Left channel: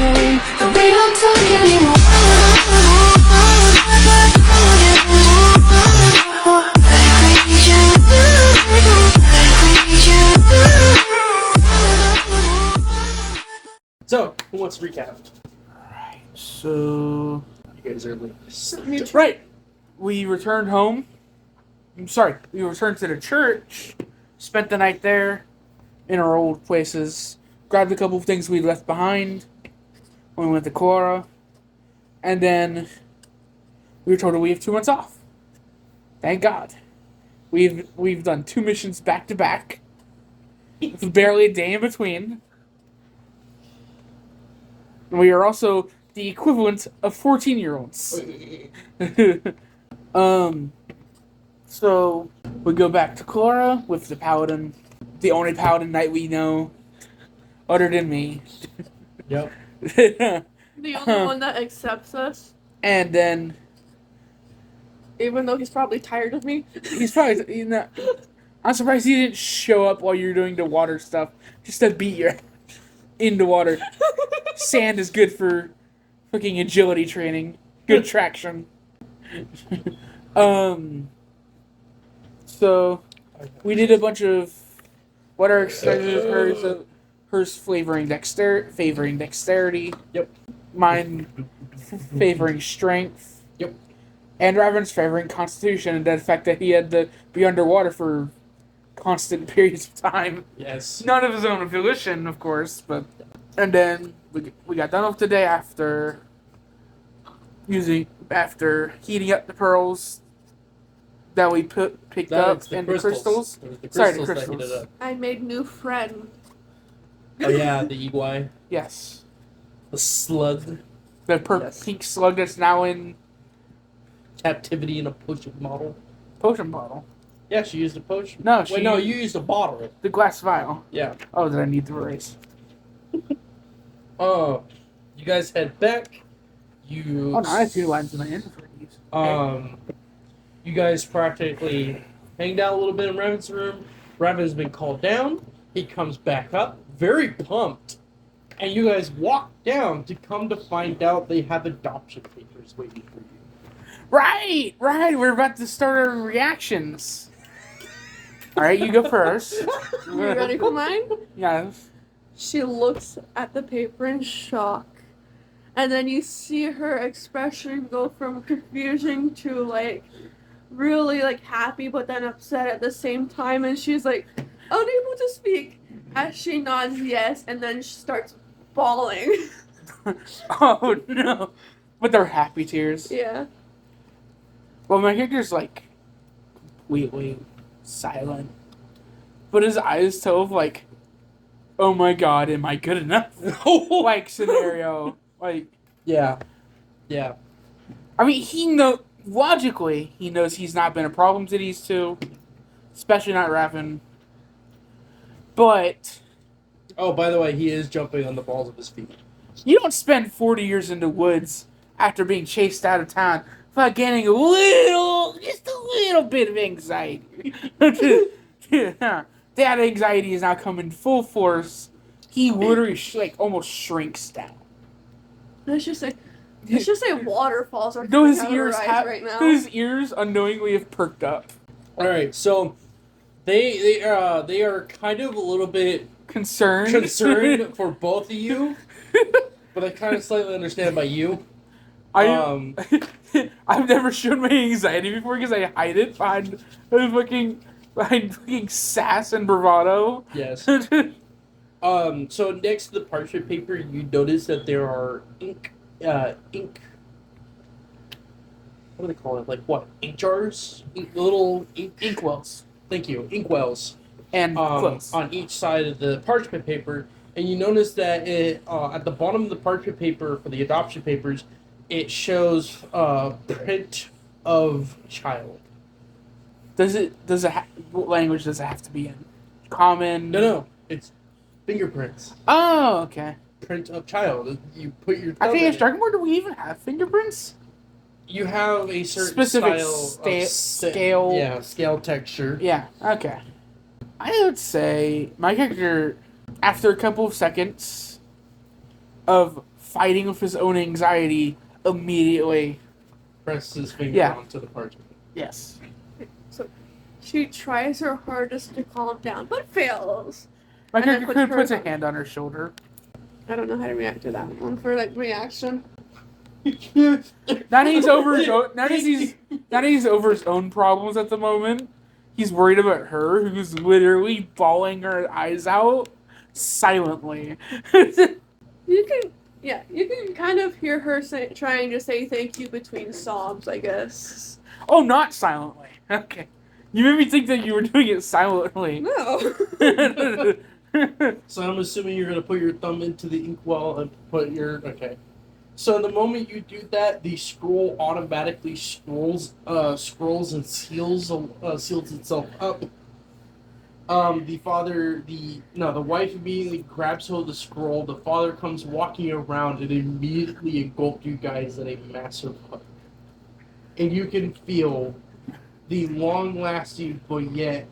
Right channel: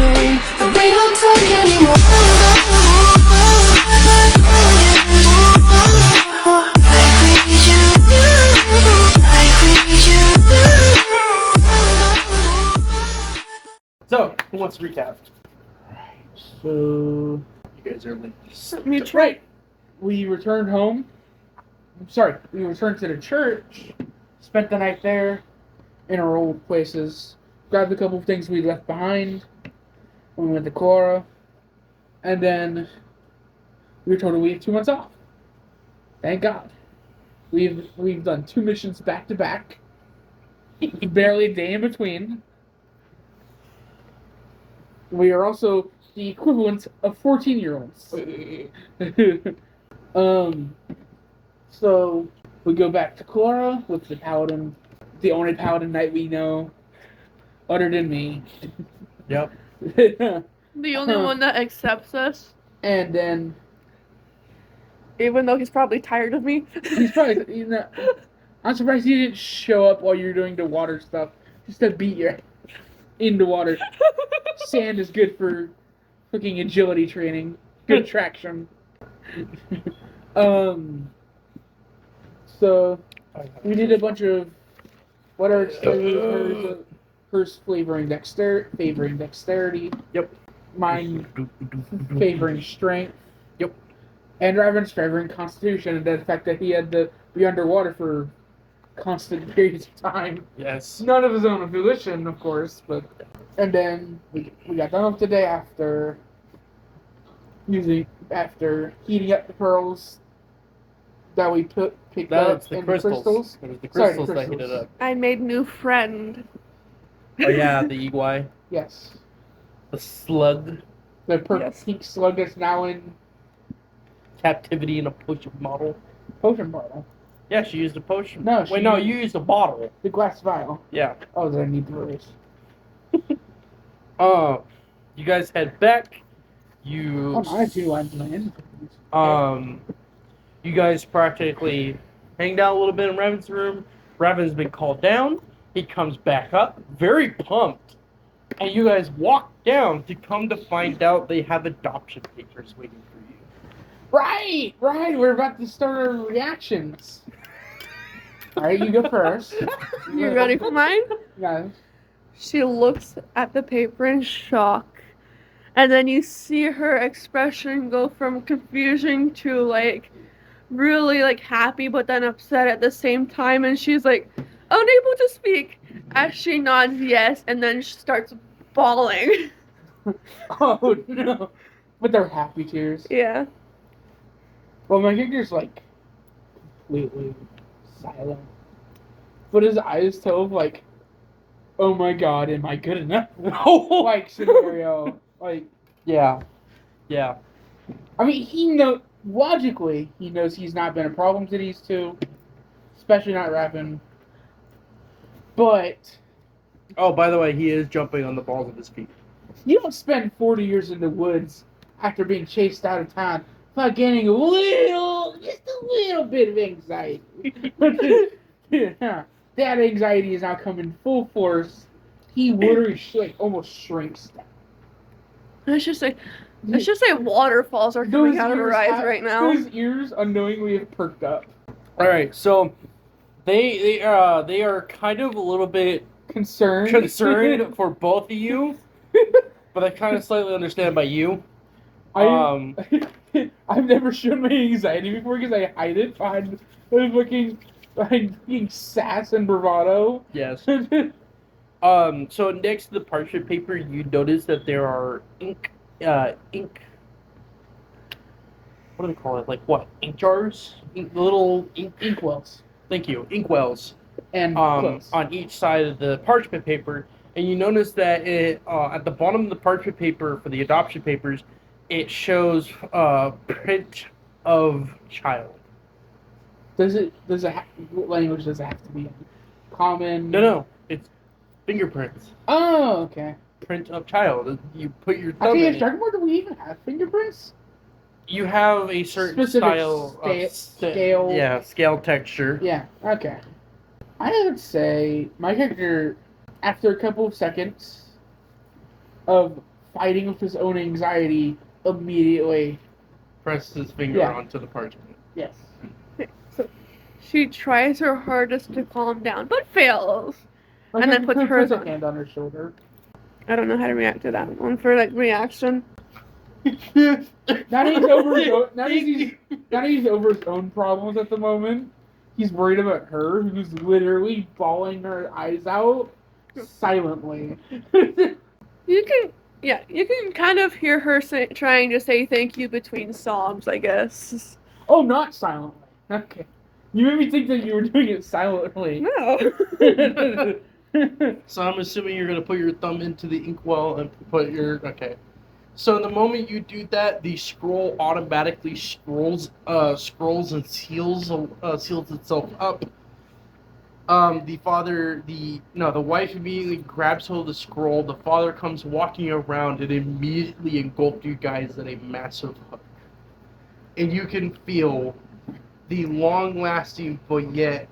me, but we don't talk anymore. Like we need you, like we need you. So, who wants to recap? So, You guys are late. Mytia. Right. We returned home. We returned to the church, spent the night there in our old places, grabbed a couple of things we left behind when we went to Cora, and then we were told that we have 2 months off. Thank God. We've done 2 missions back to back, with barely a day in between. We are also the equivalent of 14-year-olds. So we go back to Cora with the paladin, the only paladin knight we know, other than me. Yep. The only one that accepts us, And then even though he's probably tired of me. he's probably, I'm surprised he didn't show up while you're doing the water stuff, just to beat you in the water. Sand is good for fucking agility training, good traction. So we did a bunch of what are hers favoring dexterity. Yep. Mine favoring strength. Yep. And Raven's favoring constitution, and the fact that he had to be underwater for constant periods of time. Yes. None of his own volition, of course, but and then we got done with the day after heating up the pearls that we picked up the and crystals. the crystals. It was the Sorry, crystals the that crystals. heated up. I made new friend. Oh yeah, the Igwai. Yes. The slug. The Yes. pink slug that's now in Captivity in a potion bottle. potion bottle. Yeah, she used a potion. No, Wait, no, you used a bottle. The glass vial. Yeah. Oh, did I need the erase? You guys head back. Oh, no, I had 2 lines in my inventory. You guys practically hanged out a little bit in Raven's room. Raven's been called down. He comes back up, very pumped. And you guys walk down to come to find out they have adoption papers waiting for you. Right. We're about to start our reactions. All right, you go first. You ready for mine? Yes. She looks at the paper in shock. And then you see her expression go from confusion to like really like happy but then upset at the same time, and she's like unable to speak as she nods yes and then she starts bawling. Oh no. But they're happy tears. Yeah. Well, my character's like, wait, silent. But his eyes tell of like, oh my god, am I good enough? Like scenario. Like, Yeah. I mean, logically, he knows he's not been a problem to these 2, especially not Raven. But Oh, by the way, he is jumping on the balls of his feet. you don't spend 40 years in the woods after being chased out of town without getting just a little bit of anxiety. That anxiety is now coming full force. He literally almost shrinks down. Let's just say waterfalls are coming out of her eyes right now. Those ears unknowingly have perked up. All right, so they are kind of a little bit Concerned for both of you, but I kind of slightly understand by you. I've never shown my anxiety before because I hide it behind fucking sass and bravado. Yes. So next to the parchment paper, you notice that there are ink. What do they call it? Like what? Ink jars? Little Inkwells. Thank you. Inkwells. And On each side of the parchment paper, and you notice that at the bottom of the parchment paper for the adoption papers, it shows print of child. What language does it have to be in? Common? No, it's fingerprints. Oh, okay. Print of child. You put your I thumb think in it's it. Dragon Ball, do we even have fingerprints? You have a certain Specific style of scale. Yeah, scale texture. Yeah, okay. I would say my character, after a couple of seconds of fighting with his own anxiety, immediately. Presses his finger Yeah. onto the parchment. Yes. So she tries her hardest to calm down, but fails. My And then character puts puts a hers on. hand on her shoulder. I don't know how to react to that one for like reaction. Now that he's over his own, now that he's over his own problems at the moment, he's worried about her, who's literally bawling her eyes out silently. You can kind of hear her trying to say thank you between sobs, I guess. Oh, not silently. Okay. You made me think that you were doing it silently. No. So I'm assuming you're gonna put your thumb into the inkwell and put your okay. So the moment you do that, the scroll automatically scrolls and seals itself up. The wife immediately grabs hold of the scroll. The father comes walking around and immediately engulfs you guys in a massive hug. And you can feel the long-lasting but yet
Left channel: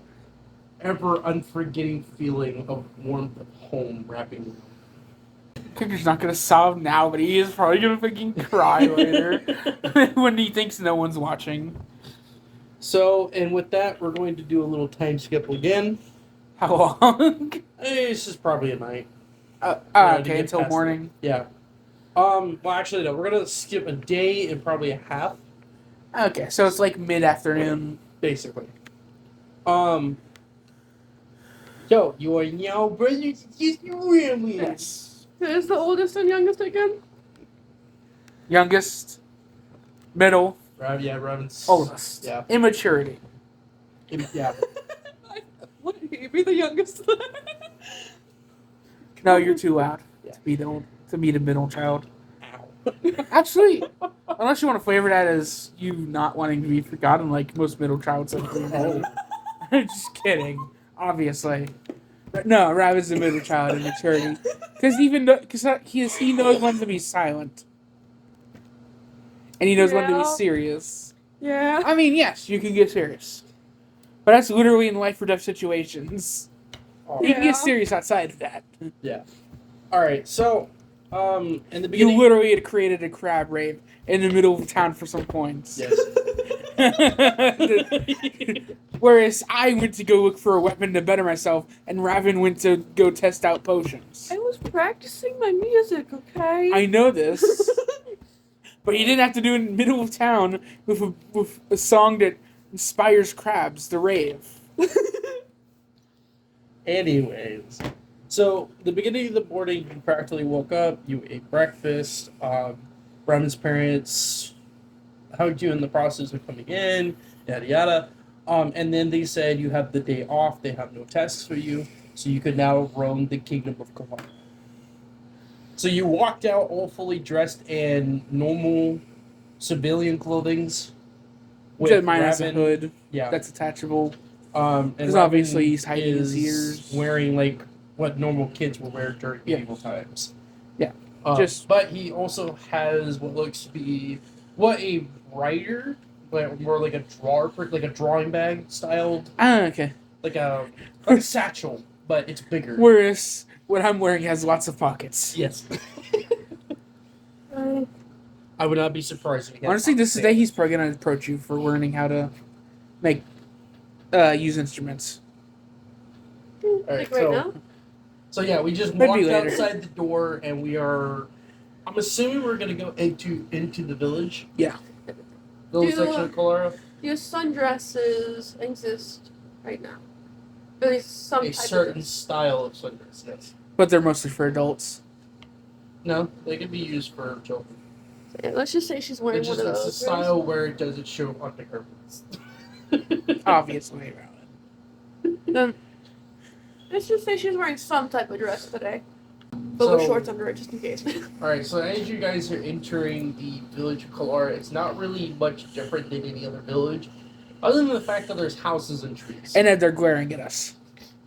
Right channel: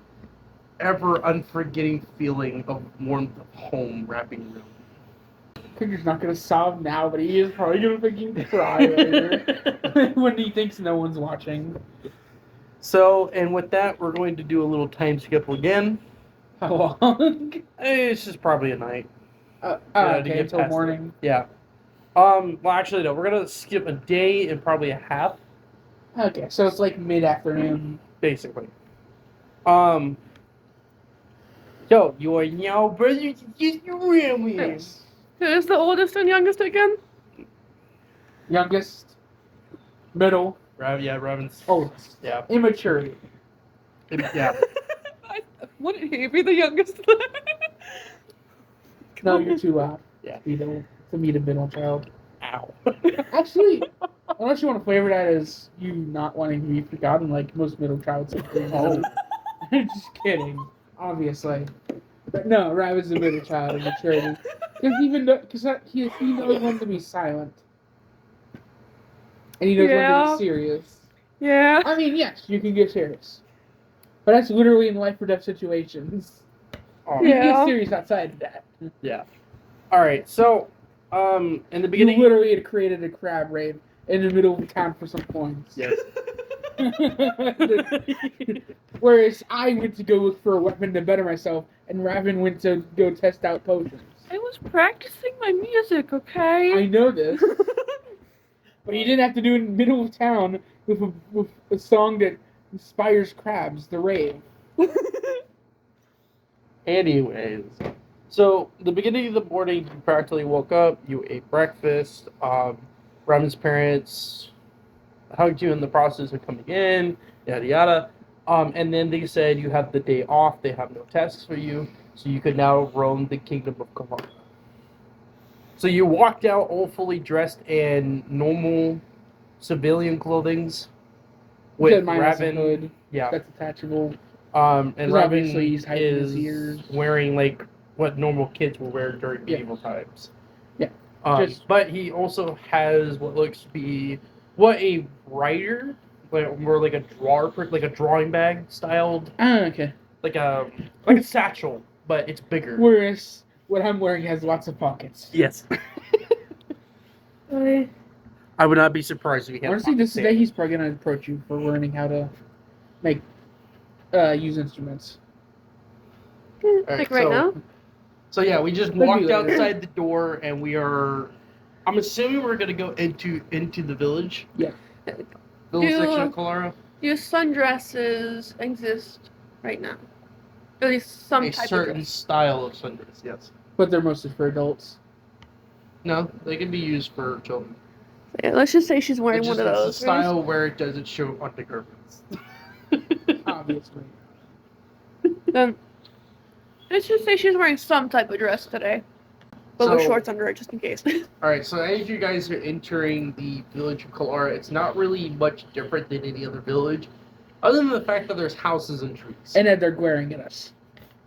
ever unforgetting feeling of warmth of home wrapping around. Kicker's not gonna sob now, but he is probably gonna fucking cry later when he thinks no one's watching. So, and with that, we're going to do a little time skip again. How long? It's just probably a night. To Okay, get until past morning. it. Yeah. Well, actually, no. We're gonna skip a day and probably a half, Okay, so it's like mid-afternoon. basically. Yo, you are now brothers and sisters, family. Yes. Who's the oldest and youngest again? Youngest, middle, Revan's. oldest. Yeah. Immaturity. Yeah. Wouldn't he be the youngest? No, you're too loud. Yeah. To be the middle child. Ow. Actually, unless you want to flavor that as you not wanting to be forgotten, like most middle childs. Oh. Just kidding. Obviously. But no, Rav is the middle child in maturity. Because he knows when to be silent. And he knows when to Yeah. be serious. Yeah. I mean, yes, you can get serious. But that's literally in life or death situations. Oh, You can get Yeah. serious outside of that. yeah. All right. So, in the You beginning. literally had created a crab rave in the middle of town for some coins. Yes. Whereas I went to go look for a weapon to better myself, and Raven went to go test out potions. I was practicing my music, okay? I know this, but you didn't have to do it in the middle of town with a song that inspires crabs to rave. Anyways, so the beginning of the morning, you practically woke up. You ate breakfast. Raven's parents hugged you in the process of coming in. Yada yada. And then they said you have the day off. They have no tasks for you, so you could now roam the kingdom of Kavala. So you walked out all fully dressed in normal civilian clothings. With Minus a Raven, hood yeah. that's attachable. And 'Cause Raven obviously he's hiding his is ears. wearing like what normal kids will wear during Yeah. medieval times. Yeah. Just- but he also has what looks to be a writer, but more like a drawer, like a drawing bag styled, Okay. like a satchel, but it's bigger. Whereas what I'm wearing has lots of pockets. Yes. I would not be surprised if he had Honestly, this is the pockets. day he's probably gonna approach you for learning how to make use instruments. Like right now? So yeah, we just Maybe walked later. outside the door, and we are. I'm assuming we're gonna go into the village. Yeah. Village Do- section of Colorado. Do sundresses exist right now? At least some A type certain of dress. style of sundress, yes. But they're mostly for adults. No, they can be used for children. Yeah, let's just say she's wearing It's one just of it's a those. style where it doesn't show undergarments. Obviously. Let's just say she's wearing some type of dress today. But with So- shorts under it, just in case. Alright, so as you guys are entering the village of Kalara, it's not really much different than any other village, other than the fact that there's houses and trees. And then they're glaring at us.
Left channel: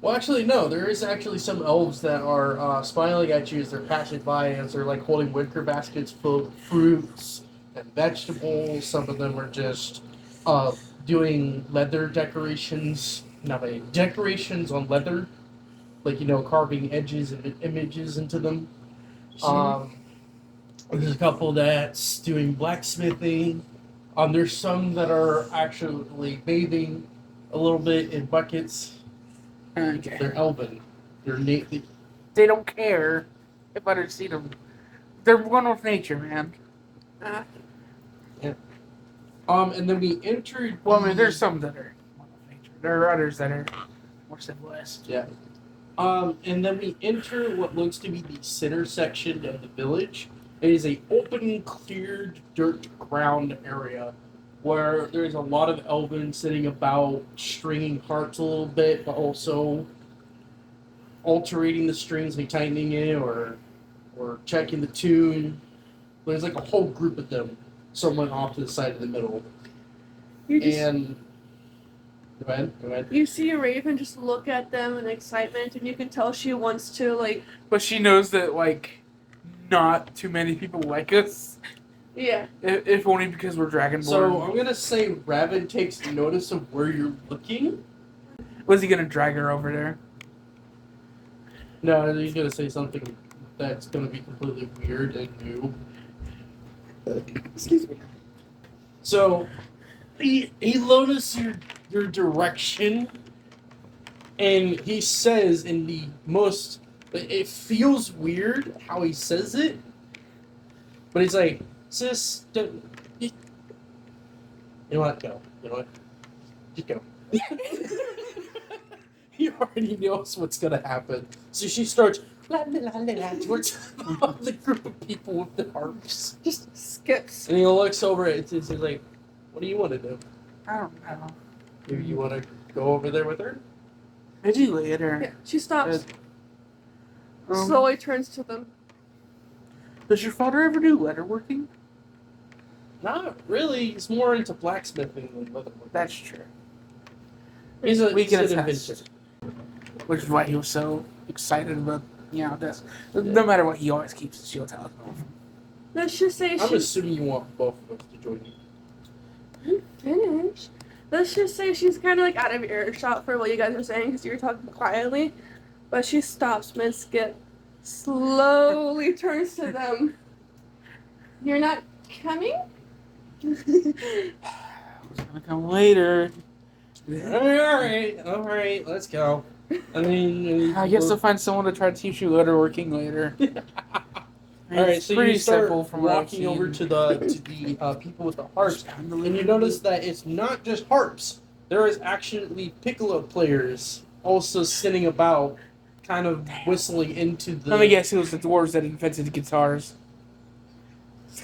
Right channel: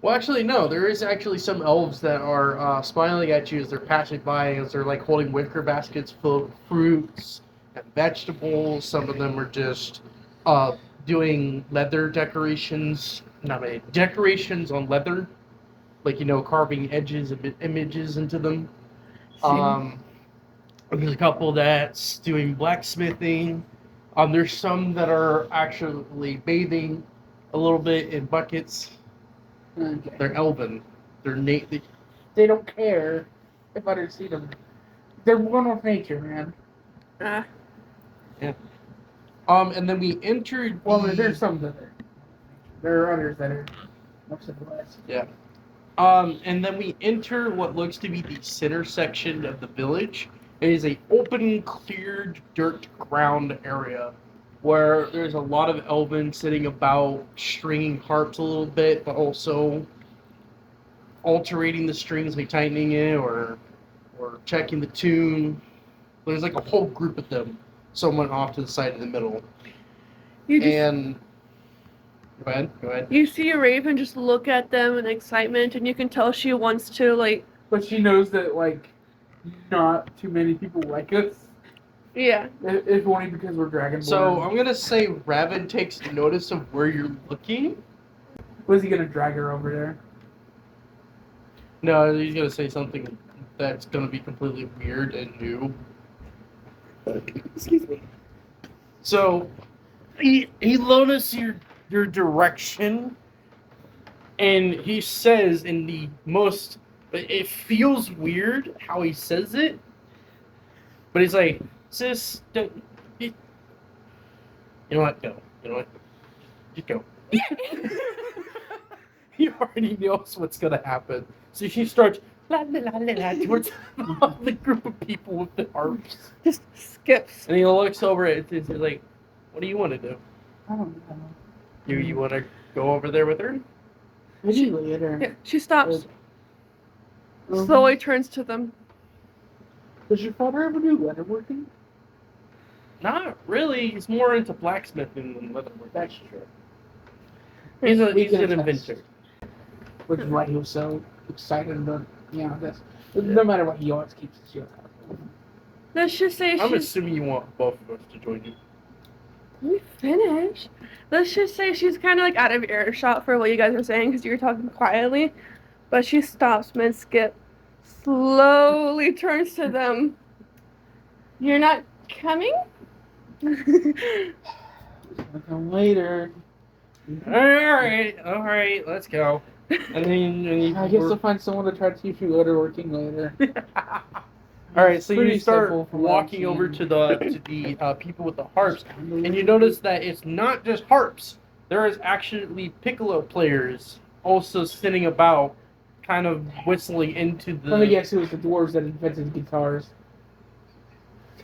Well, actually, no. There is actually some elves that are smiling at you as they're passing by, as they're like holding wicker baskets full of fruits and vegetables. Some of them are just doing leather decorations. Decorations on leather, like carving edges and images into them. There's a couple that's doing blacksmithing. There's some that are actually bathing a little bit in buckets. Okay. They're elven. They don't care if I don't see them. They're one with nature, man. Ah, And then we entered. Well, I mean, there's some that are one with nature. There are others that are more civilized. Yeah. And then we enter what looks to be the center section of the village. It is a open, cleared, dirt ground area where there's a lot of elven sitting about, stringing harps a little bit, but also altering the strings, like tightening it or checking the tune. There's like a whole group of them, someone off to the side of the middle. you just And go ahead. you see Raven just look at them in excitement, and you can tell she wants to like. But she knows that, like, not too many people like us. Yeah. If only because we're Dragonborn. So I'm gonna say Raven takes notice of where you're looking. Was he gonna drag her over there? No, he's gonna say something that's gonna be completely weird and new. Excuse me. So he notices your direction, and he says in the most. It feels weird how he says it, but he's like, "Sis, don't, you know what? Go. You know what? Just go." He already knows what's gonna happen, so she starts la la la la la towards the group of people with the harps, Just skips. and he looks over. He's like, "What do you want to do? I don't know. Do you want to go over there with her?" Did you later? Yeah. She stops. Um, Slowly turns to them. Does your father ever do leatherworking? Not really. He's more into blacksmithing than leatherworking. That's true. He's an attest. inventor. Which is why he was so excited about, this. No matter what, he always keeps his shield out. Let's just say I'm she's. assuming you want both of us to join you. Let me finish. Let's just say she's kind of like out of earshot for what you guys were saying because you were talking quietly, but she stops mid skip, slowly turns to them. You're not coming? He's gonna come later. All right, let's go. And then I guess to find someone to try to teach you leatherworking later. all right, It's so pretty you start simple from what I've walking over seen. to the people with the harps, and you notice that it's not just harps. There is actually piccolo players also sitting about, kind of whistling into the. Let me guess, it was the dwarves that invented the guitars.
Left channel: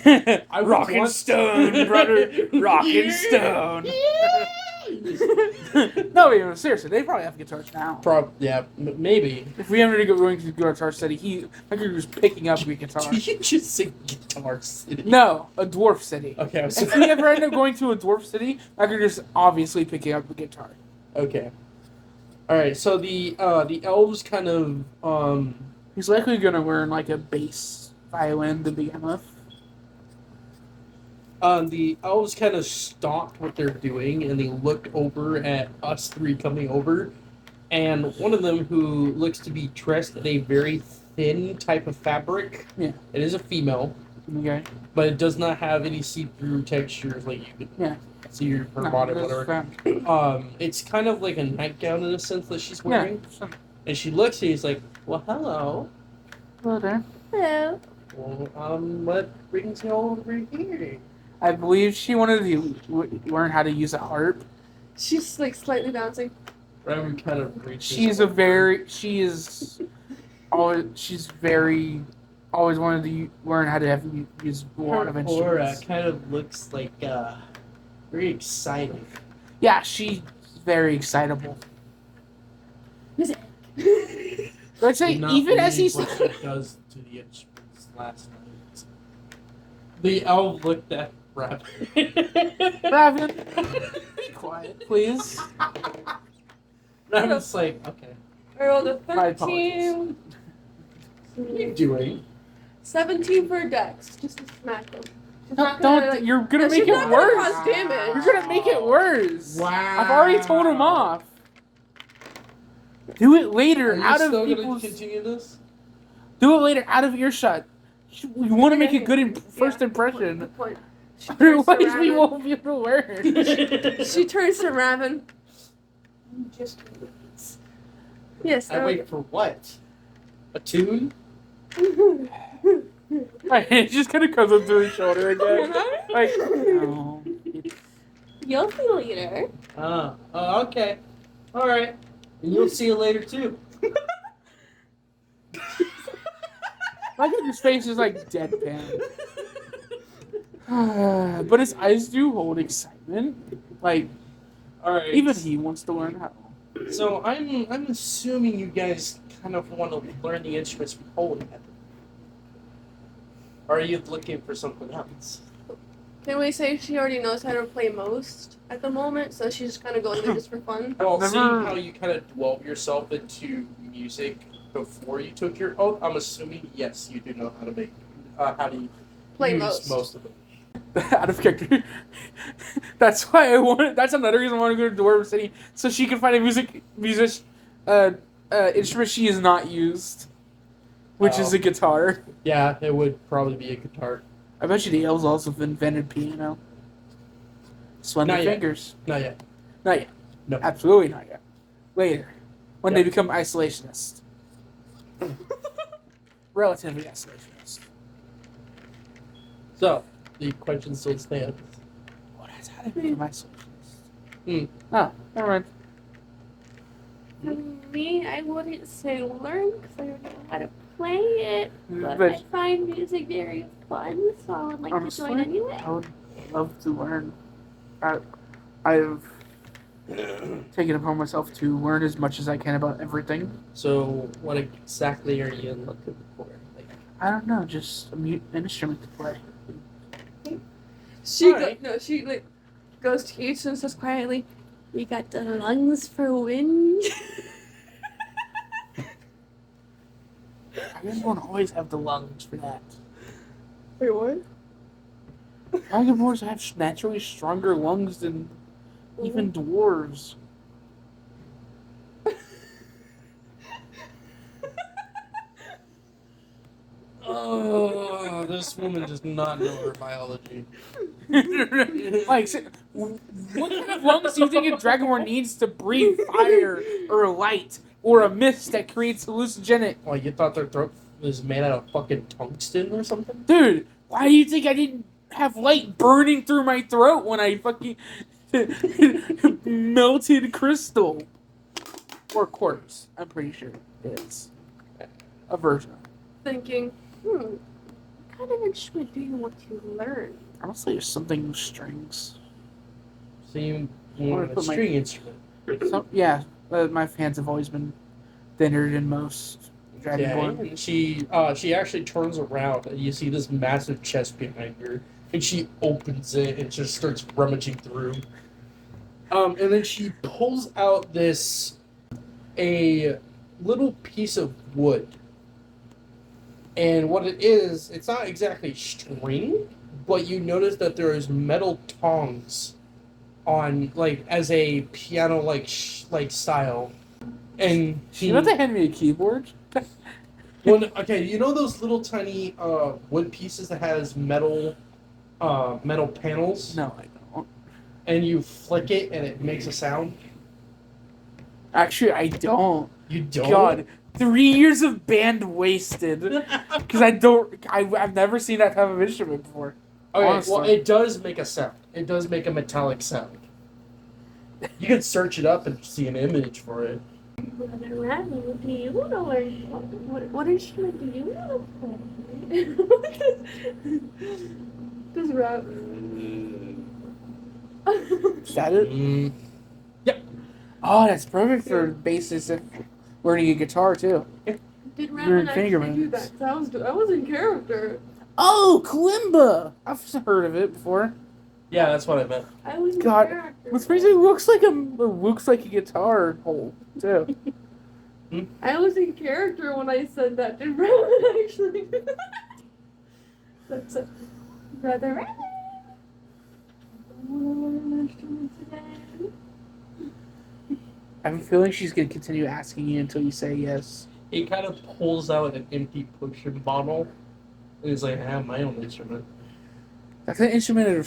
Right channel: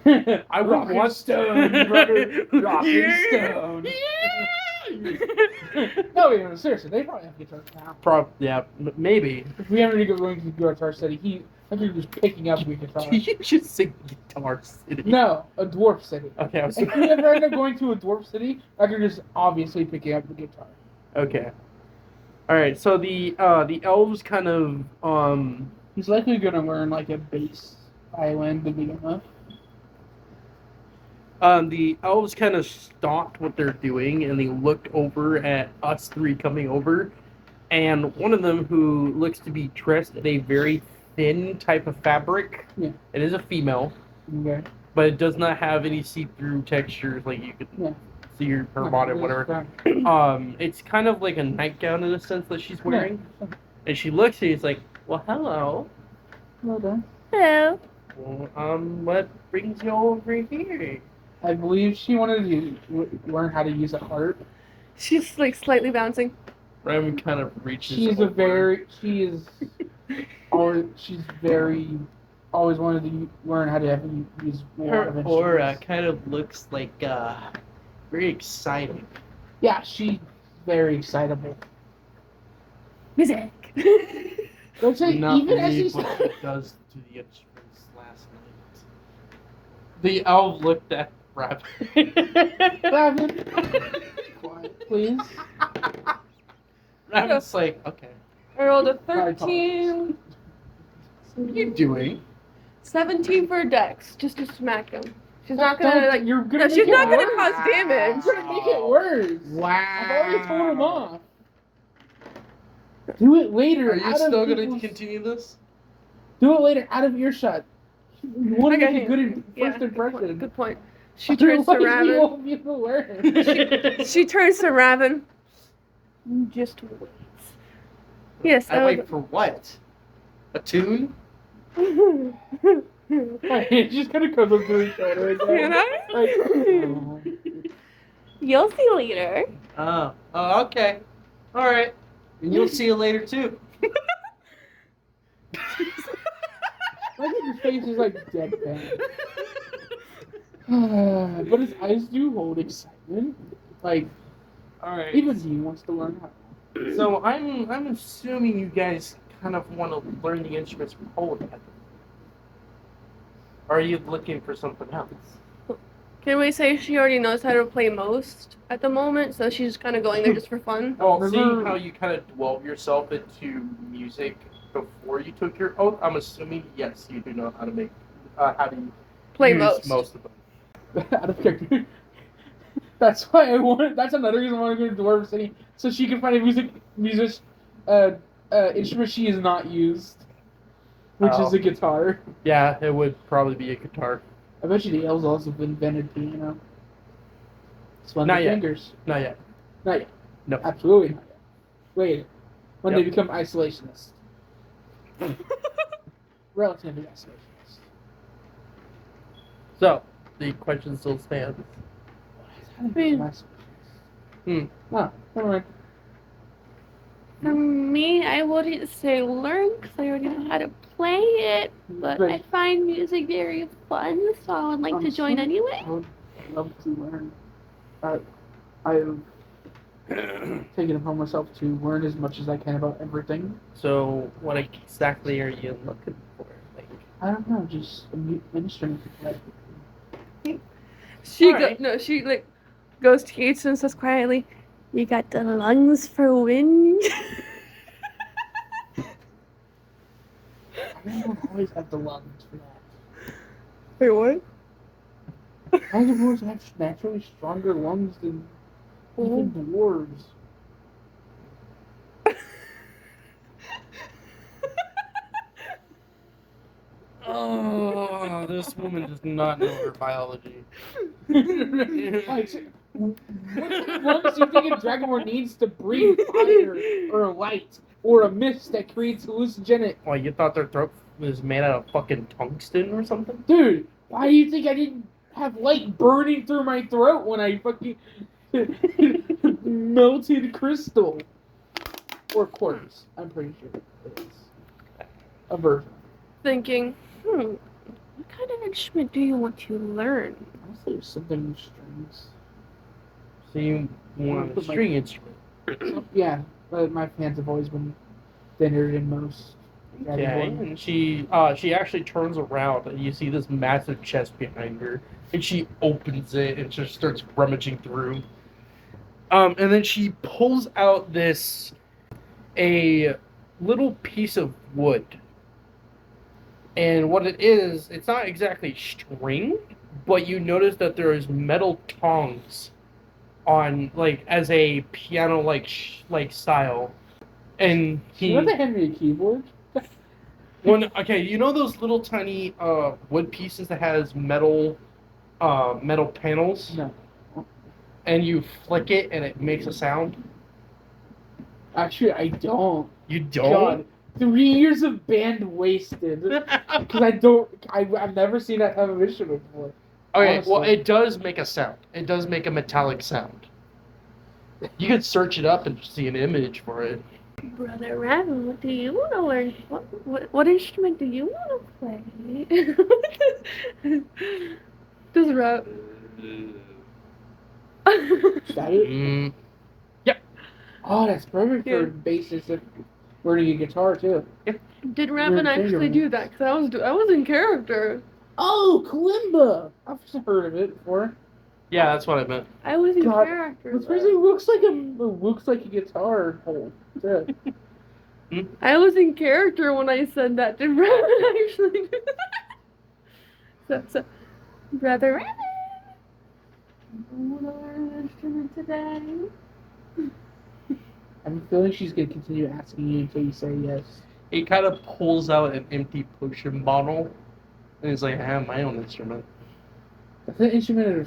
I would Rock and want- stone, brother. Rock and stone. No, even seriously, they probably have guitars now. Maybe. If we ever going to the guitar study, I could just picking up a guitar. Did you just say Guitar City? No, a dwarf city. Okay, I was If we ever end up going to a dwarf city, I could just obviously picking up a guitar. okay. All right, so the elves kind of He's likely gonna learn like a bass violin to begin with. The elves kind of stopped what they're doing, and they looked over at us three coming over, and one of them, who looks to be dressed in a very thin type of fabric, Yeah. it is a female, Okay. but it does not have any see-through textures like you could Yeah. see her body, whatever. It's kind of like a nightgown in a sense that she's wearing, and she looks at you, and is like, "Well, hello. Hello there. Hello. Well, what brings you over here?" I believe she wanted to learn how to use a harp. She's like slightly bouncing. Raven kind of reaches. She's always wanted to learn how to use more Her of aura instruments. kind of looks like very exciting. Yeah, she's very excitable. Music. I'd say Not even as believe he's what she does to the instruments last night. The elf looked at Raven. Raven, be quiet, please. Raven's like, okay. I rolled a My 13. What are you doing? 17 for Dex, just to smack him. She's not gonna like. You're gonna Yeah, make she's it not gonna worse. cause damage. You're gonna make it worse. Wow. I've already told him off. Do it later Are you out still of going to people's. continue this? Do it later out of earshot. You want to make a Okay. good Yeah, first impression. Good point. She turns to Otherwise, we Raven. won't be able to learn. She turns to Raven. Just wait. Yes, I wait for what? A tune? My hand just kind of comes up to his shoulder again. Can I? Like, no. You'll see later. Oh, okay. All right. And you'll see it later too. I think his face is like deadpan. But his eyes do hold excitement. Like, All right. even he wants to learn how. So I'm assuming you guys kind of want to learn the instruments from Holy. Or are you looking for something else? Can we say she already knows how to play most at the moment, so she's just kind of going there just for fun? Well, Never- seeing how you kind of dwelled yourself into music before you took your oath, I'm assuming yes, you do know how to make how to Play use most. of them. Out of character. That's why I want. That's another reason I want to go to Dwarven City, so she can find a music instrument she has not used, which is a guitar. Yeah, it would probably be a guitar. I bet you the elves also invented piano. Slender Not yet. fingers. Not yet. Not yet. No. Absolutely not yet. Later, when Yep. they become isolationists. Relatively isolationist. So the question still stands. What has how to become isolationist? No, never mind. For me, I wouldn't say learn because I already know how to play it, but I find music very fun, so I would like to join Honestly, anyway. I would love to learn. I've taken it upon myself to learn as much as I can about everything. So what exactly are you looking for? Like, I don't know, just an instrument to play. She Alright. she like goes to each and says quietly, "You got the lungs for wind." I just want to always have the lungs for that. Wait, what? Dragonborns have naturally stronger lungs than even dwarves. oh, this woman does not know her biology. Like, what kind of lungs do you think a dragonborn needs to breathe fire or light or a mist that creates hallucinogenic? Well, you thought their throat was made out of fucking tungsten or something? Dude, why do you think I didn't have light burning through my throat when I fucking melted crystal? Or quartz, I'm pretty sure it's a version. Thinking, what kind of instrument do you want to learn? Honestly, there's something with strings. So you want a Put my- string instrument? Yeah, my hands have always been thinner than most. Okay, Dragonborn. and she actually turns around and you see this massive chest behind her, and she opens it and just starts rummaging through. And then she pulls out a little piece of wood. And what it is, it's not exactly string, but you notice that there is metal tongs on, like, as a piano like style. And You have to hand me a keyboard? okay, you know those little tiny wood pieces that has metal panels, No, I don't. and you flick it and it makes a sound? Actually, I don't. You don't? God, 3 years of band wasted. Because I've never seen that type of instrument before. Okay, Honestly. well, it does make a sound. It does make a metallic sound. You can search it up and see an image for it. Brother Raven, what do you want to learn? What instrument do you want to play? Does Raven? Is that it? Yep. Oh, that's perfect for Yeah. the basis of learning a guitar, too. Did Raven Weird actually finger do bands. that? Cause I was in character. Oh, kalimba! I've heard of it before. Yeah, that's what I meant. I was in God, character. What's crazy? It looks like a guitar hole, too. I was in character when I said that. Did Raven actually do that? That's Brother Raven. Instrument today. I have a feeling she's gonna continue asking you until you say yes. He kind of pulls out an empty potion bottle And he's like, I have my own instrument. That's an instrument of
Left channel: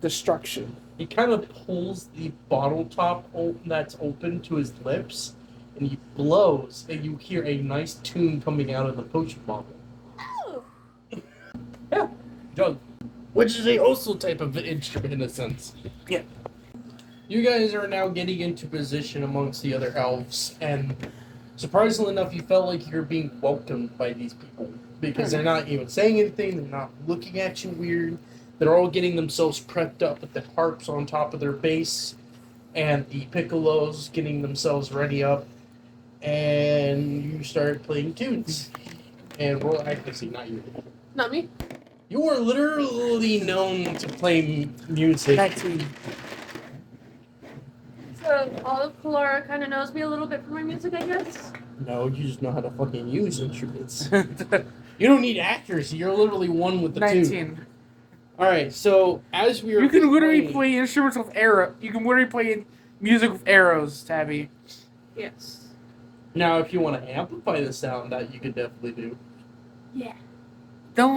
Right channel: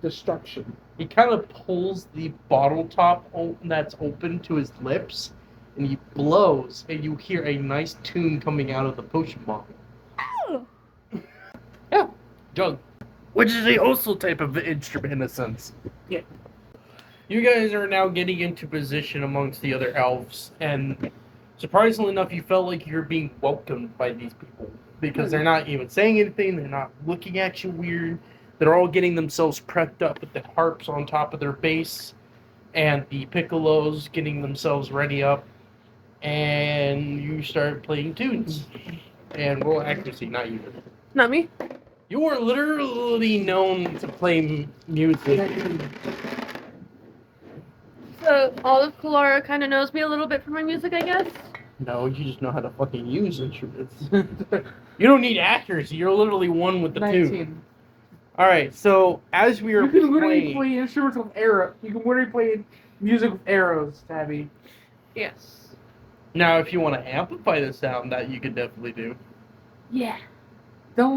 destruction. He kind of pulls the bottle top that's open to his lips, and he blows, and you hear a nice tune coming out of the potion bottle. Oh. Yeah, jug. Which is also type of instrument in a sense. Yeah. You guys are now getting into position amongst the other elves, and surprisingly enough, you felt like you're being welcomed by these people. Because they're not even saying anything, they're not looking at you weird. They're all getting themselves prepped up with the harps on top of their bass, and the piccolos getting themselves ready up, and you start playing tunes. And roll accuracy, not you. Not me. You are literally known to play music. So Olive Calora kind of knows me a little bit for my music, I guess. No, you just know how to fucking use instruments. You don't need accuracy. You're literally one with the 19. tune. All right. So as we are, You can literally playing, play instruments with arrow. You can literally play music with arrows, Tabby. Yes. now, if you want to amplify the sound, that you could definitely do. Yeah. Don't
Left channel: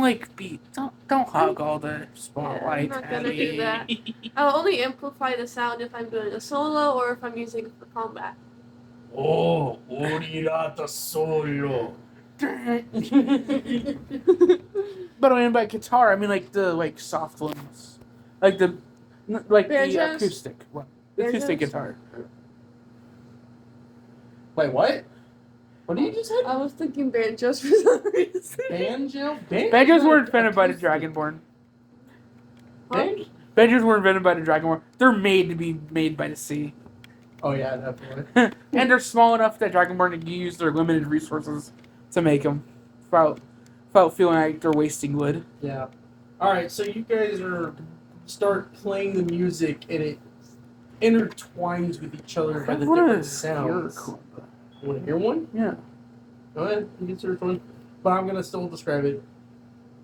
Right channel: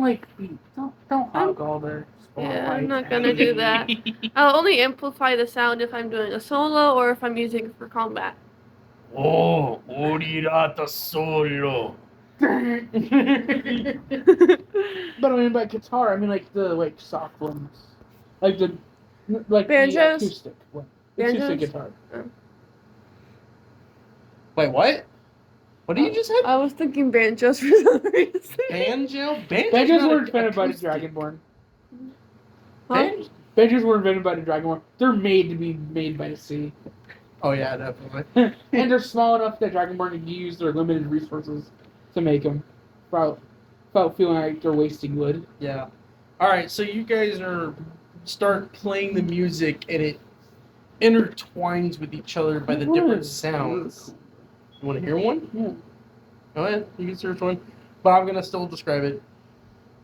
hog all the spotlight. Yeah, I'm not gonna do that. I'll only amplify the sound if I'm doing a solo or if I'm using it for combat. Oh, orirata solo. But I mean by guitar, I mean like the soft ones, like the Banjos? the acoustic one, Banjos? acoustic guitar. Wait, what? What did you just say? I was thinking banjos for some reason. Banjo? Banjos were invented by the Dragonborn. Huh? Banjos were invented by the Dragonborn. They're made to be made by the sea, Oh yeah, definitely. and they're small enough that Dragonborn can use their limited resources to make them, without feeling like they're wasting wood. Yeah. All right, so you guys start playing the music, and it intertwines with each other by the different sounds. You want to hear one? Yeah. Go ahead. You can search one, but I'm gonna still describe it.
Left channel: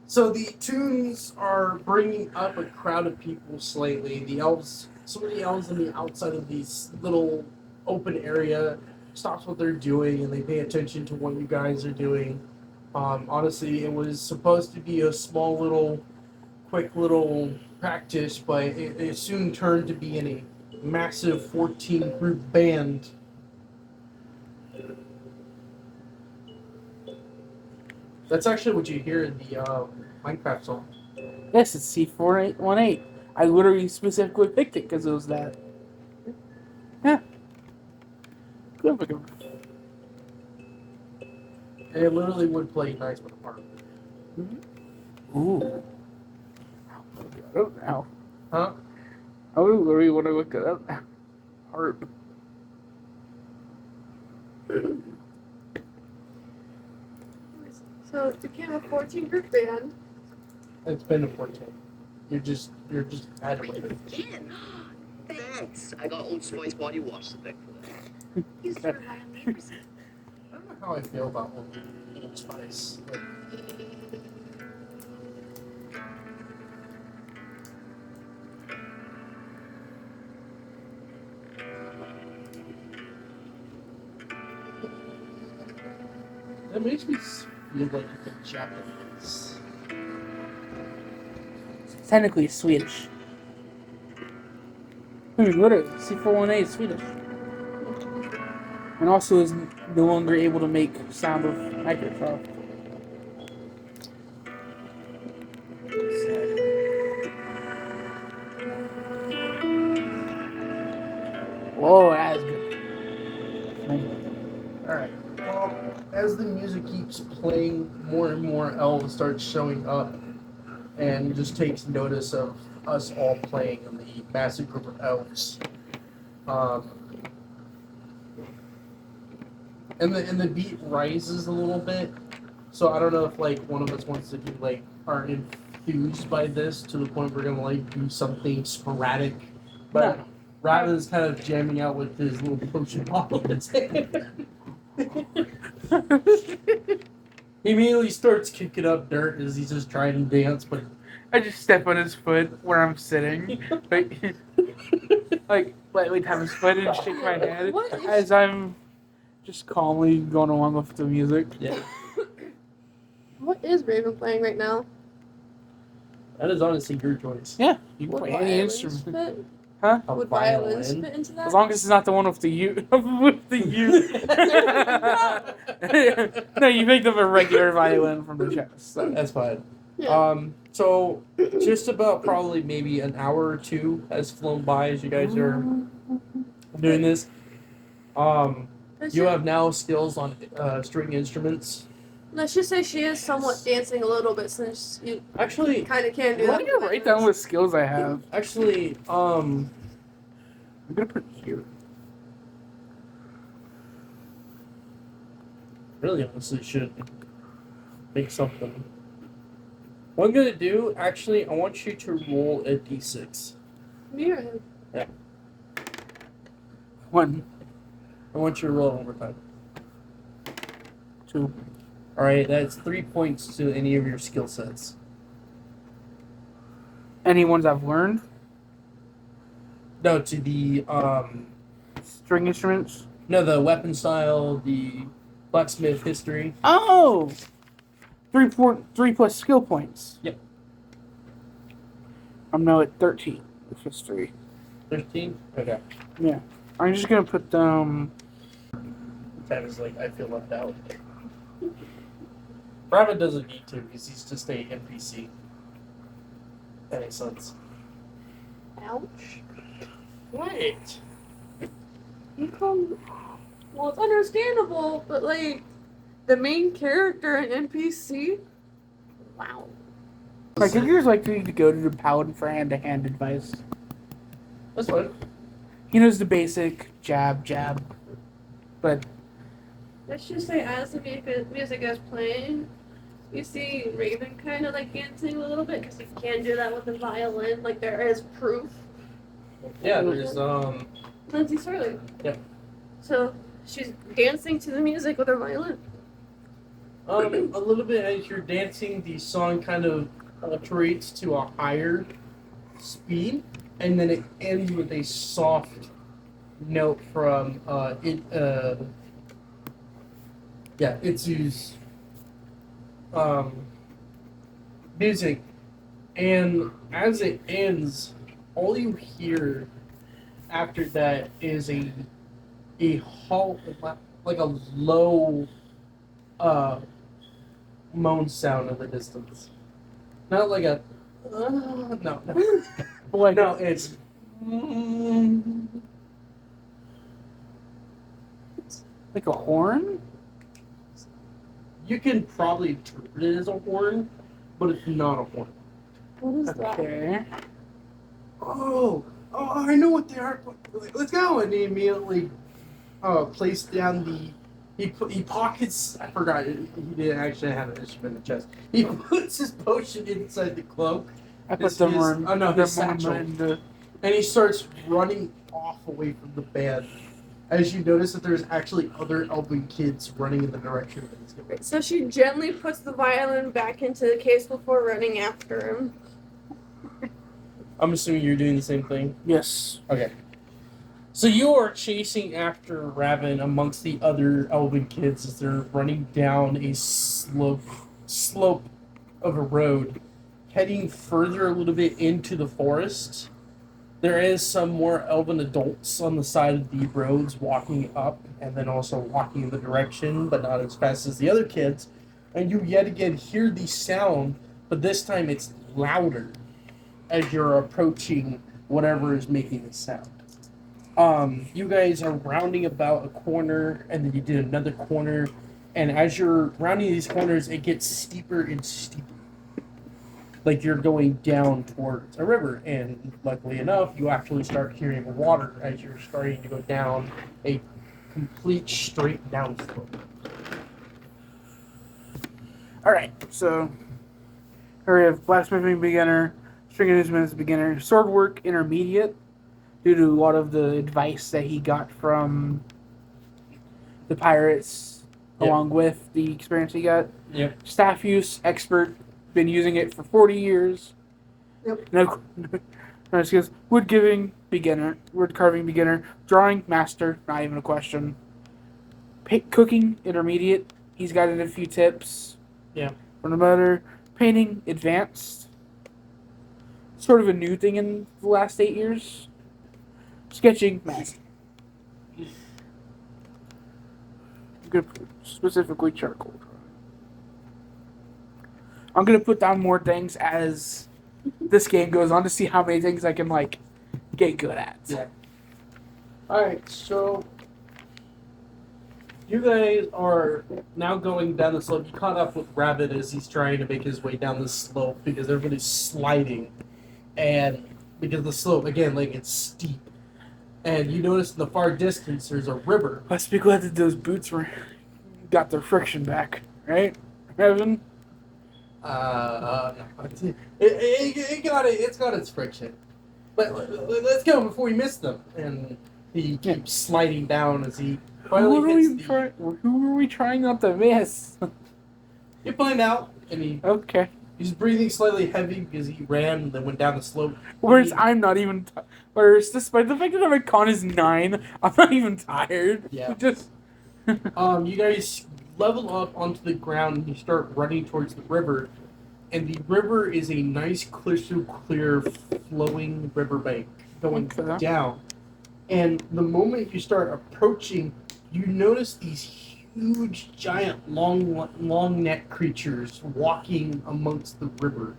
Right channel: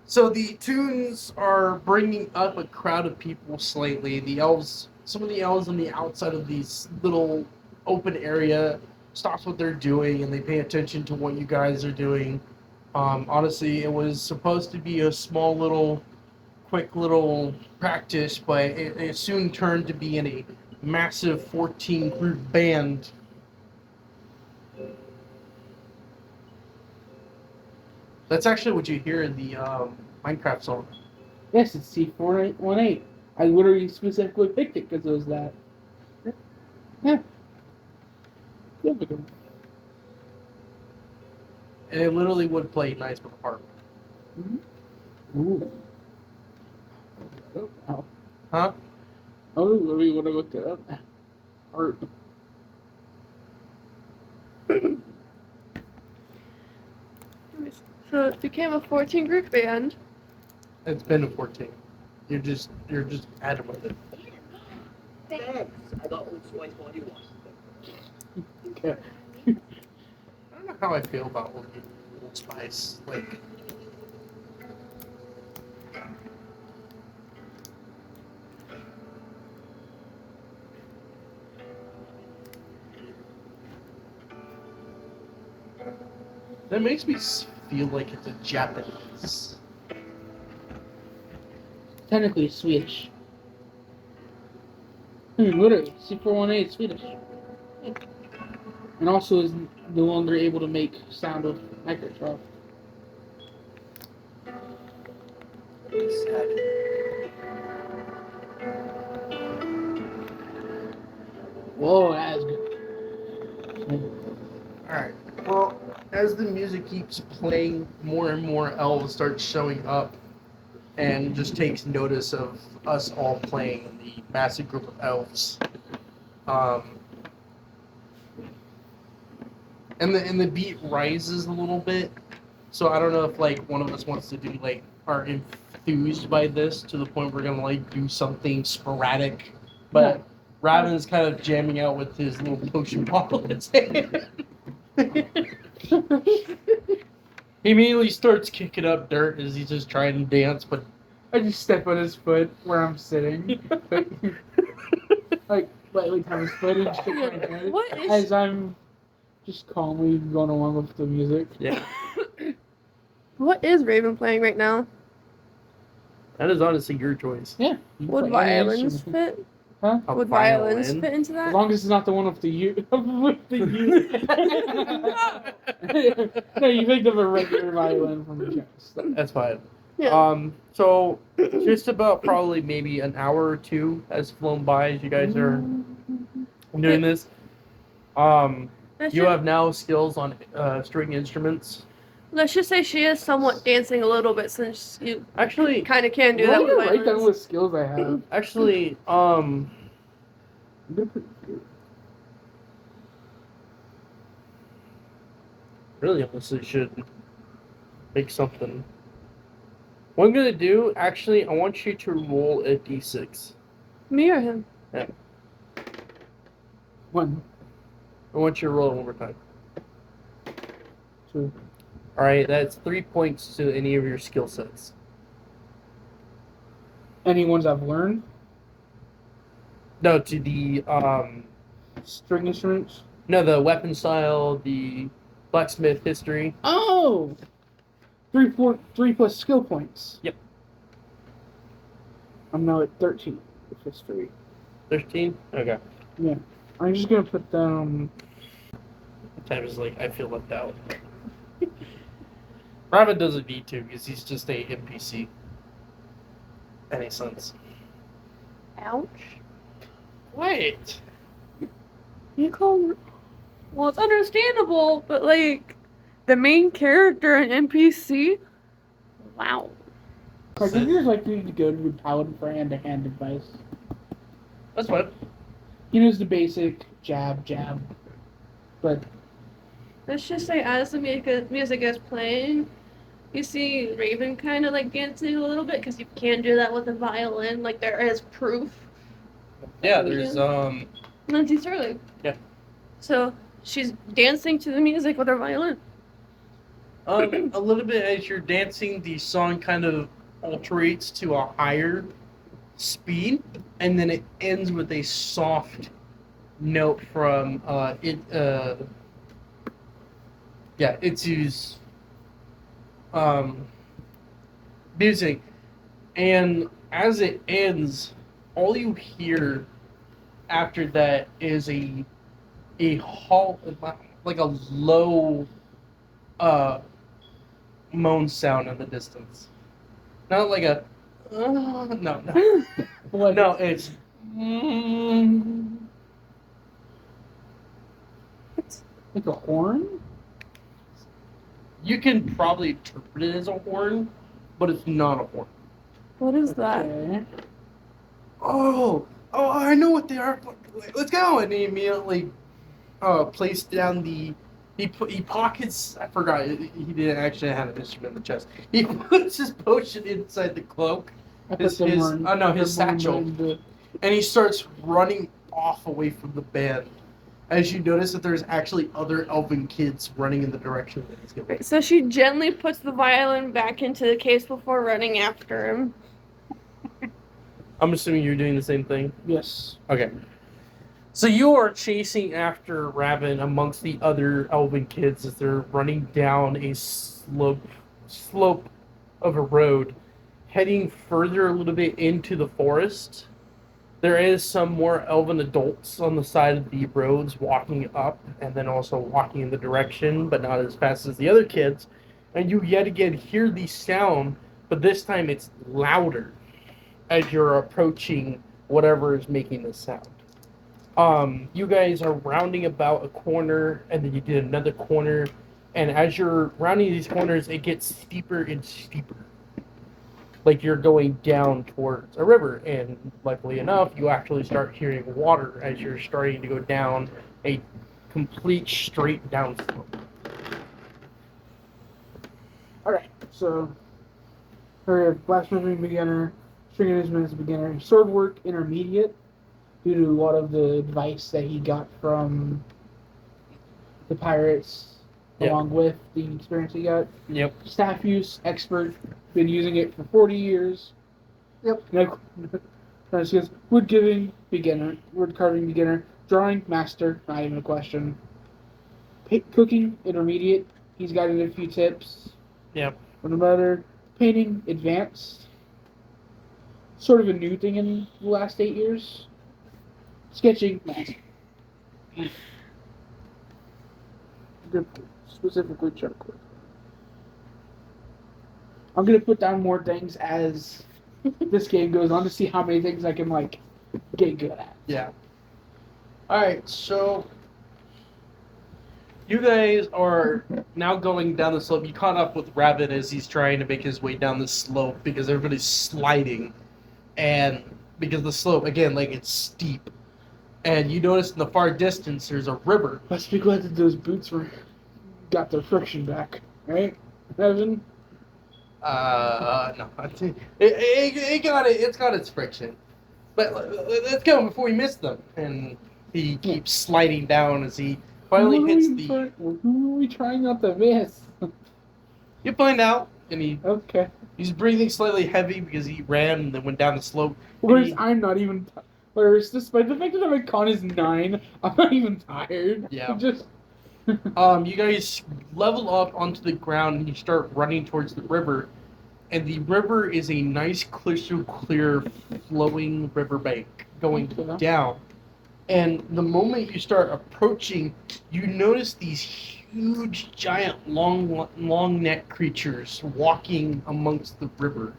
So the tunes are bringing up a crowd of people slightly. The elves, some of the elves on the outside of these little open area, stops what they're doing and they pay attention to what you guys are doing. Honestly, it was supposed to be a small little, quick little practice, but it soon turned to be in a massive 14 group band. That's actually what you hear in the Minecraft song. Yes, it's C418. I literally specifically picked it because it was that. Yeah. And it literally would play nice with the harp. Ooh. Oh, now. Huh? I would literally want to look it up. Harp. So it became a 14 group band. It's been a 14. You're just adding with it. Thanks. I got Old Spice body wash today. I don't know how I feel about Old Spice. Like, that makes me feel like it's a Japanese. Technically Swedish. I mean, literally, C418 is Swedish. And also is no longer able to make sound with Microsoft. Whoa, that's good. Alright, well, as the music keeps playing, more and more elves start showing up and just takes notice of us all playing, the massive group of elves. And the beat rises a little bit, so I don't know if like one of us wants to do like are enthused by this to the point we're gonna like do something sporadic, but Raven's kind of jamming out with his little potion bottle in his hand. He immediately starts kicking up dirt as he's just trying to dance, but I just step on his foot where I'm sitting. like lightly tap his foot and shake my head What is- as I'm just calmly going along with the music. yeah. What is Raven playing right now? That is honestly your choice. Yeah. You can Would play any violins instrument. fit? Huh? A Would violins violin? fit into As that? long as it's not the one with the U. with the U. No, you picked up a regular violin from the chest. So. That's fine. Yeah. So just about probably maybe an hour or two has flown by as you guys are doing this. Let's You ju- have now skills on string instruments. Let's just say she is somewhat dancing a little bit since you Actually, kind of can do Well, that I'm with gonna write down violins. what skills I have. I'm I'm gonna put it here. really honestly should make something. What I'm gonna do, actually, I want you to roll a d6. Me or him? One, I want you to roll it one more time. 2. Alright, that's 3 points to any of your skill sets. Any ones I've learned? No, to the String instruments? no, the weapon style, the blacksmith history. Oh! 3 plus skill points. Yep. I'm now at 13 with history. 13? Okay. Yeah. I'm just gonna put Tab is like, I feel left out. Rabbit doesn't need to because he's just a NPC. Any sense? Ouch. Wait. You call. Well, it's understandable, but like the main character in NPC. Wow. I think yours like you to go to the paladin for hand-to-hand advice. That's fine. He knows the basic jab, but Let's just say, as the music is playing, you see Raven kind of like dancing a little bit because you can do that with a violin. Like there is proof. Yeah, there's Lindsay Sterling. Yeah. So she's dancing to the music with her violin. a little bit as you're dancing, the song kind of alterates to a higher speed, and then it ends with a soft note from Itsu's music, and as it ends, all you hear after that is a halt, like a low moan sound in the distance. Not like a no. like No, it's like a horn. you can probably interpret it as a horn, but it's not a horn. What is that? Okay. Oh, I know what they are. Let's go! And he immediately placed down the. He pockets. I forgot. He didn't actually have an instrument in the chest. He puts his potion inside the cloak. I put them His satchel. And he starts running off away from the band. As you notice that there's actually other elven kids running in the direction that he's going. So she gently puts the violin back into the case before running after him. I'm assuming you're doing the same thing. Yes. Okay. So you are chasing after Raven amongst the other elven kids as they're running down a slope of a road, heading further a little bit into the forest. There is some more elven adults on the side of the roads walking up and then also walking in the direction, but not as fast as the other kids. And you yet again hear the sound, but this time it's louder as you're approaching whatever is making the sound. You guys are rounding about a corner, and then you did another corner, and as you're rounding these corners, it gets steeper and steeper. Like you're going down towards a river, and luckily enough, you actually start hearing water as you're starting to go down a complete straight down slope. Alright, so we have blacksmithing beginner, string instruments beginner, sword work intermediate, due to a lot of the advice that he got from the pirates, Yep. along with the experience he got. Yep. Staff use expert, been using it for 40 years. Yep. No skills. Wood giving beginner, wood carving beginner, drawing master, not even a question. Cooking intermediate. He's got a few tips. Yep. For the better, painting advanced. Sort of a new thing in the last 8 years. Sketching, good, specifically charcoal. I'm gonna put down more things as this game goes on to see how many things I can like get good at. Yeah. All right, so you guys are now going down the slope. You caught up with Rabbit as he's trying to make his way down the slope because everybody's sliding, and because the slope again, like it's steep, and you notice in the far distance there's a river. Let's be glad that those boots got their friction back, right, Evan? No, it's got its friction, but let's go before we miss them. And he keeps sliding down as he finally hits the. Who are we trying not to miss? You find out, and Okay. he's breathing slightly heavy because he ran and then went down the slope. Whereas I'm not even. Whereas, despite the fact that my con is 9, I'm not even tired. Yeah. Just. You guys level up onto the ground and you start running towards the river, and the river is a nice, crystal clear, flowing riverbank going Okay. down. And the moment you start approaching, you notice these huge, giant, long neck creatures walking amongst the river.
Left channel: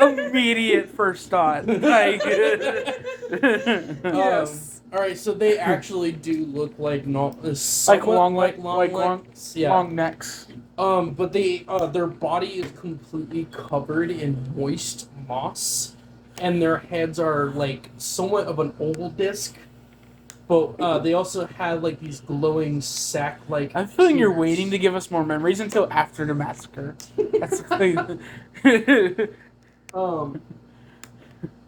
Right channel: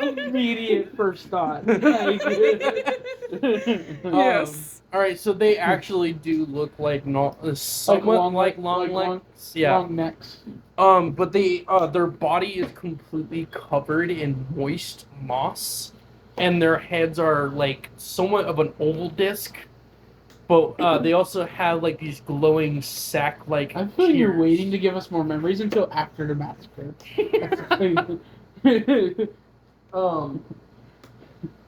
Immediate first thought. Like, yes. All right, so they actually do look like somewhat like long necks. Yeah. Long necks. But they their body is completely covered in moist moss, and their heads are like somewhat of an oval disc. But they also have like these glowing sack-like. I'm feeling you're ears. waiting to give us more memories until after the massacre. That's the thing.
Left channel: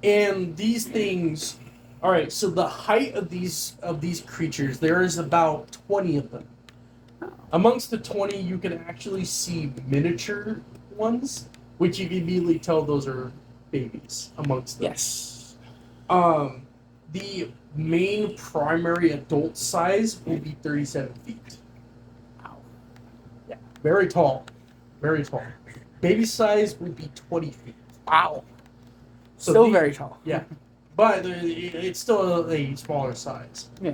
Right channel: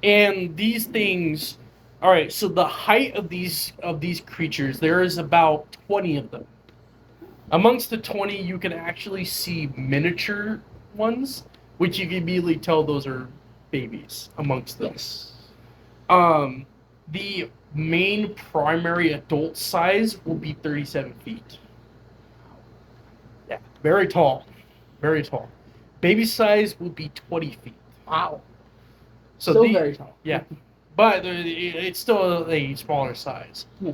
And these things. All right, so the height of these creatures, there is about 20 of them. Amongst the 20, you can actually see miniature ones, which you can immediately tell those are babies amongst them. Yes. The main primary adult size will be 37 feet. Yeah, very tall. Very tall. Baby size would be 20 feet. Wow. So Still very tall. Yeah. But it's still a smaller size. Yeah.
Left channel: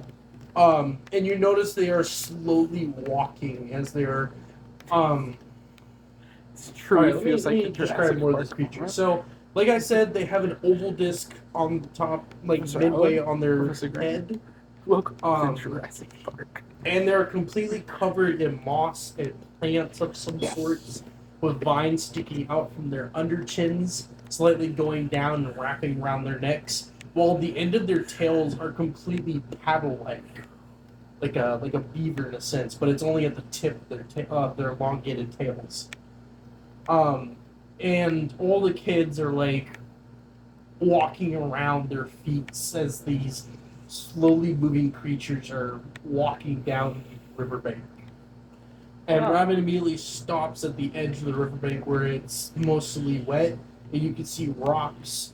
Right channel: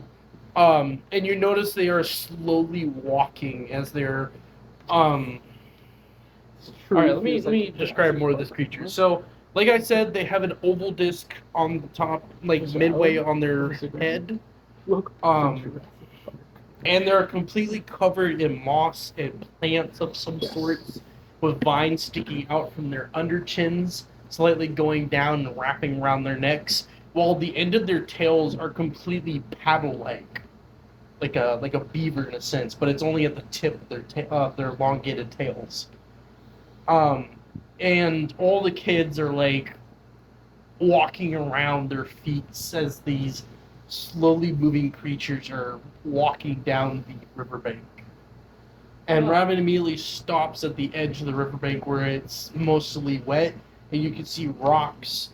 And you notice they are slowly walking as they're It's true. All right, let me describe more of this creature. So, like I said, they have an oval disc on the top, like So, midway on their disagree. head, Welcome to Jurassic Park. and they're completely covered in moss and plants of some sorts, with vines sticking out from their underchins, slightly going down and wrapping around their necks, while the end of their tails are completely paddle-like, like a beaver in a sense, but it's only at the tip of their elongated tails. And all the kids are like walking around their feet as these slowly moving creatures are walking down the riverbank. And Rabbit immediately stops at the edge of the riverbank where it's mostly wet, and you can see rocks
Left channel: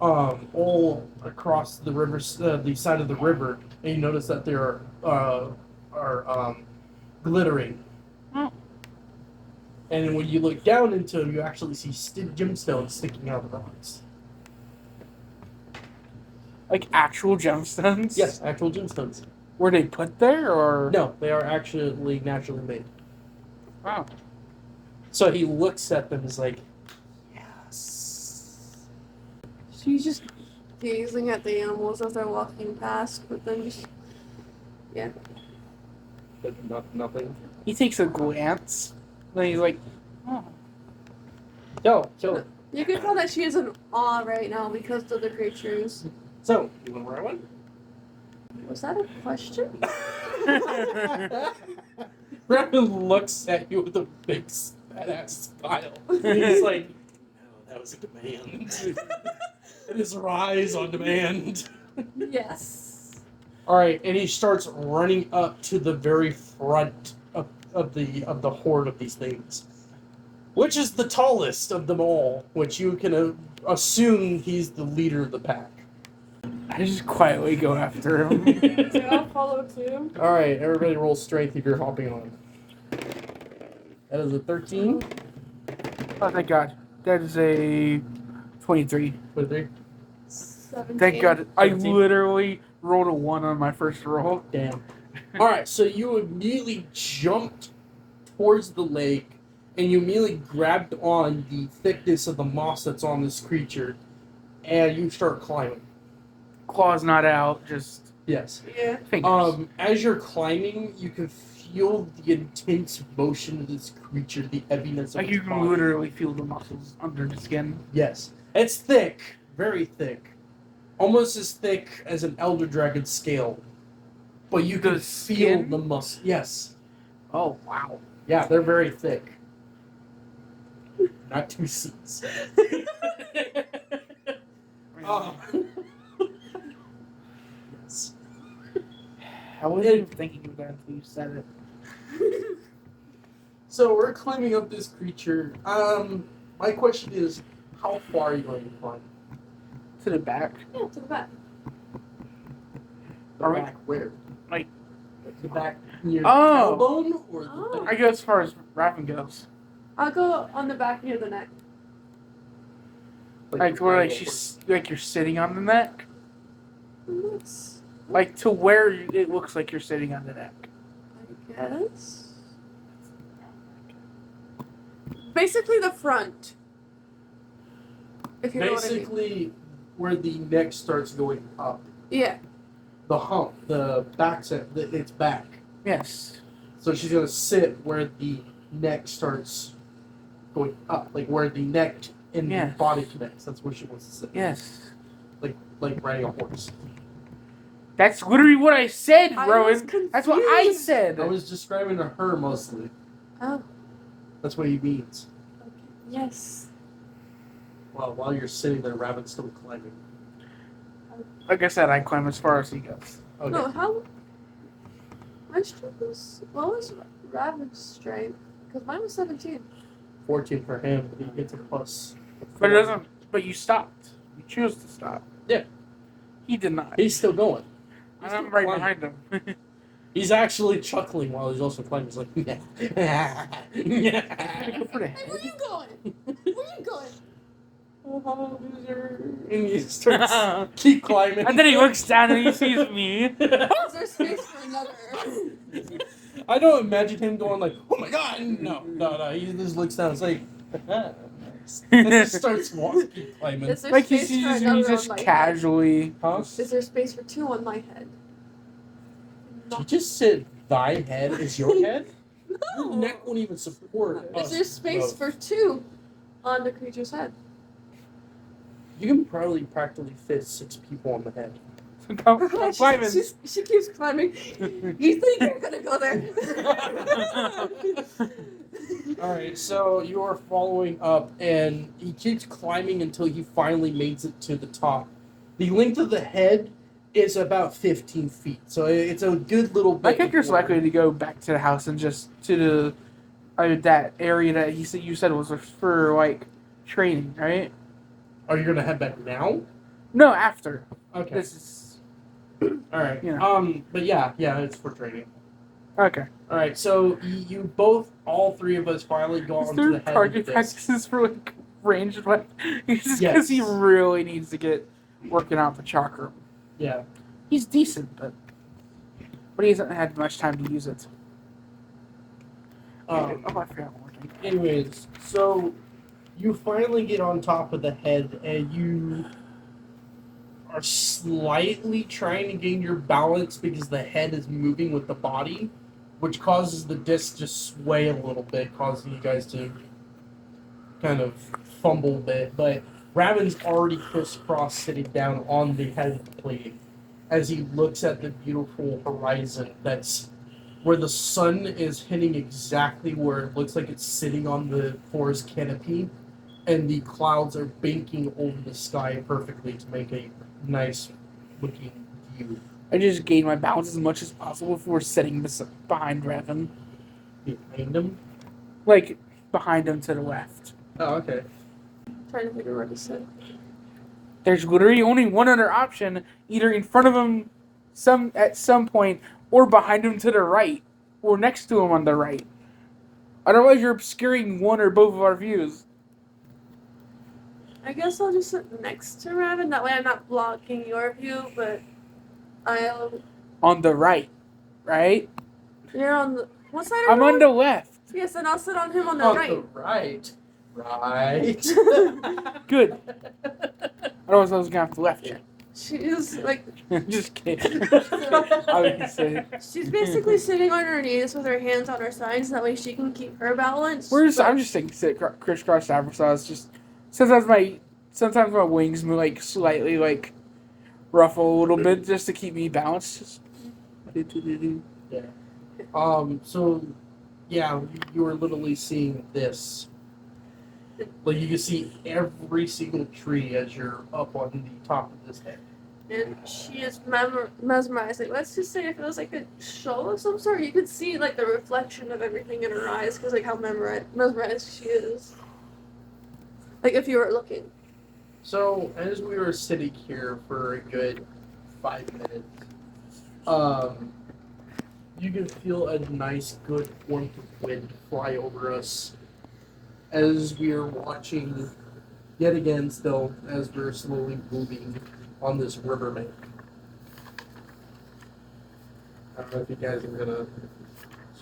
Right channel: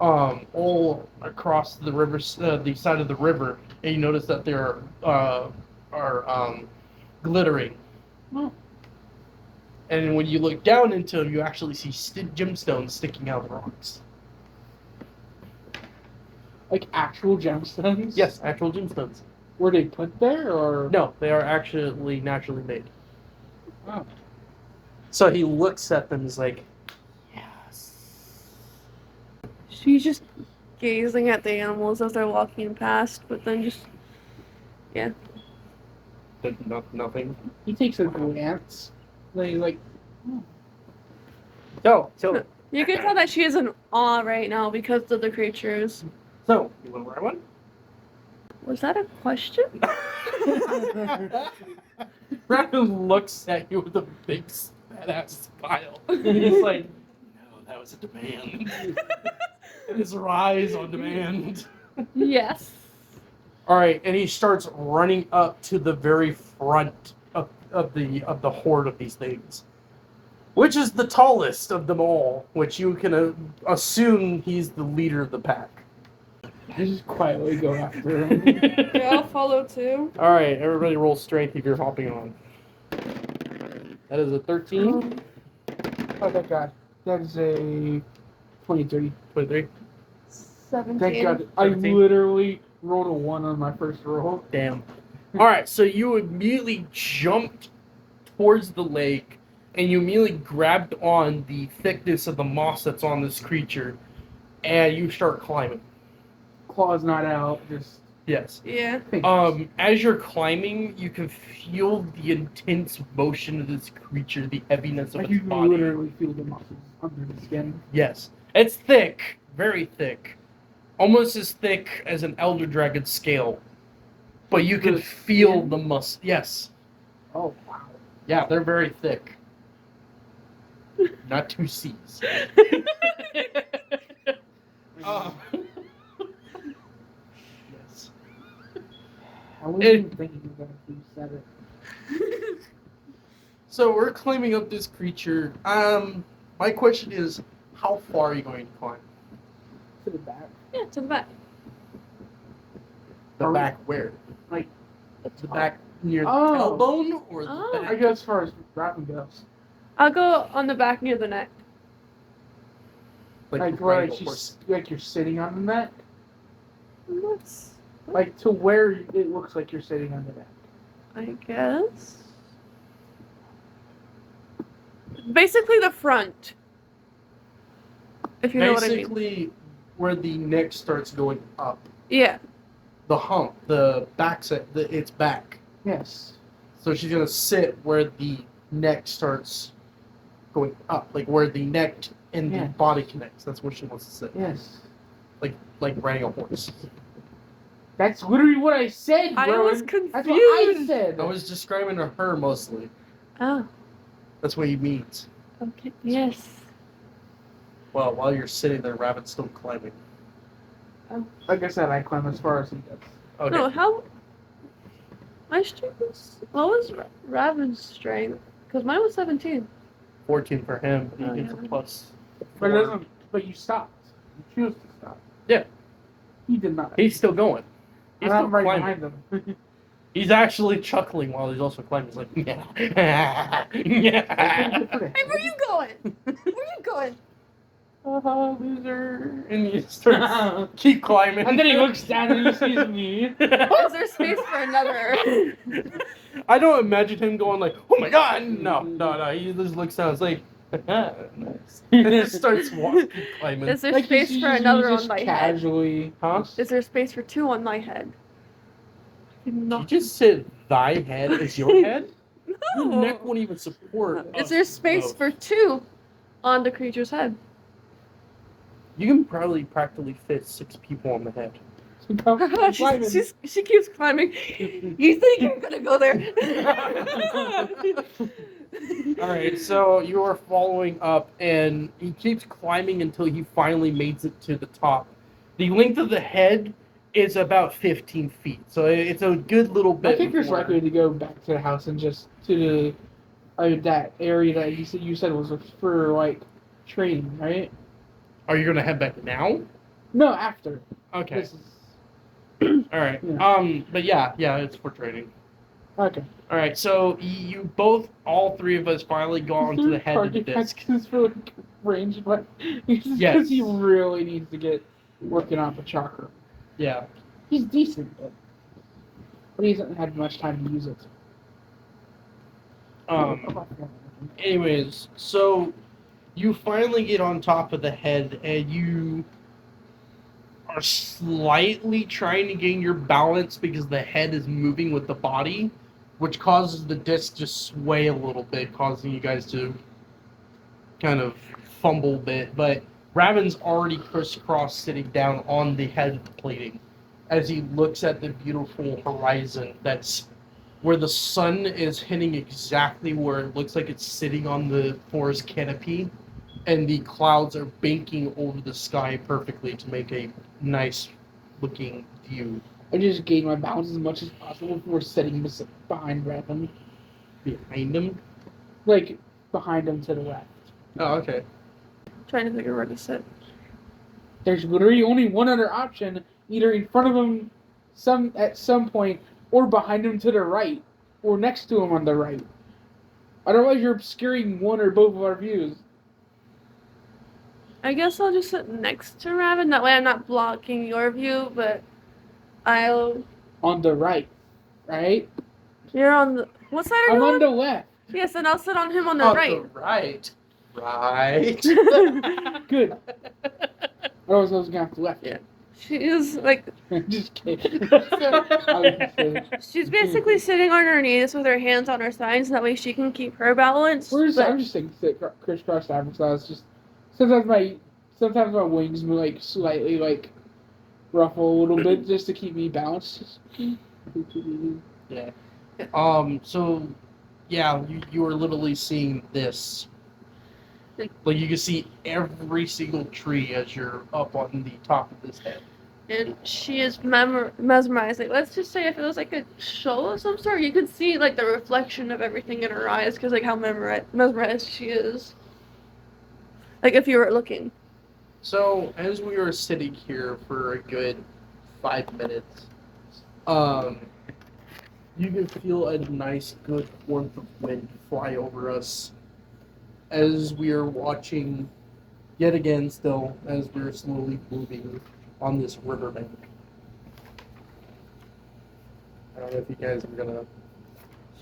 all across the river, the side of the river, and you notice that there are glittering. Hmm. And then when you look down into them, you actually see gemstones sticking out of the rocks. Like actual gemstones? Yes, actual gemstones. Were they put there or? No, they are actually naturally made. Wow. So he looks at them and is like, yes. She's just gazing at the animals as they're walking past, but then just Nothing. He takes a glance. Then he's like, oh. Go, so, you can tell that she is in awe right now because of the creatures. so, you want to wear one? Was that a question? Rabbit looks at you with a big badass smile. He's like, no, that was a demand. It is a rise on demand. Yes. All right, and he starts running up to the very front of the horde of these things. Which is the tallest of them all? Which you can assume he's the leader of the pack. I just quietly go after him. Yeah, I'll follow too. All right, everybody roll strength if you're hopping on. That is a 13. Oh, thank God. That is a 23. 23. 17. Thank God. I 17. literally rolled a 1 on my first roll. Damn. All right, so you immediately jumped towards the lake, and you immediately grabbed on the thickness of the moss that's on this creature, and you start climbing. Claw's not out, just Yes. Yeah. fingers. As you're climbing, you can feel the intense motion of this creature, the heaviness of Like its you can body. literally feel the muscles under the skin. Yes. It's thick, very thick. Almost as thick as an elder dragon's scale. But you can The feel skin? the muscle. Yes. Oh, wow. Yeah, they're very thick. Not 2 C's. Oh. Yes. I wasn't even thinking of that until you said it. So we're climbing up this creature. My question is, how far are you going to climb? To the back. Yeah, to the back. The Are we- back where? Like, The back near the Oh. tailbone or the Oh. back? I go as far as rapping goes. I'll go on the back near the neck. Like where like triangle she's like you're sitting on the neck. Looks, Like to where it looks like you're sitting on the neck. I guess. Basically the front. If you know what I mean. Basically, where the neck starts going up. Yeah. The hump, the back set, its back. Yes. So she's gonna sit where the neck starts going up, like where the neck and the Yeah. body connects. That's where she wants to sit. Yes. Like riding a horse. That's literally what I said, I Rowan. was confused. That's what I said. I was describing to her mostly. Oh. That's what he means. Okay. Yes. Well, while you're sitting there, Rabbit's still climbing. Like I said, I climb as far as he goes. Okay. No, how? My strength was. What was Raven's strength? Because mine was 17. 14 for him. He Oh, gets a yeah. plus. But it 4. doesn't. But you stopped. You choose to stop. Yeah. He did not. He's still going. He's And still I'm right climbing. behind him. He's actually chuckling while he's also climbing. He's like, yeah. yeah. Hey, where you going? Where you going? Oh, loser. And he starts keep climbing. And then he looks down and he sees me. Is there space for another? I don't imagine him going like, oh my god. No. He just looks down. It's like, nice. And just starts walking, keep climbing. Is there Like space he's for just, another he's just on my head? casually. Huh? Is there space for 2 on my head? You just said thy head is your head? Your No. neck won't even support. Is us there space both. for 2 on the creature's head? You can probably practically fit 6 people on the head. She keeps climbing. You think you're gonna go there? Alright, so you are following up, and he keeps climbing until he finally makes it to the top. The length of the head is about 15 feet, so it's a good little I bit. think you're before- likely to go back to the house and just to the that area that you said was for like training, right? Are you going to head back now? No, after. Okay. This is Alright. Yeah. But yeah, it's for training. okay. Alright, so you both, all 3 of us, finally go Is onto there the a head of the target disc. practices for like ranged weapon? Because Yes. he really needs to get working out the chakra. Yeah. He's decent, but he hasn't had much time to use it. I forgot one thing. Anyways, so you finally get on top of the head, and you are slightly trying to gain your balance because the head is moving with the body, which causes the disc to sway a little bit, causing you guys to kind of fumble a bit. But Raven's already crisscross sitting down on the head of the plating as he looks at the beautiful horizon that's where the sun is hitting exactly where it looks like it's sitting on the forest canopy, and the clouds are banking over the sky perfectly to make a nice looking view. I just gained my balance as much as possible before sitting behind Revan. Behind him, Like behind him to the left. Oh, okay. Trying to figure where to sit. There's literally only one other option, either in front of him at some point, or behind him to the right, or next to him on the right. Otherwise, you're obscuring one or both of our views. I guess I'll just sit next to Raven. That way I'm not blocking your view, but I'll... On the right, right? You're on the... What side are I'm you on the left. Yes, and I'll sit on him on the On right. the right. Right. Good. Otherwise, I was gonna have to left you. She is, like... Just kidding. Obviously. She's basically sitting on her knees with her hands on her sides. That way she can keep her balance. I'm just saying sit crisscross applesauce. Just sometimes my wings move like slightly like ruffle a little bit just to keep me balanced. Just Yeah. So, yeah, you were literally seeing this. Like, you can see every single tree as you're up on the top of this head. And she is mesmerized. Like, let's just say if it was like a show of some sort, you could see like the reflection of everything in her eyes because like how mesmerized she is. Like if you were looking. So, as we were sitting here for a good 5 minutes, you can feel a nice, good warmth of wind fly over us as we are watching, yet again, still, as we're slowly moving on this riverbank. I don't know if you guys are gonna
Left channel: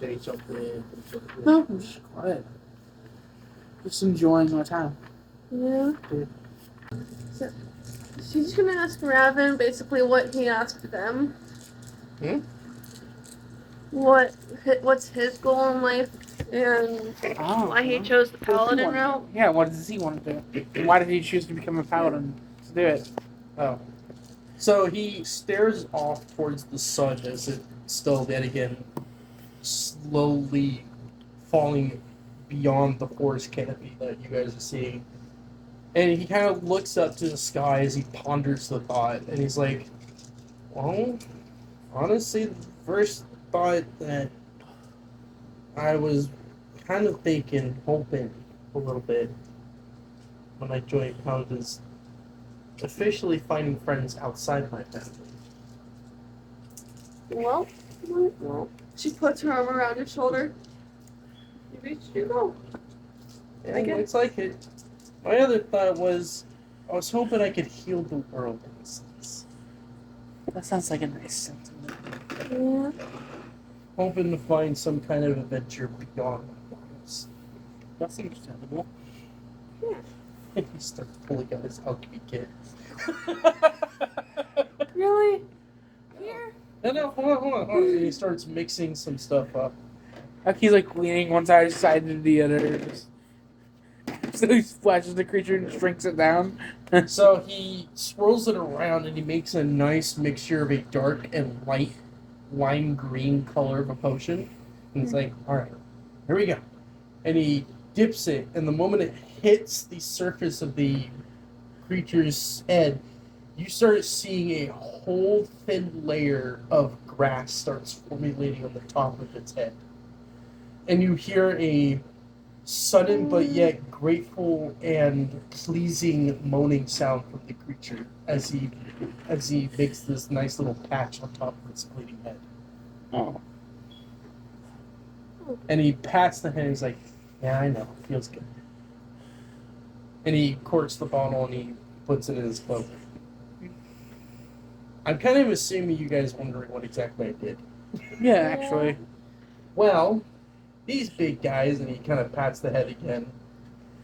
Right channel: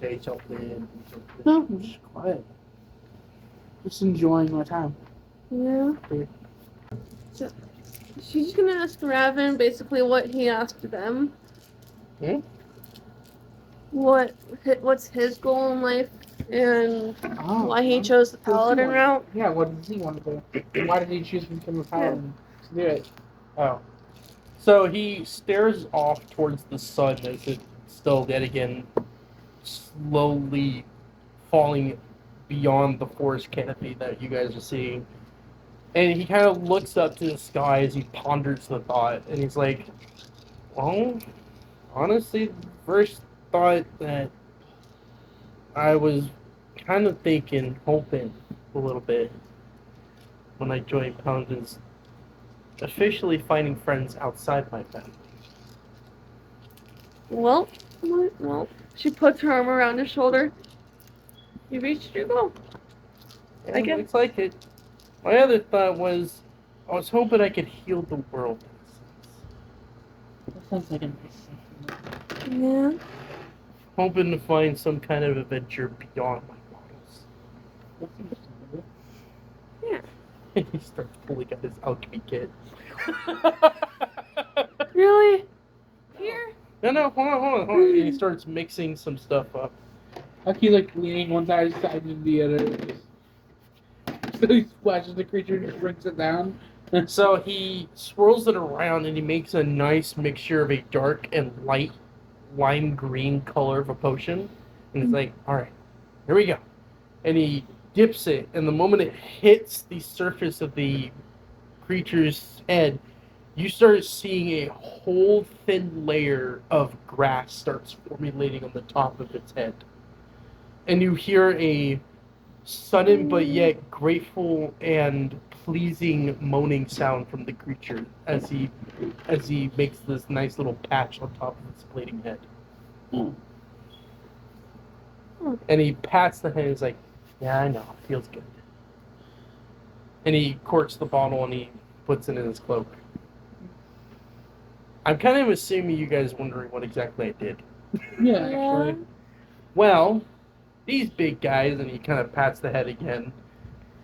say something. no, I'm just quiet. Just enjoying my time. Yeah. So she's just gonna ask Raven basically what he asked them. Hmm? What's his goal in life and why he chose the paladin route. Yeah, what does he want to do? And why did he choose to become a paladin? To do it. Oh. So he stares off towards the sun as it's still, yet again, slowly falling beyond the forest canopy that you guys are seeing. And he kind of looks up to the sky as he ponders the thought. And he's like, well, honestly, the first thought that I was kind of thinking, hoping a little bit when I joined Pound is officially finding friends outside my family. Well, she puts her arm around his shoulder. You reached your goal. And I guess. looks like it. My other thought was, I was hoping I could heal the world in a sense. That sounds like a nice sentiment. Yeah. Hoping to find some kind of adventure beyond my walls. That's understandable. He starts pulling out his alchemy kit. Really? Here? No, hold on. And he starts mixing some stuff up. Like he's like leaning one side to the other. So he splashes the creature and just drinks it down. So he swirls it around and he makes a nice mixture of a dark and light lime green color of a potion. And he's like, alright, here we go. And he dips it, and the moment it hits the surface of the creature's head, you start seeing a whole thin layer of grass starts formulating on the top of its head. And you hear a sudden but yet grateful and pleasing moaning sound from the creature as he makes this nice little patch on top of its bleeding head. Oh. And he pats the head and he's like, yeah, I know, feels good. And he corks the bottle and he puts it in his cloak. I'm kind of assuming you guys wondering what exactly I did. Yeah, actually. Well, these big guys, and he kind of pats the head again,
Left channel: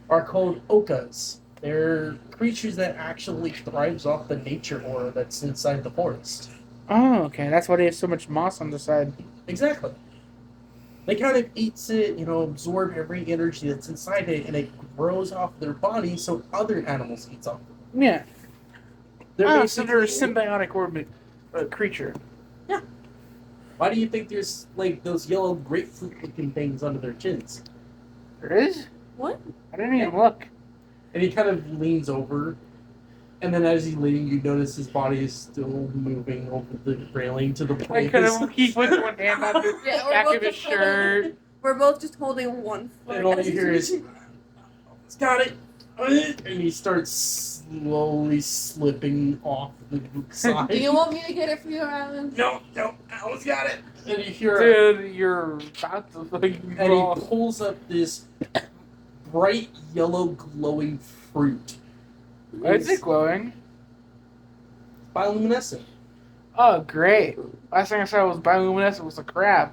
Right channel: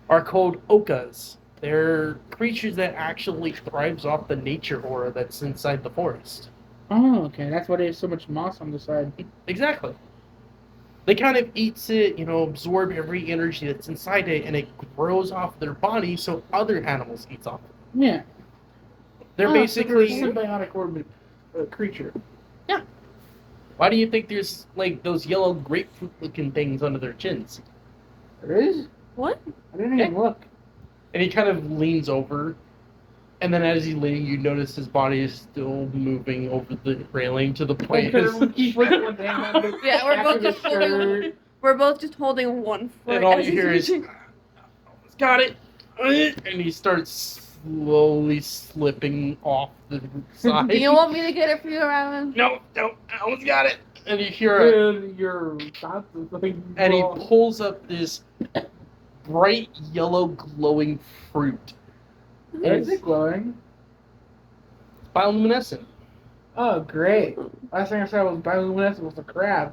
are called okas. They're creatures that actually thrives off the nature aura that's inside the forest. Oh, okay. That's why they have so much moss on the side. Exactly. They kind of eats it, absorb every energy that's inside it, and it grows off their body so other animals eats off it. Yeah. They're So basically... they're a symbiotic creature. Why do you think there's, like, those yellow grapefruit-looking things under their chins? There is? What? I didn't even look. And he kind of leans over, and then as he's leaning, you notice his body is still moving over the railing to the point. He puts one hand on the Yeah, we're back both of his just shirt. We're both just holding one foot. And all as you he's hear is, reaching. got it. And he starts slowly slipping off the side. Do you want me to get it for you, Ryan? No, I almost got it. And you hear it. Dude, you're about to fucking And he go. pulls up this bright yellow glowing fruit. Why is it glowing? Bioluminescent. Oh, great. Last thing I saw was bioluminescent was a crab.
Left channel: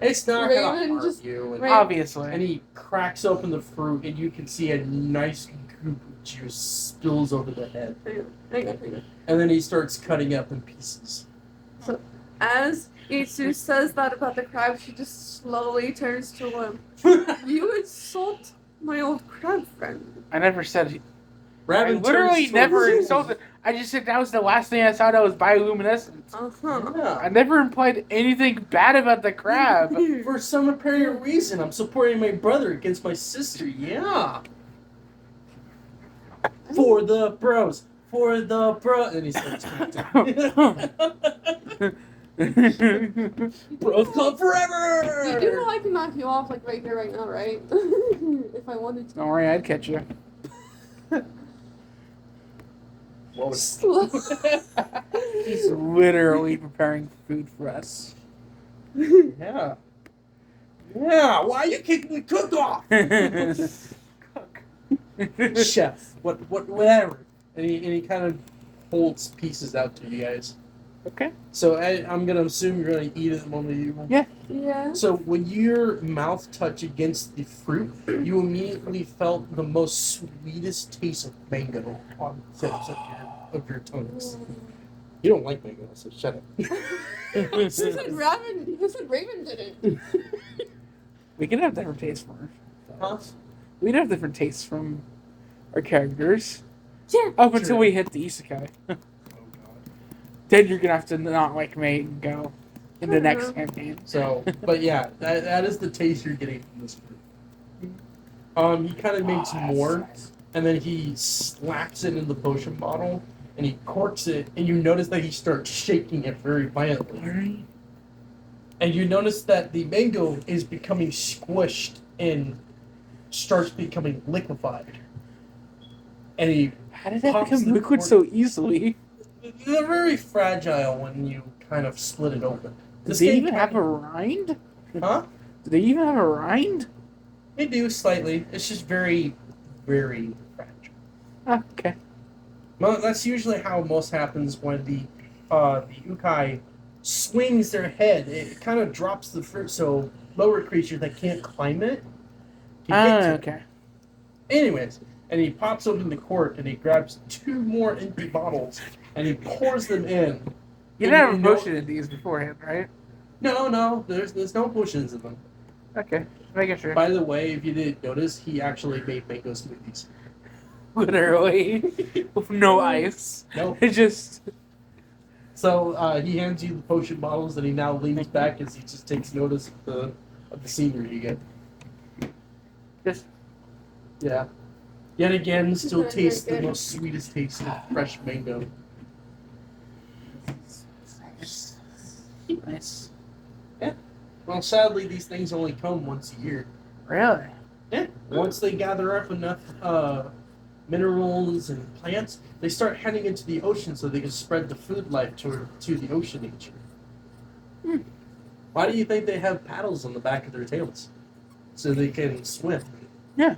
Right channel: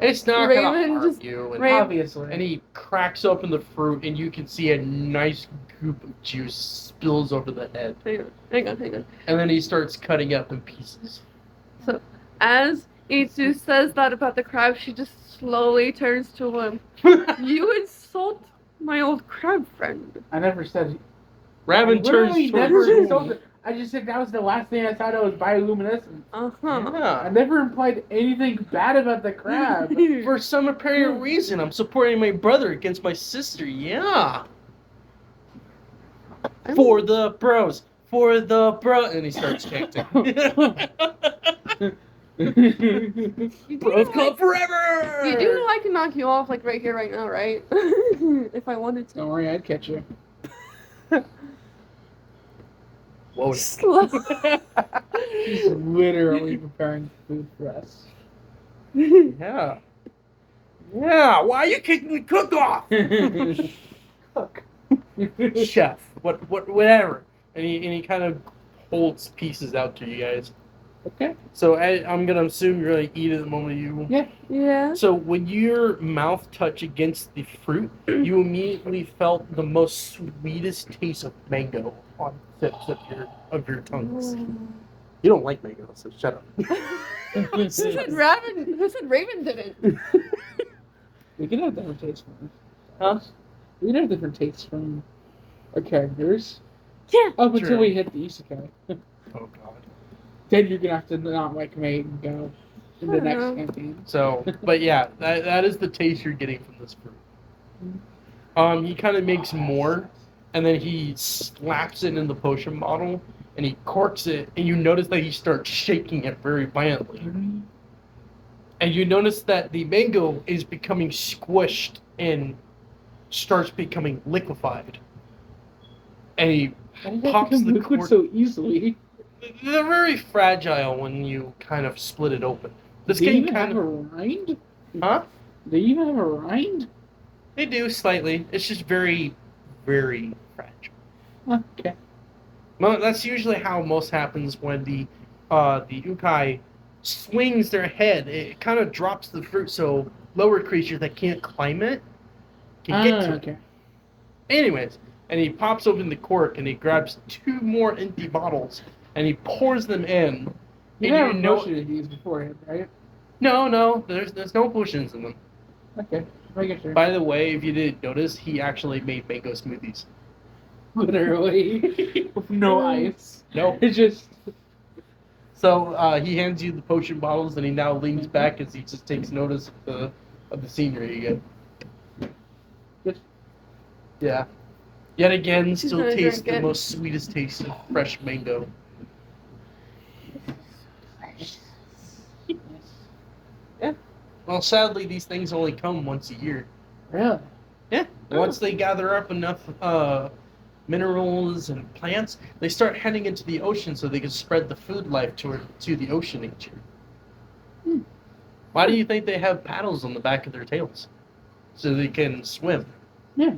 It's not Raven gonna harm just- you. And, Raven- Obviously. and he cracks open the fruit, and you can see a nice goop of juice spills over the head. Hang on. And then he starts cutting up in pieces. As Itsu says that about the crab, she just slowly turns to him. You insult my old crab friend. I never said. I Raven literally turns never towards- insulted. I just said that was the last thing I saw that was bioluminescent. Uh-huh. Yeah. I never implied anything bad about the crab. For some apparent reason, I'm supporting my brother against my sister. Yeah. For the bros. For the bro. And he starts chanting. Bros club forever! You do know I can knock you off like right here, right now, right? If I wanted to. Don't worry, I'd catch you. Whoa. He's literally preparing food for us. Yeah. Yeah, why are you kicking the cook off? Cook. Chef. Whatever. And he kind of holds pieces out to you guys. Okay. So I'm gonna assume you're gonna eat it the moment you. Yeah. So when your mouth touched against the fruit, you immediately felt the most sweetest taste of mango on the tips of your tongues. You don't like mango, so shut up. Who said Raven did it? We can have different tastes from Huh? We can have different tastes from our characters. Yeah. Up until True. we hit the isekai. Oh god. Then you're gonna have to not like me and go in the next Mhm. campaign. So, but yeah, that is the taste you're getting from this fruit. He kind of makes more, and then he slaps it in the potion bottle, and he corks it, and you notice that he starts shaking it very violently. And you notice that the mango is becoming squished and starts becoming liquefied. And he How did that Pops become the liquid cork. so easily? they're very fragile when you kind of split it open. This Do they game even kind have a of, rind? huh? Do they even have a rind? They do slightly. It's just very, very fragile. Oh, okay. Well, that's usually how most happens when the ukai swings their head. It kind of drops the fruit, so lower creatures that can't climb it can get to it. Okay. Anyways, and he pops open the cork and he grabs 2 more empty bottles and he pours them in. You And didn't have a know- potion in these beforehand, right? No, there's no potions in them. Okay. Making sure. By the way, if you didn't notice, he actually made mango smoothies. Literally. With no ice. Nope. It just. So he hands you the potion bottles, and he now leans back as he just takes notice of the scenery again. Just. Yeah. Yet again, He's still gonna tastes drink the it. most sweetest taste of fresh mango. Nice. Well, sadly, these things only come once a year. Really? Yeah. Once they gather up enough minerals and plants, they start heading into the ocean so they can spread the food life to the ocean nature. Hmm. Why do you think they have paddles on the back of their tails? So they can swim. Yeah.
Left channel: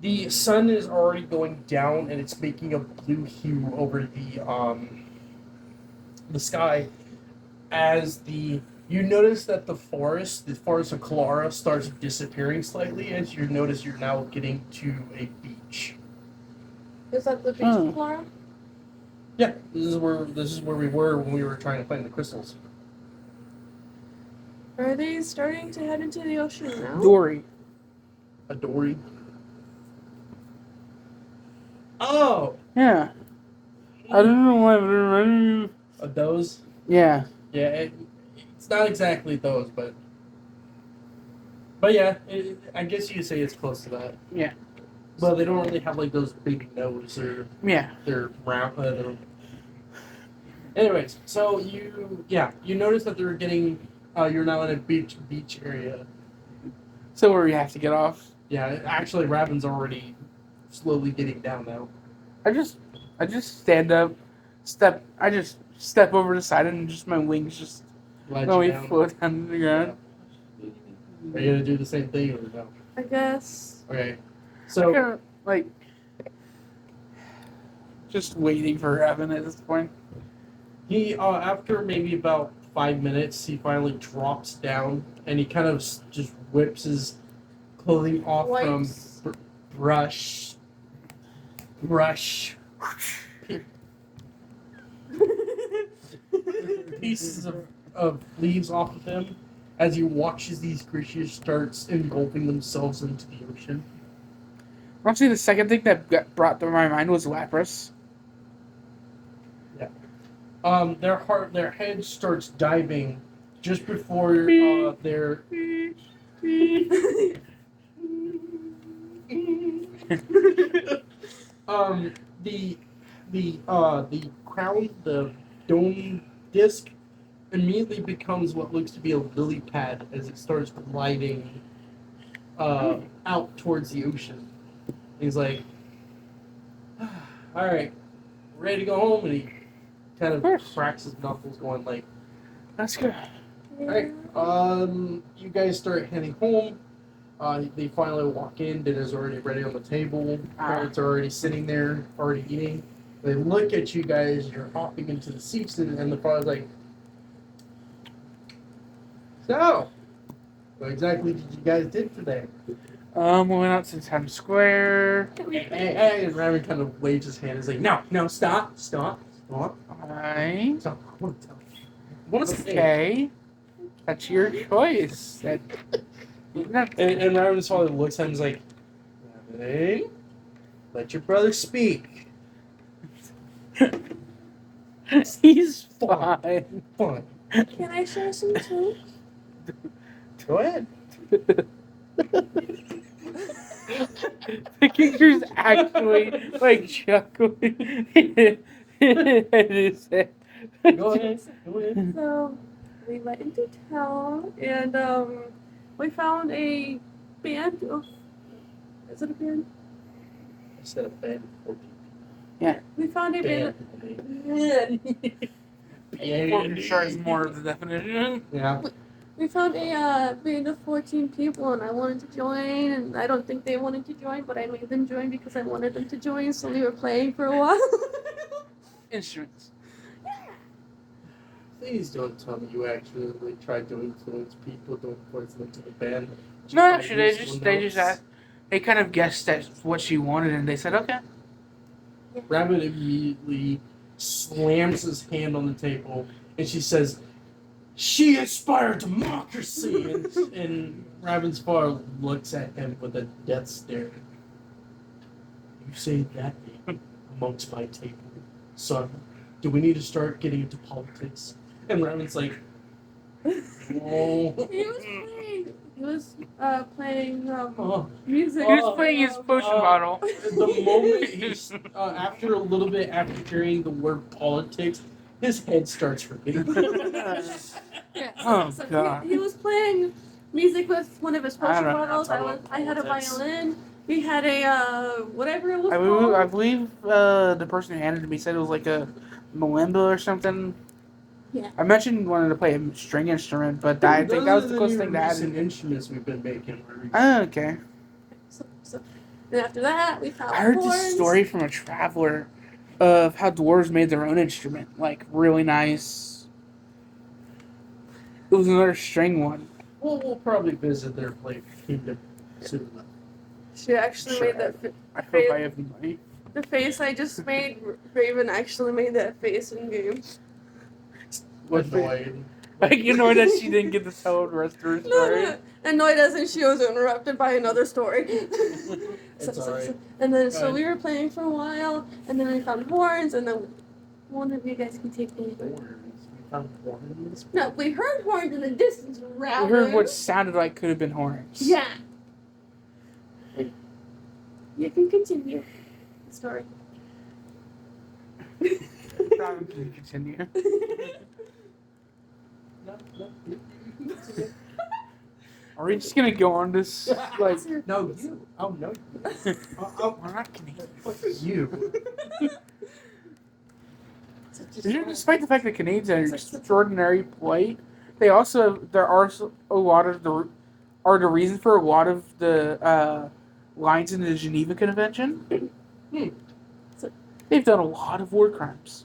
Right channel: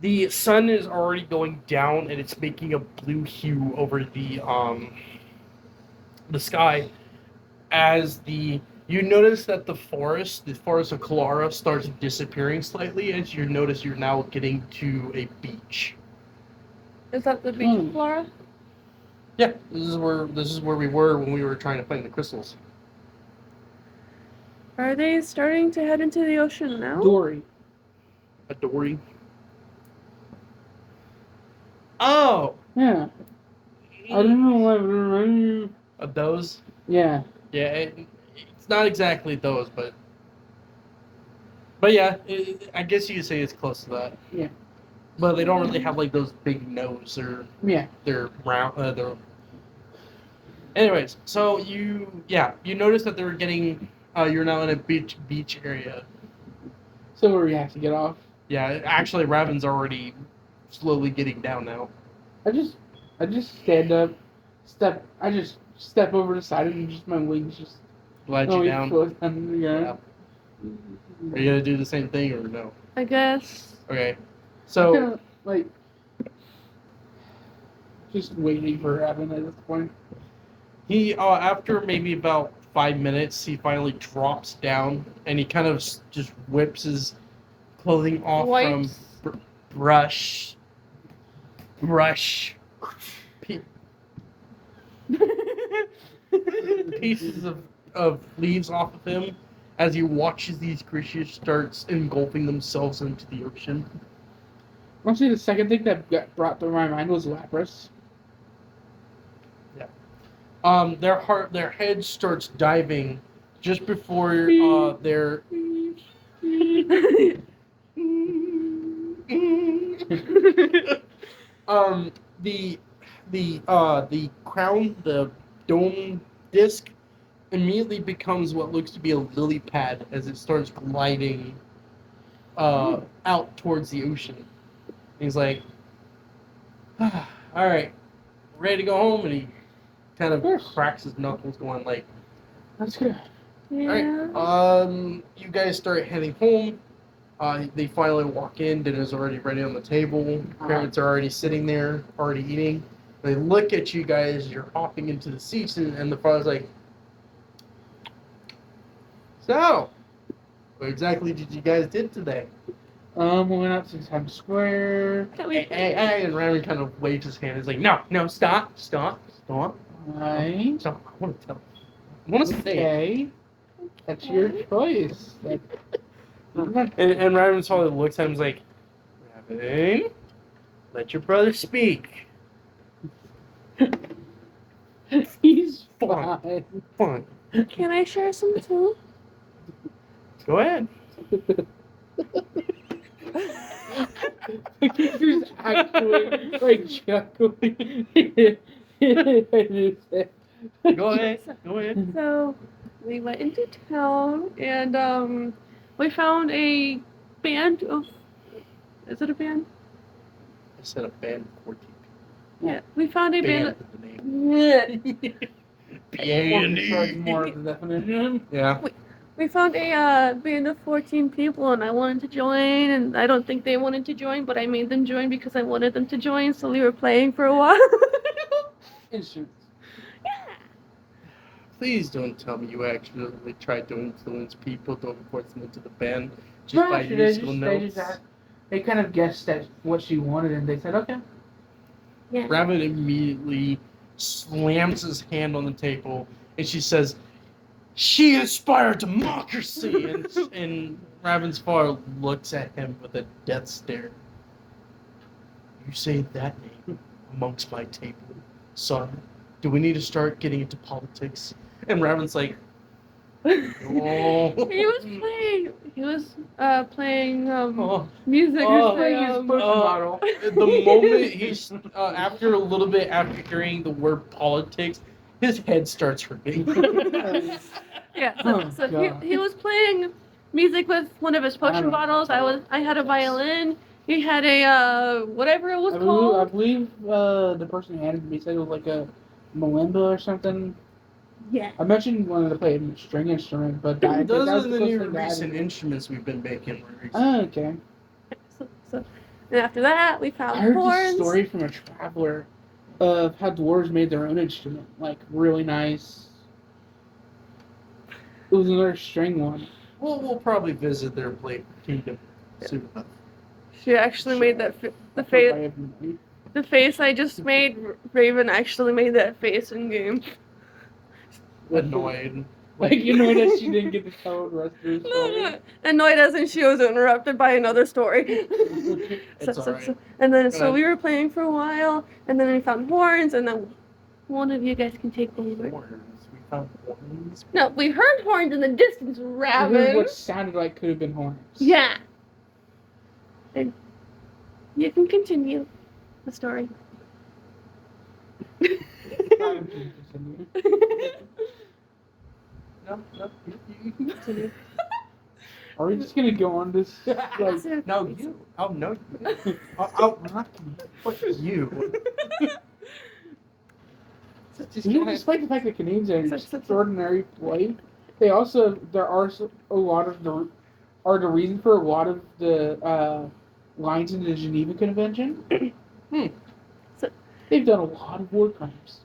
The sun is already going down and it's making a blue hue over the sky as you notice that the forest of Kalara starts disappearing slightly as you notice you're now getting to a beach. Is that the beach, Laura? Yeah, this is where we were when we were trying to find the crystals. Are they starting to head into the ocean now? Dory. A dory. Oh, Yeah. I don't know why. a those. Yeah. Yeah, it's not exactly those, but yeah, I guess you could say it's close to that. Yeah. But they don't really have like those big nose or Yeah. they're round. Anyways, so you notice that they're getting You're now in a beach area. So where we have to get off. Yeah, actually, Raven's already slowly getting down now. I just stand up, I just step over the side and just my wings just Glad let you me down. float down the ground. Are you gonna do the same thing or no? I guess. Okay. So So kinda, like just waiting for Evan at this point. he, after maybe about 5 minutes, he finally drops down and he kind of just whips his clothing off Wipes. from brush. Pe- pieces of leaves off of him as he watches these creatures starts engulfing themselves into the ocean. Honestly, the second thing that brought to my mind was Lapras. Their head starts diving just before their the crown, the dome disc, immediately becomes what looks to be a lily pad as it starts gliding out towards the ocean. He's like, all right, ready to go home, and he kind of cracks his knuckles, going like, That's good. Yeah. Alright, you guys start heading home. They finally walk in. Dinner's already ready on the table. Parents are already sitting there, already eating. They look at you guys. You're hopping into the seats, and the father's like, "So, what exactly did you guys did today?" We went out to Times Square. Hey, and Raymond kind of waves his hand. He's like, "No, stop. Alright. Stop. I want to tell you. I want to say." Okay. That's your choice. And Raven's father looks at him and is like, "Raven, let your brother speak." He's fine. Fine. Can I share some too? Go ahead. The kicker's actually like chuckling. Go ahead. So we went into town and we found a band of. Is it a band? I said a band of 14 Yeah. We found a band. Starts more of the definition. Yeah. We found a band of 14 people, and I wanted to join, and I don't think they wanted to join, but I made them join because I wanted them to join, so we were playing for a while. Instruments. Please don't tell me you actually tried to influence people to force them into the band. Just No, by actually, they just asked. They kind of guessed at what she wanted, and they said, "Okay." Yeah. Rabbit immediately slams his hand on the table, and she says, "She inspired democracy!" And Raven's father looks at him with a death stare. "You say that name amongst my table, son. Do we need to start getting into politics?" And Raven's like, "Oh." He was playing Oh. music. Oh. He was playing his push model. The moment he's after a little bit after hearing the word politics, his head starts hurting. Yeah, Oh, so God. he was playing music with one of his I don't potion know. bottles. I had a violin. He had a whatever it was I called. believe the person who handed it to me said it was like a marimba or something. Yeah. I mentioned wanted to play a string instrument, but I think Those that was are the the closest new thing to add. recent instruments we've been making. Oh, okay. So and after that we found I heard horns. this story from a traveler of how dwarves made their own instrument, like really nice. It was another string one. We'll probably visit their play kingdom soon enough. She actually made that I the hope I face. have money. The face I just made. Raven actually made that face in game. Annoyed. Like, you know that she didn't get to tell the rest of her story. Annoyed as in she was interrupted by another story. It's alright. And then Go so ahead. we were playing for a while, and then we found horns, and then one of you guys can take over. Horns. We found horns. No, we heard horns in the distance, I heard Raven. what sounded like could have been horns. Yeah. And you can continue the story. Continue. No. You can continue. Are we just gonna go on this? Like, No, you. Oh, no, you. Oh, we're not Canadian. what you? Despite the fact that Canadians are extraordinary polite, they also there are a lot of the reason for a lot of the lines in the Geneva Convention. They've done a lot of war crimes.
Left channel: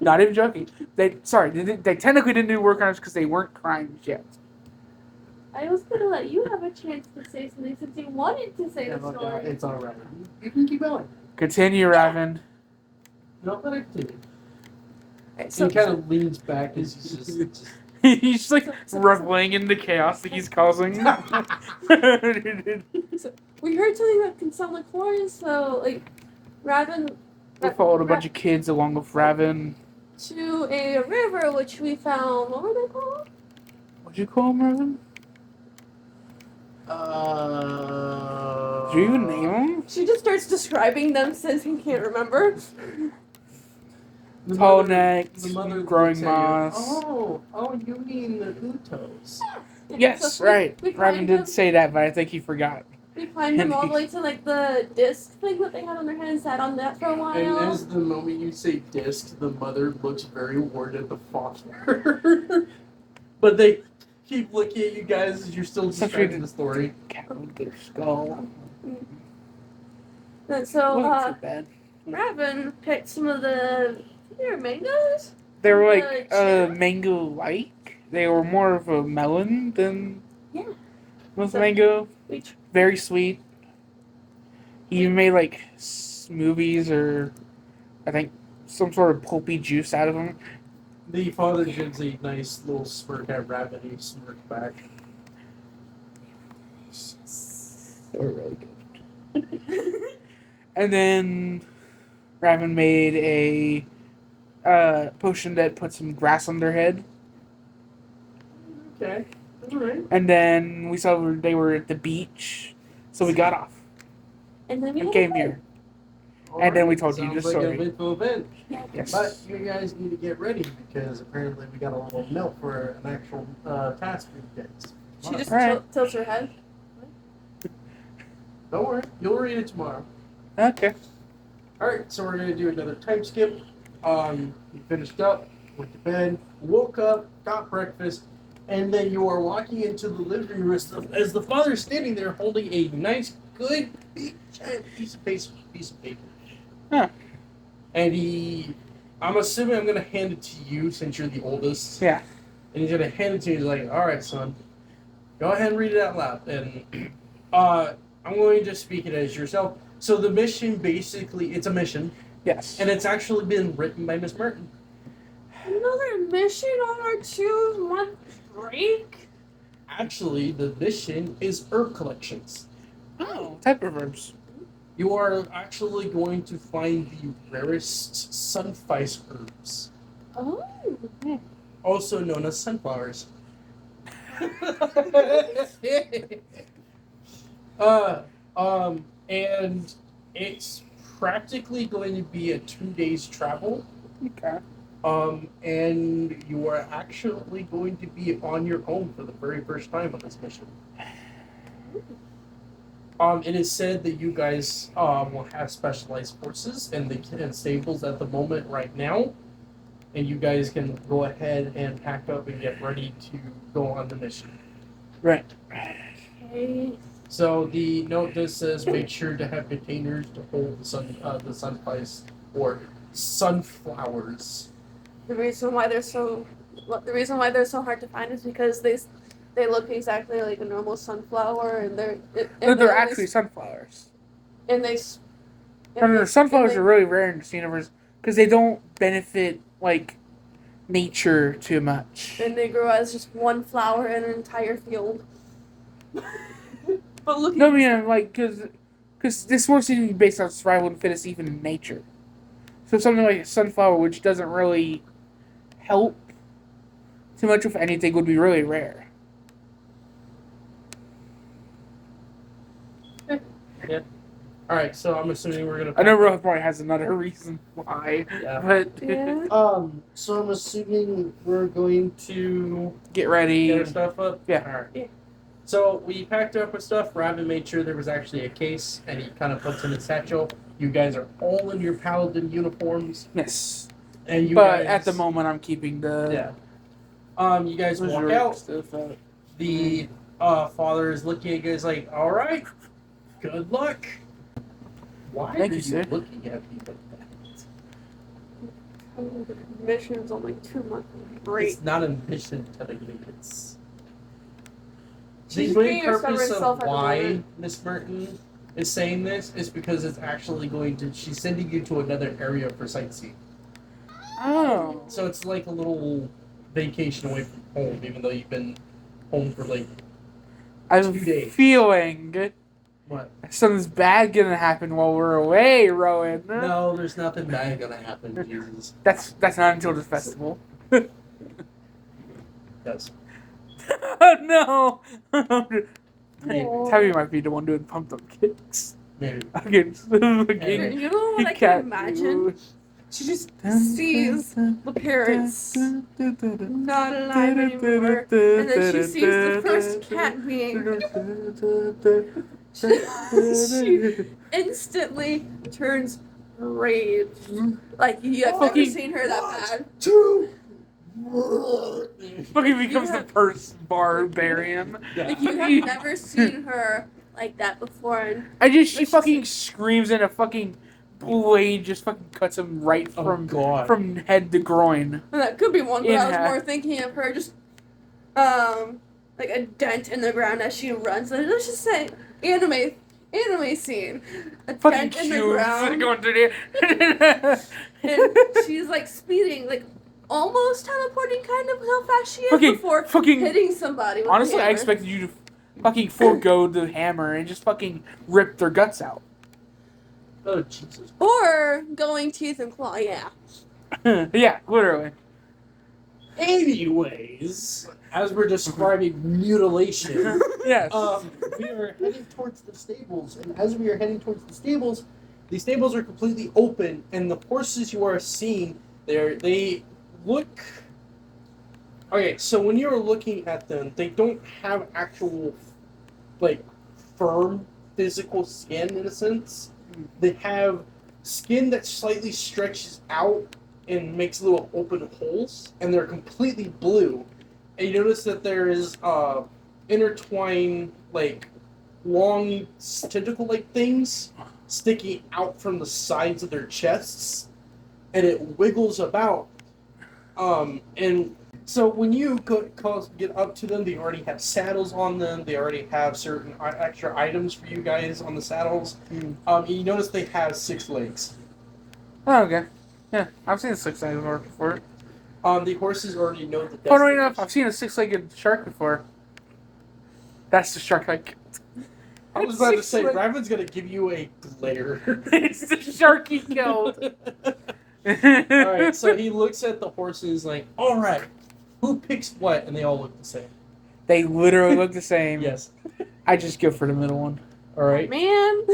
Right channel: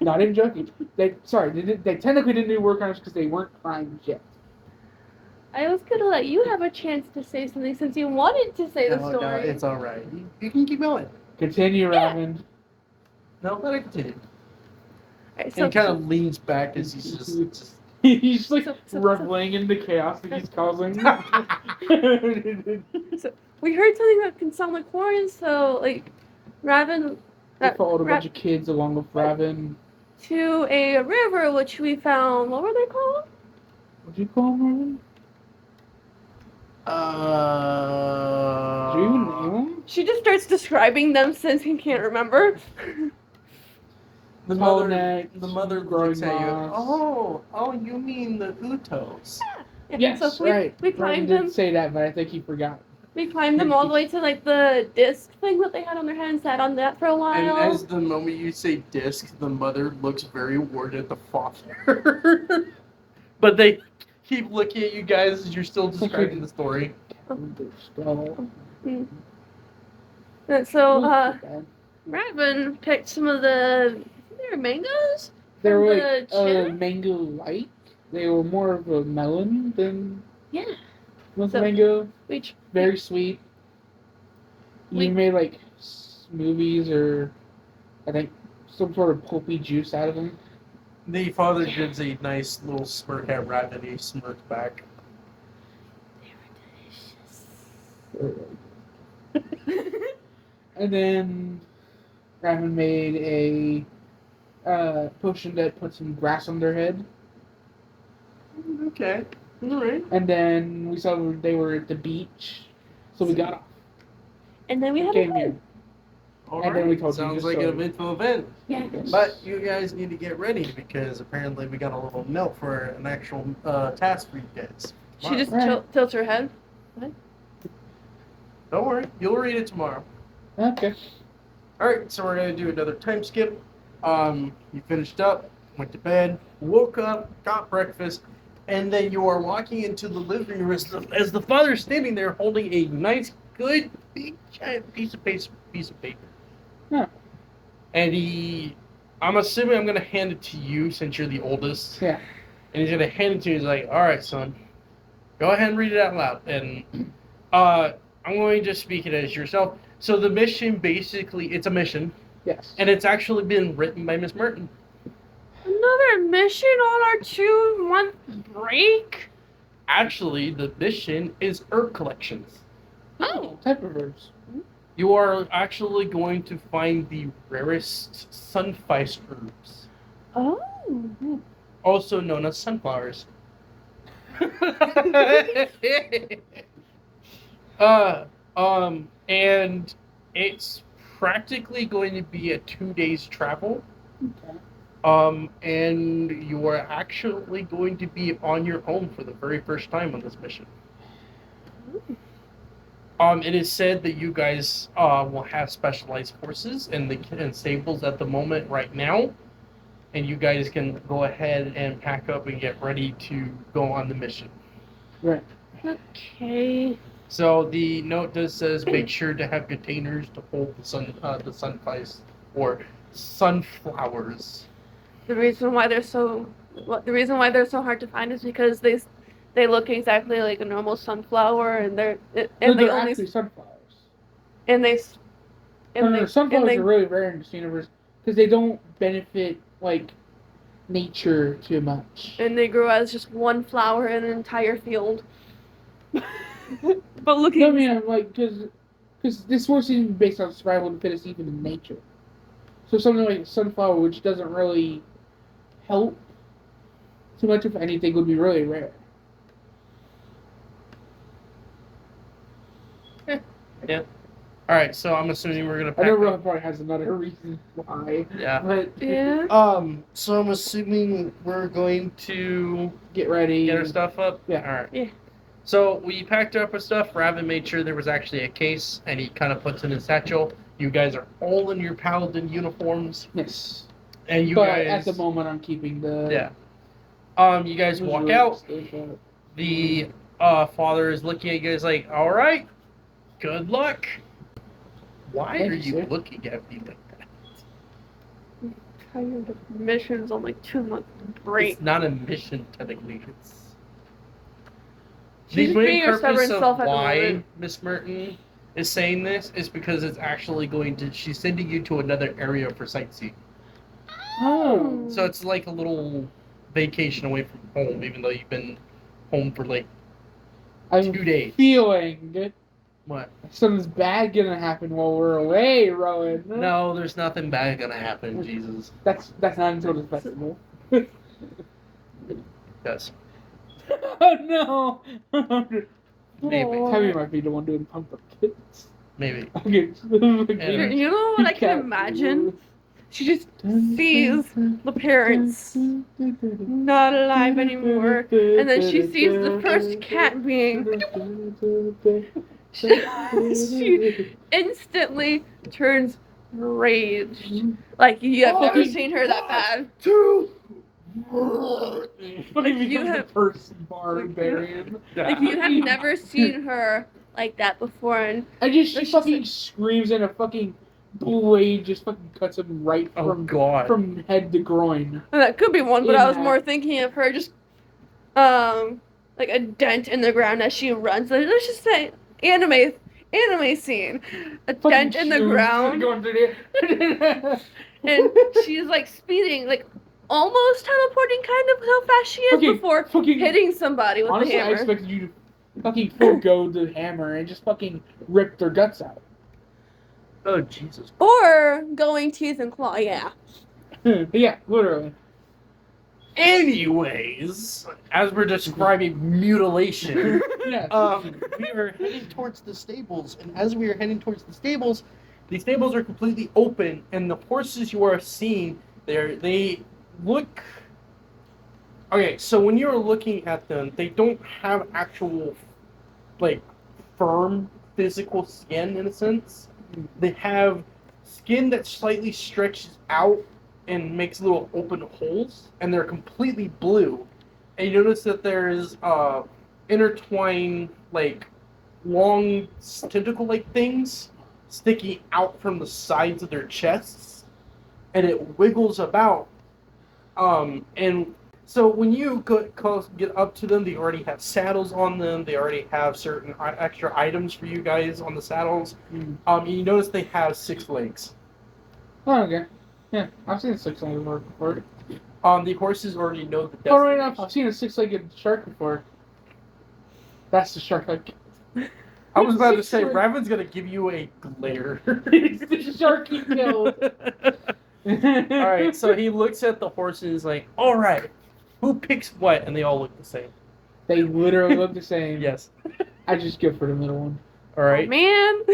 Not even joking. They technically didn't do war crimes because they weren't crimes yet. I was gonna let you have a chance to say something since you wanted to say the No, story. it's all right. You can keep going. Continue, Raven. No, let it continue. Alright, And he kind of leans back as he's just He's like So- reveling in the chaos that he's causing. we heard something that can sound like horns, so like Raven They followed a bunch of kids along with Raven. to a river which we found. What were they called? What'd you call him, Raven? Did you even name him? She just starts describing them since he can't remember. The Tall mother, neck, the mother growing looks at you. moss. Oh, you mean the Utos? Yeah, Yes, so right. We Raven climbed did them. say that, but I think he forgot. We climbed them all the way to like the disc thing that they had on their head and sat on that for a while. And as the moment you say disc, the mother looks very worried at the father. But they keep looking at you guys as you're still describing the story. Cat with their skull. And so Wasn't so bad. Raven picked some of the mangoes. They were the like cherry? mango-like. They were more of a melon than Yeah. was So- mango. We Very sweet. He even made like smoothies or I think some sort of pulpy juice out of them. The father gives a nice little smirk at Raven, and he smirks back. And then Raven made a potion that put some grass on their head. Okay. Alright. And then we saw they were at the beach, so we got off and then we and had came a here. And then we told you Sounds the like an story. eventful event. Yeah. Yes. But you guys need to get ready because apparently we got a little note for an actual task for you guys. She just Alright. tilts her head. Don't worry, you'll read it tomorrow. Okay. Alright, so we're gonna do another time skip. You finished up, went to bed, woke up, got breakfast, and then you are walking into the living room as the father's standing there holding a nice, good, big, giant piece of paper. Huh. And I'm assuming I'm gonna hand it to you since you're the oldest. Yeah. And he's gonna hand it to you. He's like, "All right, son, go ahead and read it out loud." And I'm going to speak it as yourself. So the mission, basically, it's a mission, Yes. and it's actually been written by Miss Merton. Another mission on our 2-month break. Actually, the mission is herb collections. Oh, type of herbs. You are actually going to find the rarest sunfice herbs, Oh. also known as sunflowers. And it's practically going to be a 2 days travel. Okay. And you are actually going to be on your own for the very first time on this mission. It is said that you guys will have specialized forces and stables at the moment right now, and you guys can go ahead and pack up and get ready to go on the mission. Right. Okay. So the note does says make sure to have containers to hold the sunflowers or sunflowers. The reason why they're so hard to find is because they look exactly like a normal sunflower, and No, they they're only- actually sunflowers. and they s- No, they- sunflowers and are really rare in this universe because they don't benefit like nature too much. and they grow as just one flower in an entire field. But looking No, I mean like because this works even based on survival and fittest even in nature. So something like a sunflower, which doesn't really help too much with anything, would be really rare. Yeah. All right, so I'm assuming we're gonna. I know Rohan probably has another reason why. Yeah. But Yeah. So I'm assuming we're going to get ready. get our stuff up. Yeah. All right. Yeah. So we packed up our stuff. Raven made sure there was actually a case, and he kind of puts in his satchel. You guys are all in your paladin uniforms, Yes. and you but guys. at the moment, I'm keeping the. Yeah. You guys walk reserve out. stuff out. The father is looking at you guys like, "All right, good luck." Why Thank are you, you sir. looking at me like that? Kind of missions on like 2 month break. It's not a mission, technically. It's She's the being main her purpose stubborn of self at the why moment. Miss Merton is saying this is because it's actually going to. She's sending you to another area for sightseeing. Oh. So it's like a little vacation away from home, even though you've been home for like I'm 2 days. feeling what? something's bad gonna happen while we're away, Rowan. No, there's nothing bad gonna happen. Jesus, That's not until the festival. yes. Oh no! Maybe. Tabby might be the one doing pumped up kicks. Maybe. Okay. And- You know what I can imagine? She just sees the parents not alive anymore, and then she sees the first cat being. She instantly turns raged. Like you have never seen her that bad. Fucking becomes have- the first barbarian. Like you have never seen her like that before, and She It's just fucking like- screams and a fucking blade just fucking cuts him right Oh from God. from head to groin. that could be one. But I was Yeah. more thinking of her just, like a dent in the ground as she runs. Let's just say anime scene, a Fucking dent in the cubes ground. going through there. And she's like speeding, like almost teleporting, kind of how fast she is Fucking- before fucking- hitting somebody with Honestly, the I hammer. expected you to fucking forego the hammer and just fucking rip their guts out. Oh Jesus. Or going teeth and claw, yeah. Yeah, literally. Anyways, as we're describing mutilation, Yes. we are heading towards the stables, and as we are heading towards the stables are completely open, and the horses you are seeing there, they look. Okay, so when you're looking at them, they don't have actual, like, firm physical skin in a sense. They have skin that slightly stretches out and makes little open holes, and they're completely blue. And you notice that there's intertwined, like, long tentacle-like things sticking out from the sides of their chests, and it wiggles about. And so when you get up to them, they already have saddles on them. They already have certain extra items for you guys on the saddles. You notice they have 6 legs. Oh, okay. Yeah, I've seen a six-legged horse before. The horses already know the Funny enough, destination. I've seen a six-legged shark before. That's the shark I killed. I was about to say, Six-legged- Raven's gonna give you a glare. It's the shark he killed. Alright, so he looks at the horses like, alright, who picks what? And they all look the same. They literally look the same. Yes. I just go for the middle one. Alright. Man,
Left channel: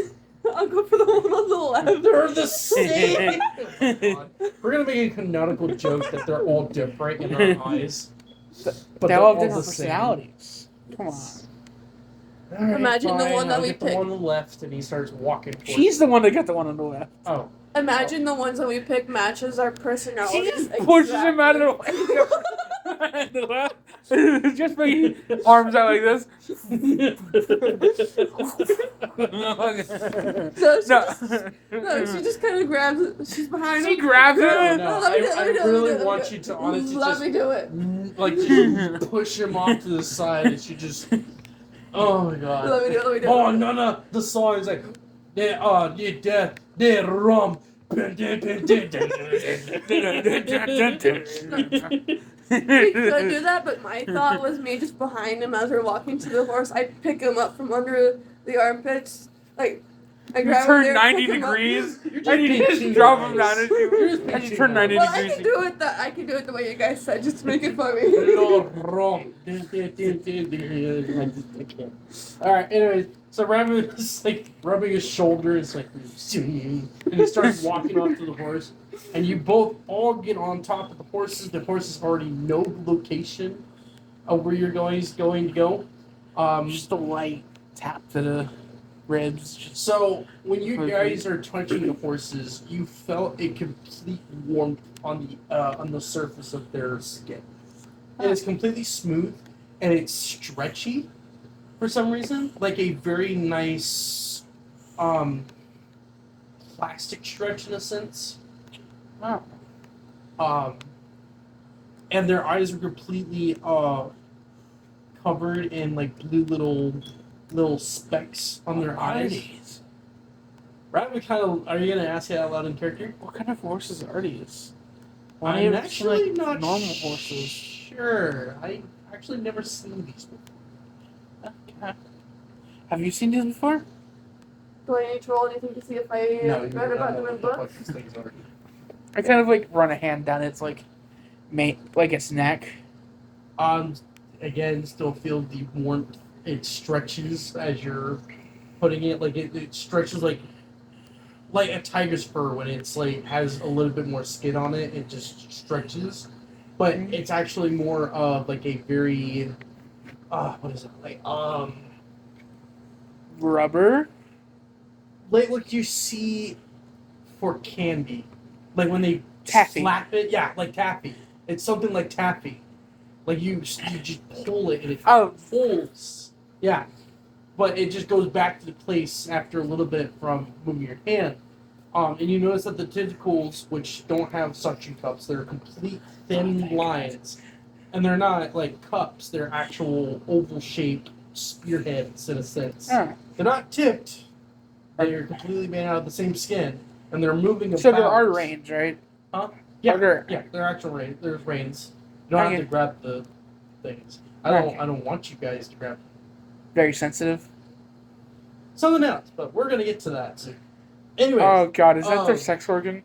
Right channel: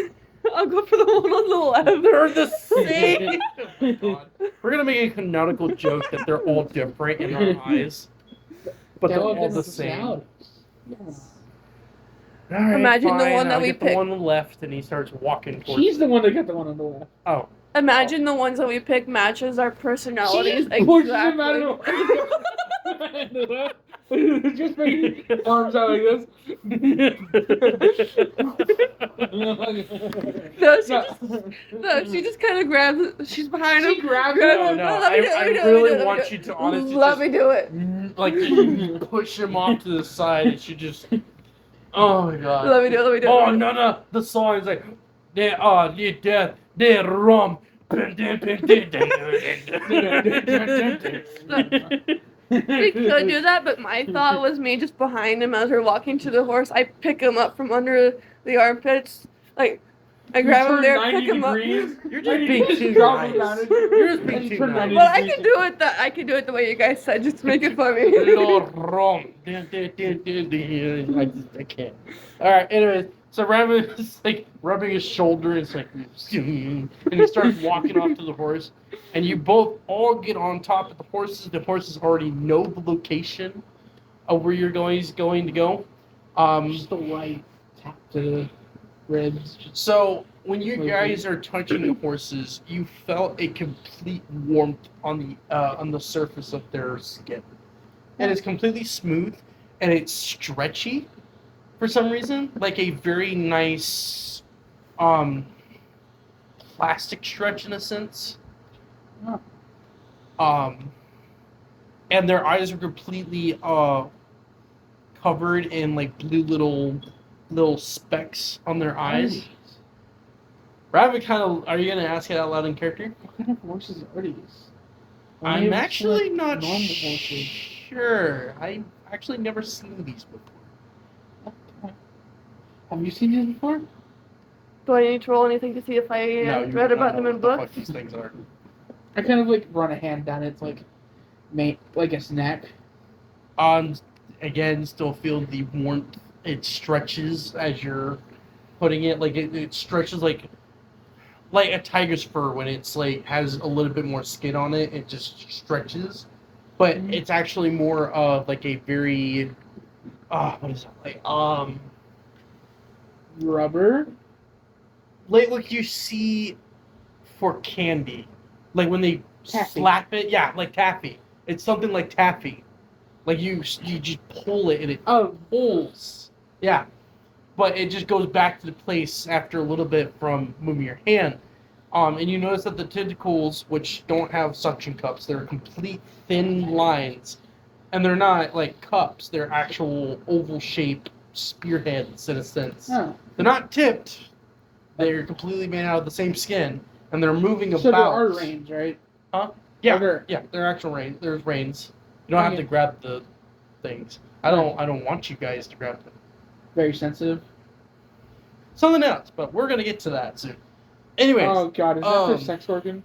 I'll go for the one on the left. They're the same! Oh my God. We're gonna make a canonical joke that they're all different in our eyes. But They they're all have all different the same. personalities. Come on. Alright, Imagine the fine, one that I'll we get the picked. one on the left, and he starts walking towards She's the one that got the one on the left. Oh. Imagine the ones that we pick matches our She personalities. just pushes him out of the left. Just bring arms out like this. So she just kind of grabs. She's behind She him. grabs No, it. no, Let me do it, I let me do it, really let me do want it. you to honestly Let just me do it. like just push him off to the side, and she just. Oh my God. Let me do it. Let me do it. Oh no! The song is like, they rum. We could do that, but my thought was me just behind him as we're walking to the horse. I pick him up from under the armpits, like I grab him Turn there, 90 pick him degrees. You're just being too drop him nice. down. You're just being And too turn 90 nice. But I can do it. I can do it the way you guys said, just to make it funny. Little rum. I can't. All right. Anyways, So Raven is like rubbing his shoulder. It's like, and he starts walking off to the horse, and you both all get on top of the horses. The horses already know the location of where you're going to go. Just a light tap to the ribs. So when you guys are touching the horses, you felt a complete warmth on the surface of their skin, and it's completely smooth and it's stretchy for some reason, like a very nice plastic stretch in a sense. Wow. And their eyes are completely covered in like blue little specks on their eyes. Rabbit kind of. Are you gonna ask it out loud in character? What kind of horses are these? I'm actually like not normal horses. sure. I actually never seen these before. Okay. Have you seen these before? Do I need to roll anything to see if I No, you read don't about know them in what the fuck books? these things are. I kind of like run a hand down its like its neck. Again, still feel the warmth. It stretches as you're putting it. Like it stretches like a tiger's fur when it's like has a little bit more skin on it. It just stretches, but it's actually more of like a very what is it like Rubber. like what you see for candy, like when they Taffy. slap it. Yeah, like taffy. It's something like taffy. Like you just pull it and it pulls. Yeah, but it just goes back to the place after a little bit from moving your hand. And you notice that the tentacles, which don't have suction cups, they're complete thin lines, and they're not like cups. They're actual oval-shaped spearheads in a sense. Oh. They're not tipped. They're completely made out of the same skin, and they're moving So about. there are reins, right? Yeah, Or- yeah, they're actual reins. There's reins. You don't have to grab the things. I don't want you guys to grab them. Very sensitive. Something else, but we're gonna get to that soon. Anyways. Oh god, is that their um, sex organ?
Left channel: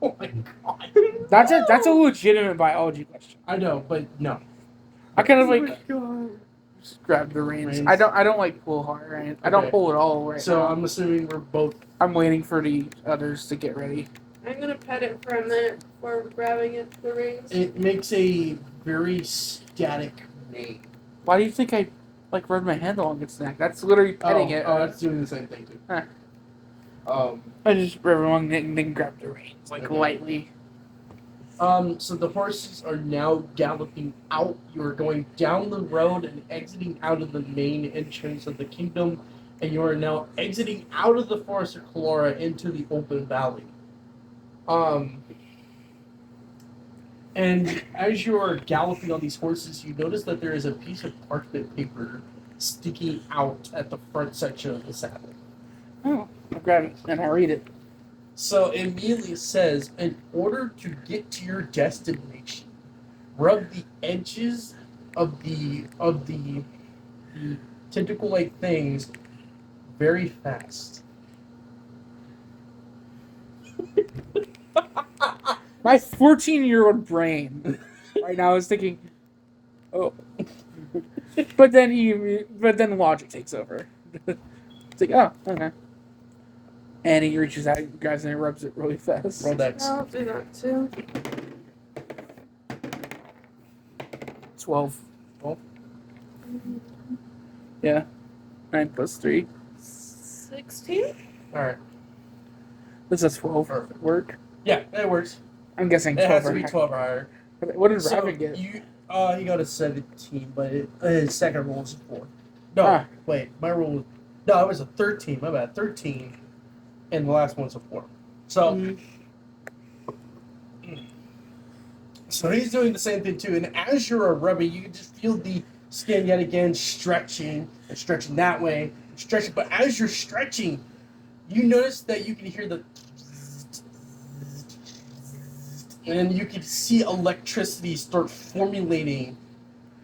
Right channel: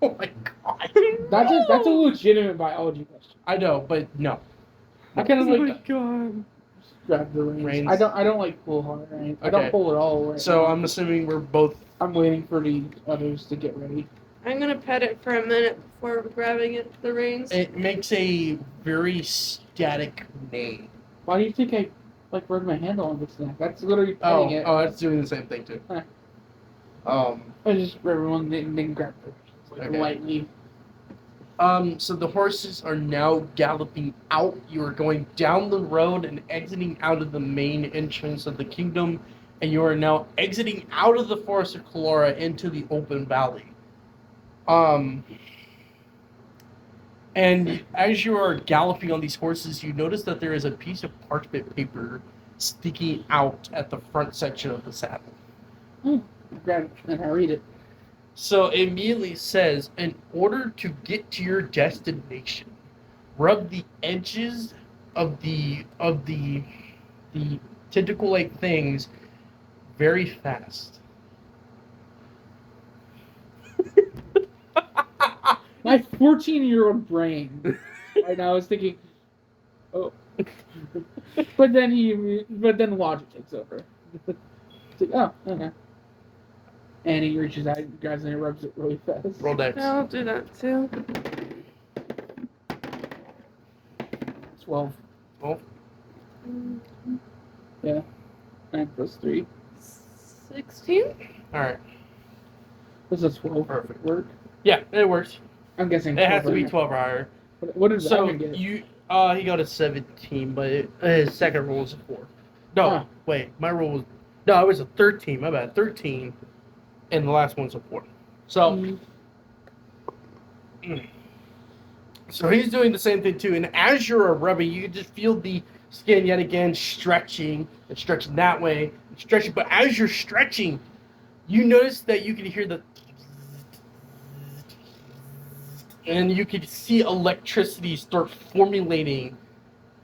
Oh my god. That's a legitimate biology question. I know, but no. I kind of Oh my like god. just grab the reins. Reins. I don't like pull hard. Right? I don't Okay. pull at all right So now. I'm assuming we're both. I'm waiting for the others to get ready. I'm gonna pet it for a minute before grabbing it the reins. It makes a very static name. Why do you think I like rub my hand along its neck? That's literally petting it. Oh, it's doing the same thing too. Huh. I I just rub along it and then grab the reins like Okay. lightly. So the horses are now galloping out. You are going down the road and exiting out of the main entrance of the kingdom, and you are now exiting out of the forest of Calora into the open valley. And as you are galloping on these horses, you notice that there is a piece of parchment paper sticking out at the front section of the saddle. Oh, I grab it and I read it. So it immediately says, in order to get to your destination, rub the edges of the tentacle-like things very fast. My 14-year-old brain right now is thinking, oh, but then logic takes over. It's like, oh, okay. And he reaches out, grabs it, and rubs it really fast. Roll dex. I'll do that too. 12. 12? Yeah. 9 plus 3. 16? Alright. This is 12. Perfect. Work. Yeah, it works. I'm guessing It has to be 12 12 or higher. What did So Raven get? he got a 17, but his second roll was a 4. No, Ah. wait, my roll was it was a 13. My bad, 13, and the last one's a 4. So, so he's doing the same thing too. And as you're rubbing, you just feel the skin yet again stretching and stretching that way, and stretching. But as you're stretching, you notice that you can hear the. And you can see electricity start formulating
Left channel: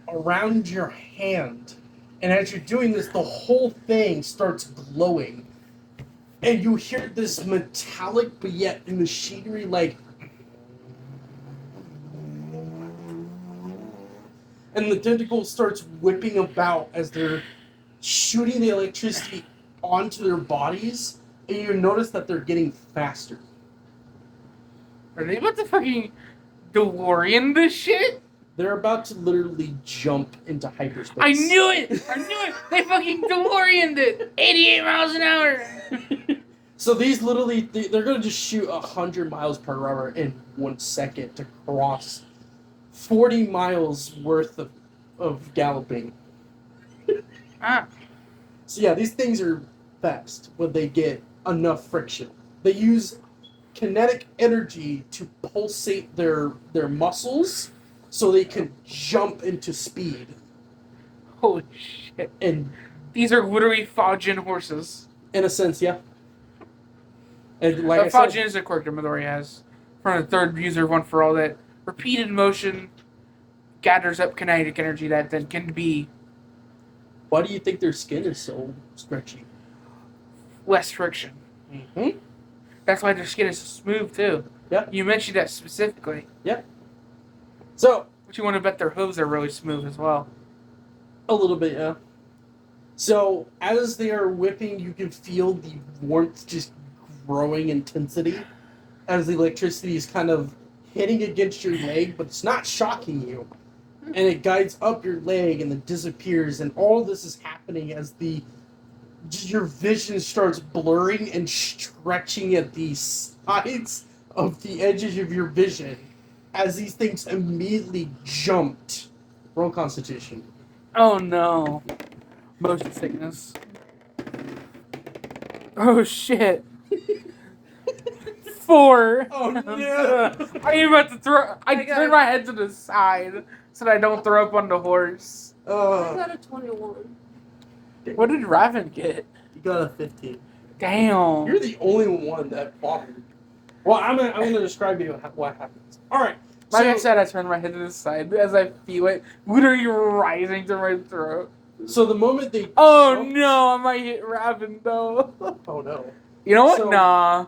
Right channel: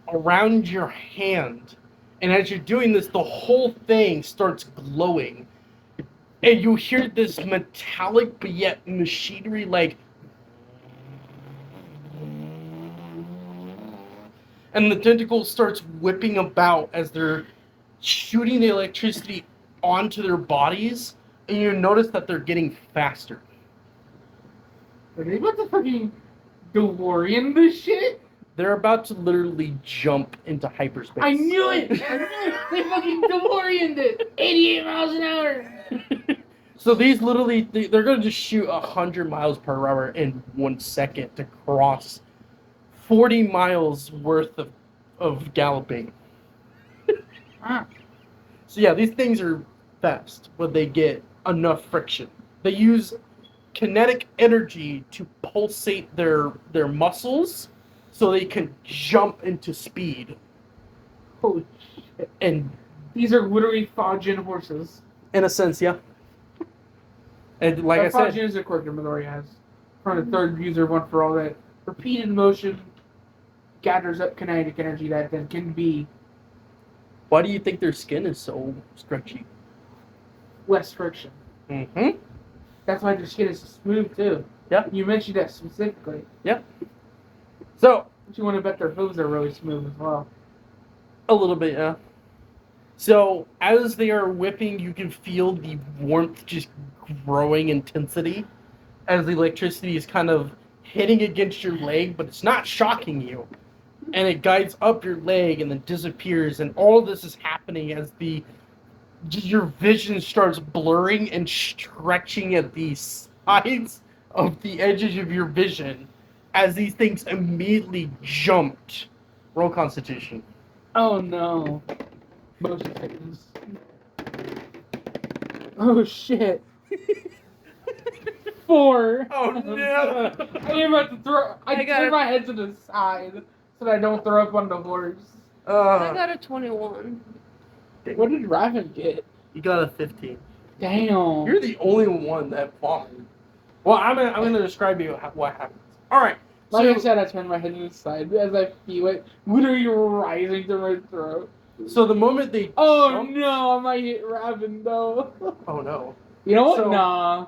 around your hand. And as you're doing this, the whole thing starts glowing. And you hear this metallic but yet machinery like. And the tentacle starts whipping about as they're shooting the electricity onto their bodies, and you notice that they're getting faster. Are they about to fucking DeLorean this shit? They're about to literally jump into hyperspace. I knew it! I knew it! They fucking DeLoreaned it! 88 miles an hour! So these literally, they're going to just shoot 100 miles per hour in 1 second to cross 40 miles worth of galloping. Ah. So yeah, these things are fast when they get enough friction. They use kinetic energy to pulsate their muscles so they can jump into speed. Holy shit. And These are literally Faujian horses. in a sense, yeah. And like I Faujian said, is a quirk that Midori has. For the third user, one for all that repeated motion gathers up kinetic energy that can be why do you think their skin is so stretchy? less friction. Mm-hmm. That's why their skin is so smooth too. Yeah. You mentioned that specifically. So, But you want to bet their hooves are really smooth as well. a little bit, yeah. So, as they are whipping, you can feel the warmth just growing intensity as the electricity is kind of hitting against your leg, but it's not shocking you. And it guides up your leg and then disappears, and all of this is happening as your vision starts blurring and stretching at the sides of the edges of your vision as these things immediately jumped. Roll Constitution. Oh no. Motion sickness. Oh shit. 4. Oh, no. I am about to throw. I I got turn it. my head to the side so that I don't throw up on the horse. I got a 21. What did Raven get? You got a 15. Damn. You're the only one that vomited. Well, I'm gonna describe to you what happens. All right. Like I said, I turn my head to the side as I feel it literally rising to my throat. So the moment they Oh jumped- no, I might hit Raven though. Oh no. You know what? So- Nah.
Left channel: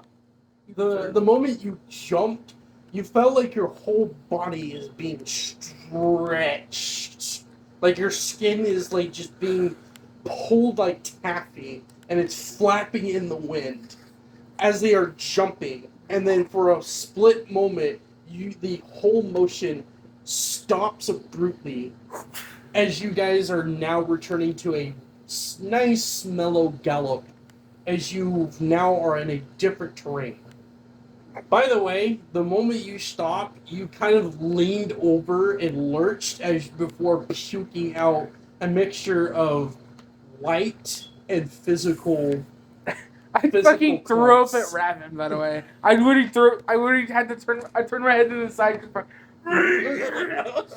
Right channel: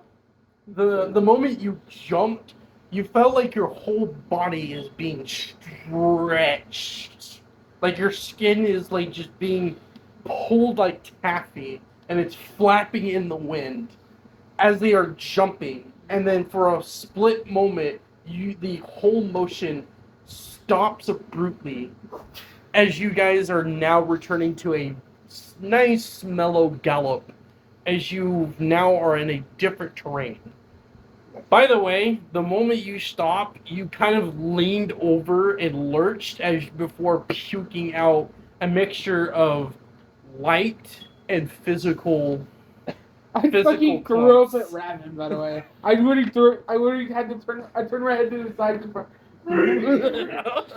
The moment you jumped, you felt like your whole body is being stretched. Like your skin is like just being pulled like taffy, and it's flapping in the wind as they are jumping. And then for a split moment, the whole motion stops abruptly as you guys are now returning to a nice mellow gallop as you now are in a different terrain. By the way, the moment you stop, you kind of leaned over and lurched as before puking out a mixture of light and physical. I Physical fucking threw up clumps. at Raven, by the way. I literally had to turn. I turned my head to the side.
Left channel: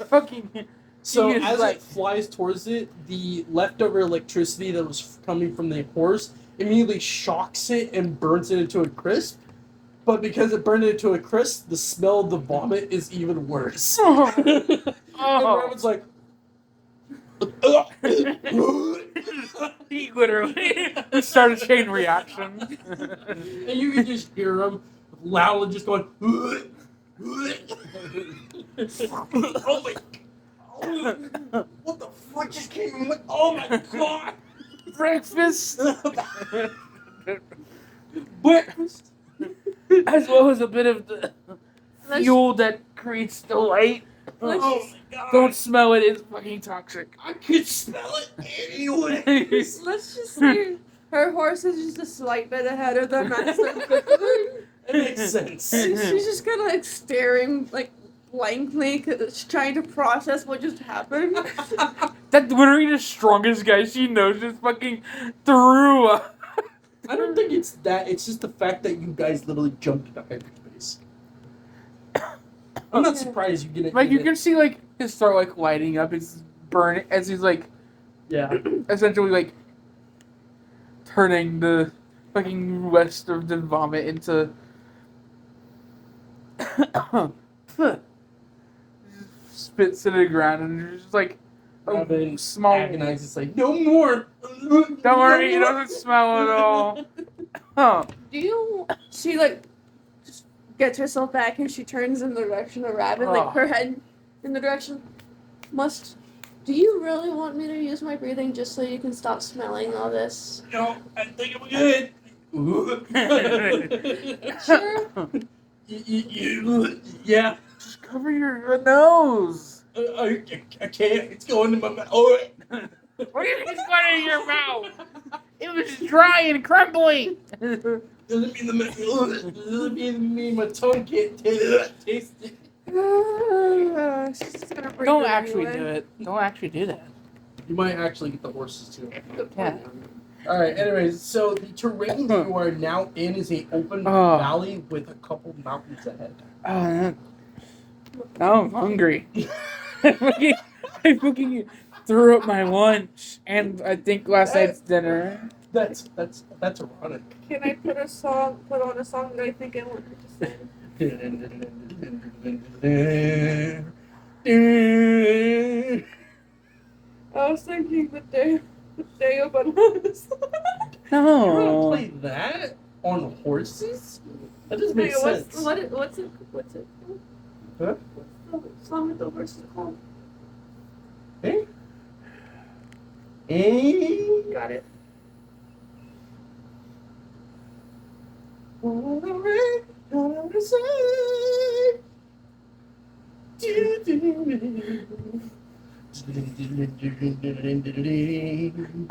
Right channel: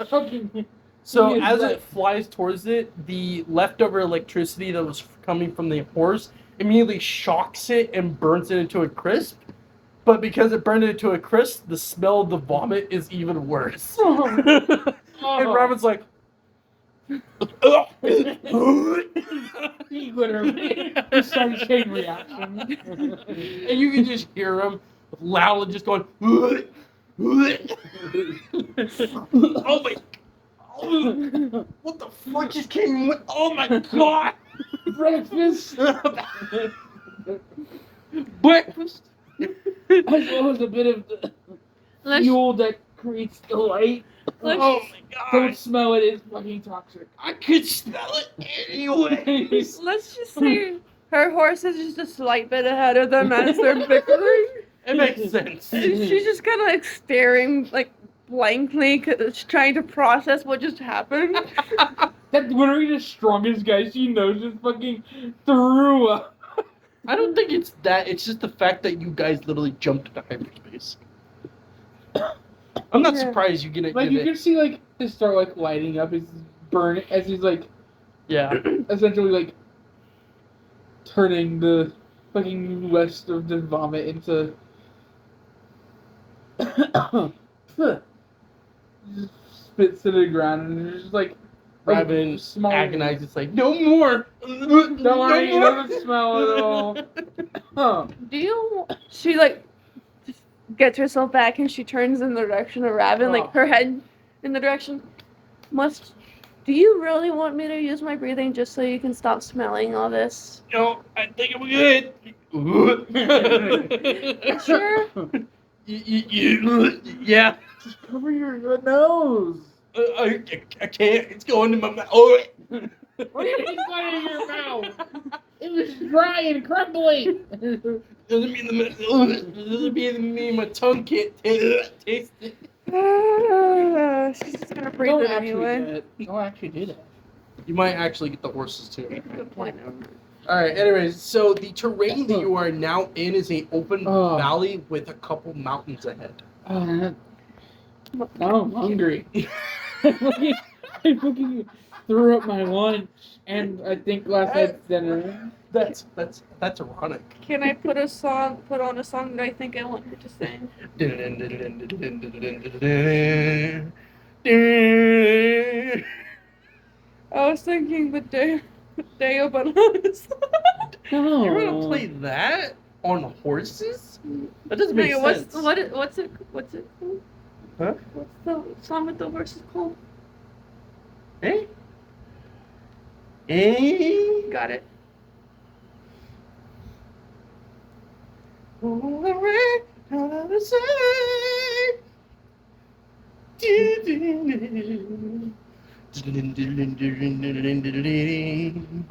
Fucking. So He is as right. it flies towards it, the leftover electricity that was coming from the horse immediately shocks it and burns it into a crisp. But because it burned it to a crisp, the smell of the vomit is even worse. And Raven's like, He literally started a chain reaction. and you can just hear him loudly just going, oh my, what the fuck just came in? Oh my god! Breakfast, Breakfast? as well as a bit of the Let's, fuel that creates delight. let's, Oh my god! Don't smell it; it's fucking toxic. I could smell it anyways! let's just say her horse is just a slight bit ahead of them as they're bickering. It makes sense. She's just kind of like staring like blankly because she's trying to process what just happened. That literally the strongest guy she knows just fucking threw up. I don't think it's that. It's just the fact that you guys literally jumped into hyperspace. I'm not Yeah. surprised you get it. Like you can see like his throat like lighting up, his burning as he's like Yeah. essentially like turning the fucking rest of the vomit into spits to the ground and it's just like Raven small agonizes like, no more. Don't worry, it doesn't smell at all. Huh. She like just gets herself back and she turns in the direction of Raven, like Oh. her head in the direction. Must Do you really want me to use my breathing just so you can stop smelling all this? No, I think I'm good. Sure. Yeah. Just cover your nose. I can't. It's going in my mouth. Oh. What do you mean it's going in your mouth? It was dry and crumbly. Doesn't mean my tongue can't taste it. She's just gonna breathe Don't it actually anyway. do it. Don't actually do that. You might actually get the horses too. Yeah. All right. Anyways, so the terrain that you are now in is an open valley with a couple mountains ahead. Now I'm hungry. I fucking threw up my lunch and I think last night's dinner. That's ironic. Can I put on a song that I think I want her to sing? I was thinking the day of bananas. No. You're gonna play that on horses? That doesn't make sense. What's it called? Huh? What's the song with the horses called? Eh? Eh? Got it.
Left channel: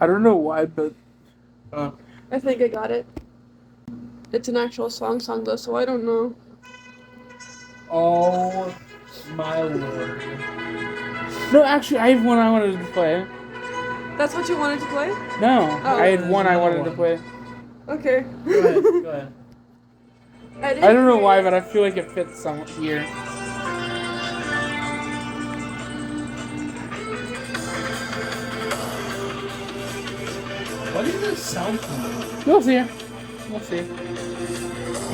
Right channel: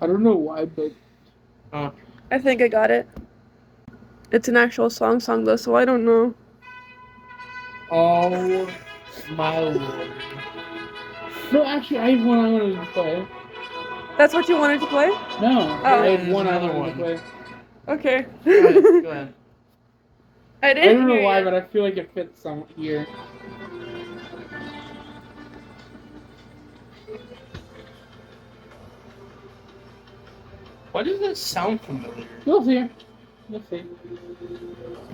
I don't know why, but I think I got it. It's an actual song though, so I don't know. Oh my lord. no, actually, I have one I wanted to play. That's what you wanted to play? No, I had one I another wanted one. to play. Okay. Go ahead. I I didn't don't know hear why, you. but I feel like it fits some here. Why does that sound familiar? We'll see. We'll see.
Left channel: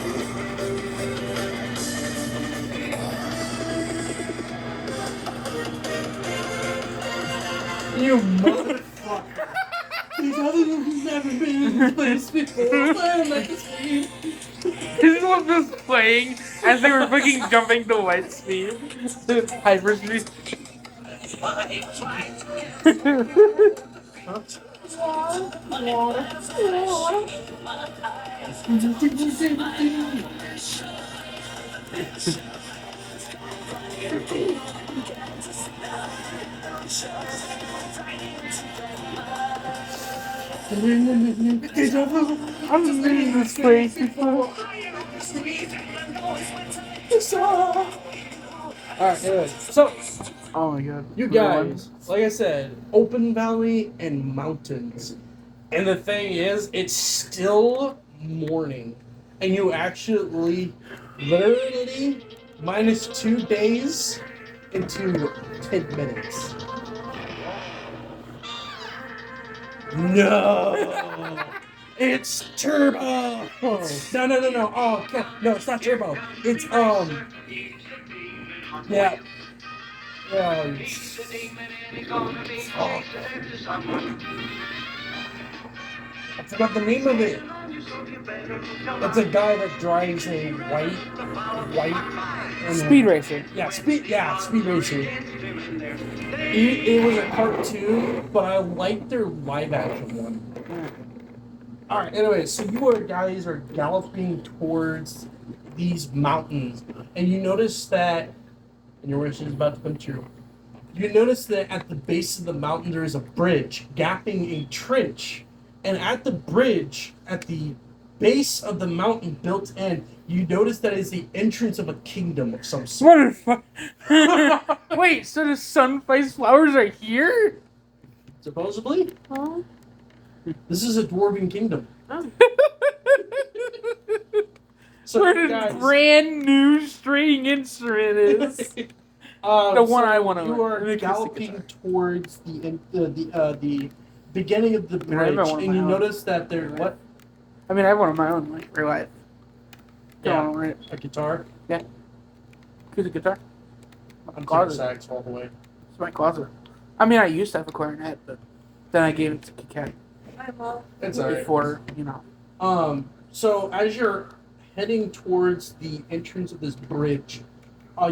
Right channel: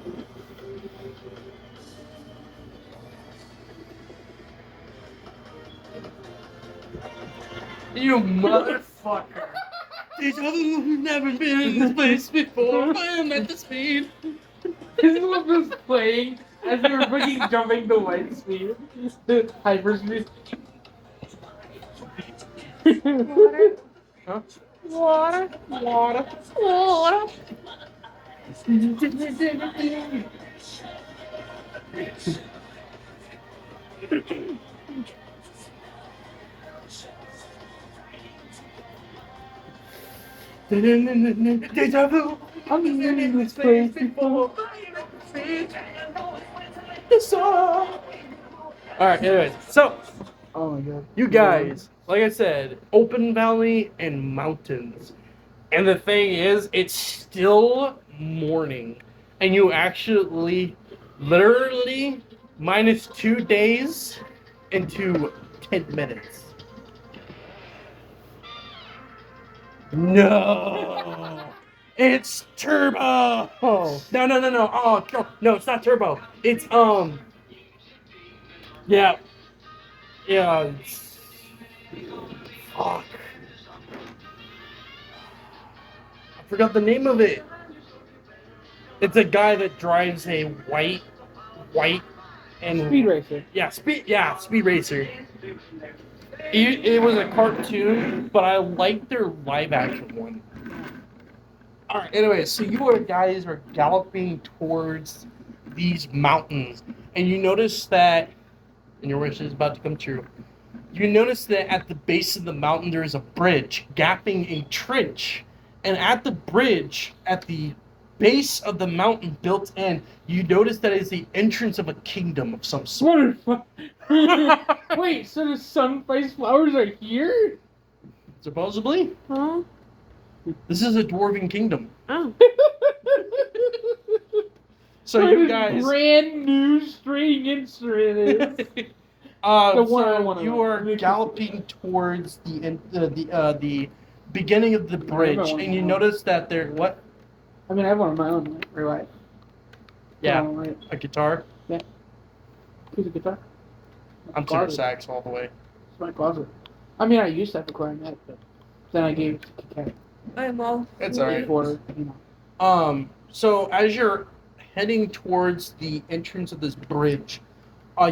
You motherfucker. These others have never been in this place before. I'm at the speed. This one was playing as they were fucking jumping to light speed. Hyperspeed. Huh? Water. Deja vu. I've been in this place before. Alright, anyways, so Oh my god. you guys, like I said, open valley and mountains. And the thing is, it's still morning. And you actually, literally, minus 2 days into 10 minutes. No! It's turbo! No. Oh, no, it's not turbo. It's, yeah. Yeah. Oh. I forgot the name of it. It's a guy that drives a white, and Speed racer. Yeah, speed racer. It was a cartoon, but I liked their live action one. All right. Anyway, so guys are galloping towards these mountains, and you notice that, and your wish is about to come true. You notice that at the base of the mountain there is a bridge gapping a trench, and at the bridge, at the base of the mountain built in, you notice that is the entrance of a kingdom of some sort. What the fuck? Wait, so the sun-faced flowers are here? Supposedly, Huh? this is a dwarven kingdom. Oh. So Where you the guys, brand new string instrument is. The one I wanna you learn. are Let me galloping towards the beginning of the Yeah, I have bridge, one and you now. notice that there what I mean, I have one of my own, like, real life. Yeah. Don't worry. a guitar. Who's a guitar? I'm Closet. tenor sax all the way. It's my closet. I mean, I used to have a clarinet, but then I gave it to Kat I'm all. It's alright. before, you know. So as you're heading towards the entrance of this bridge,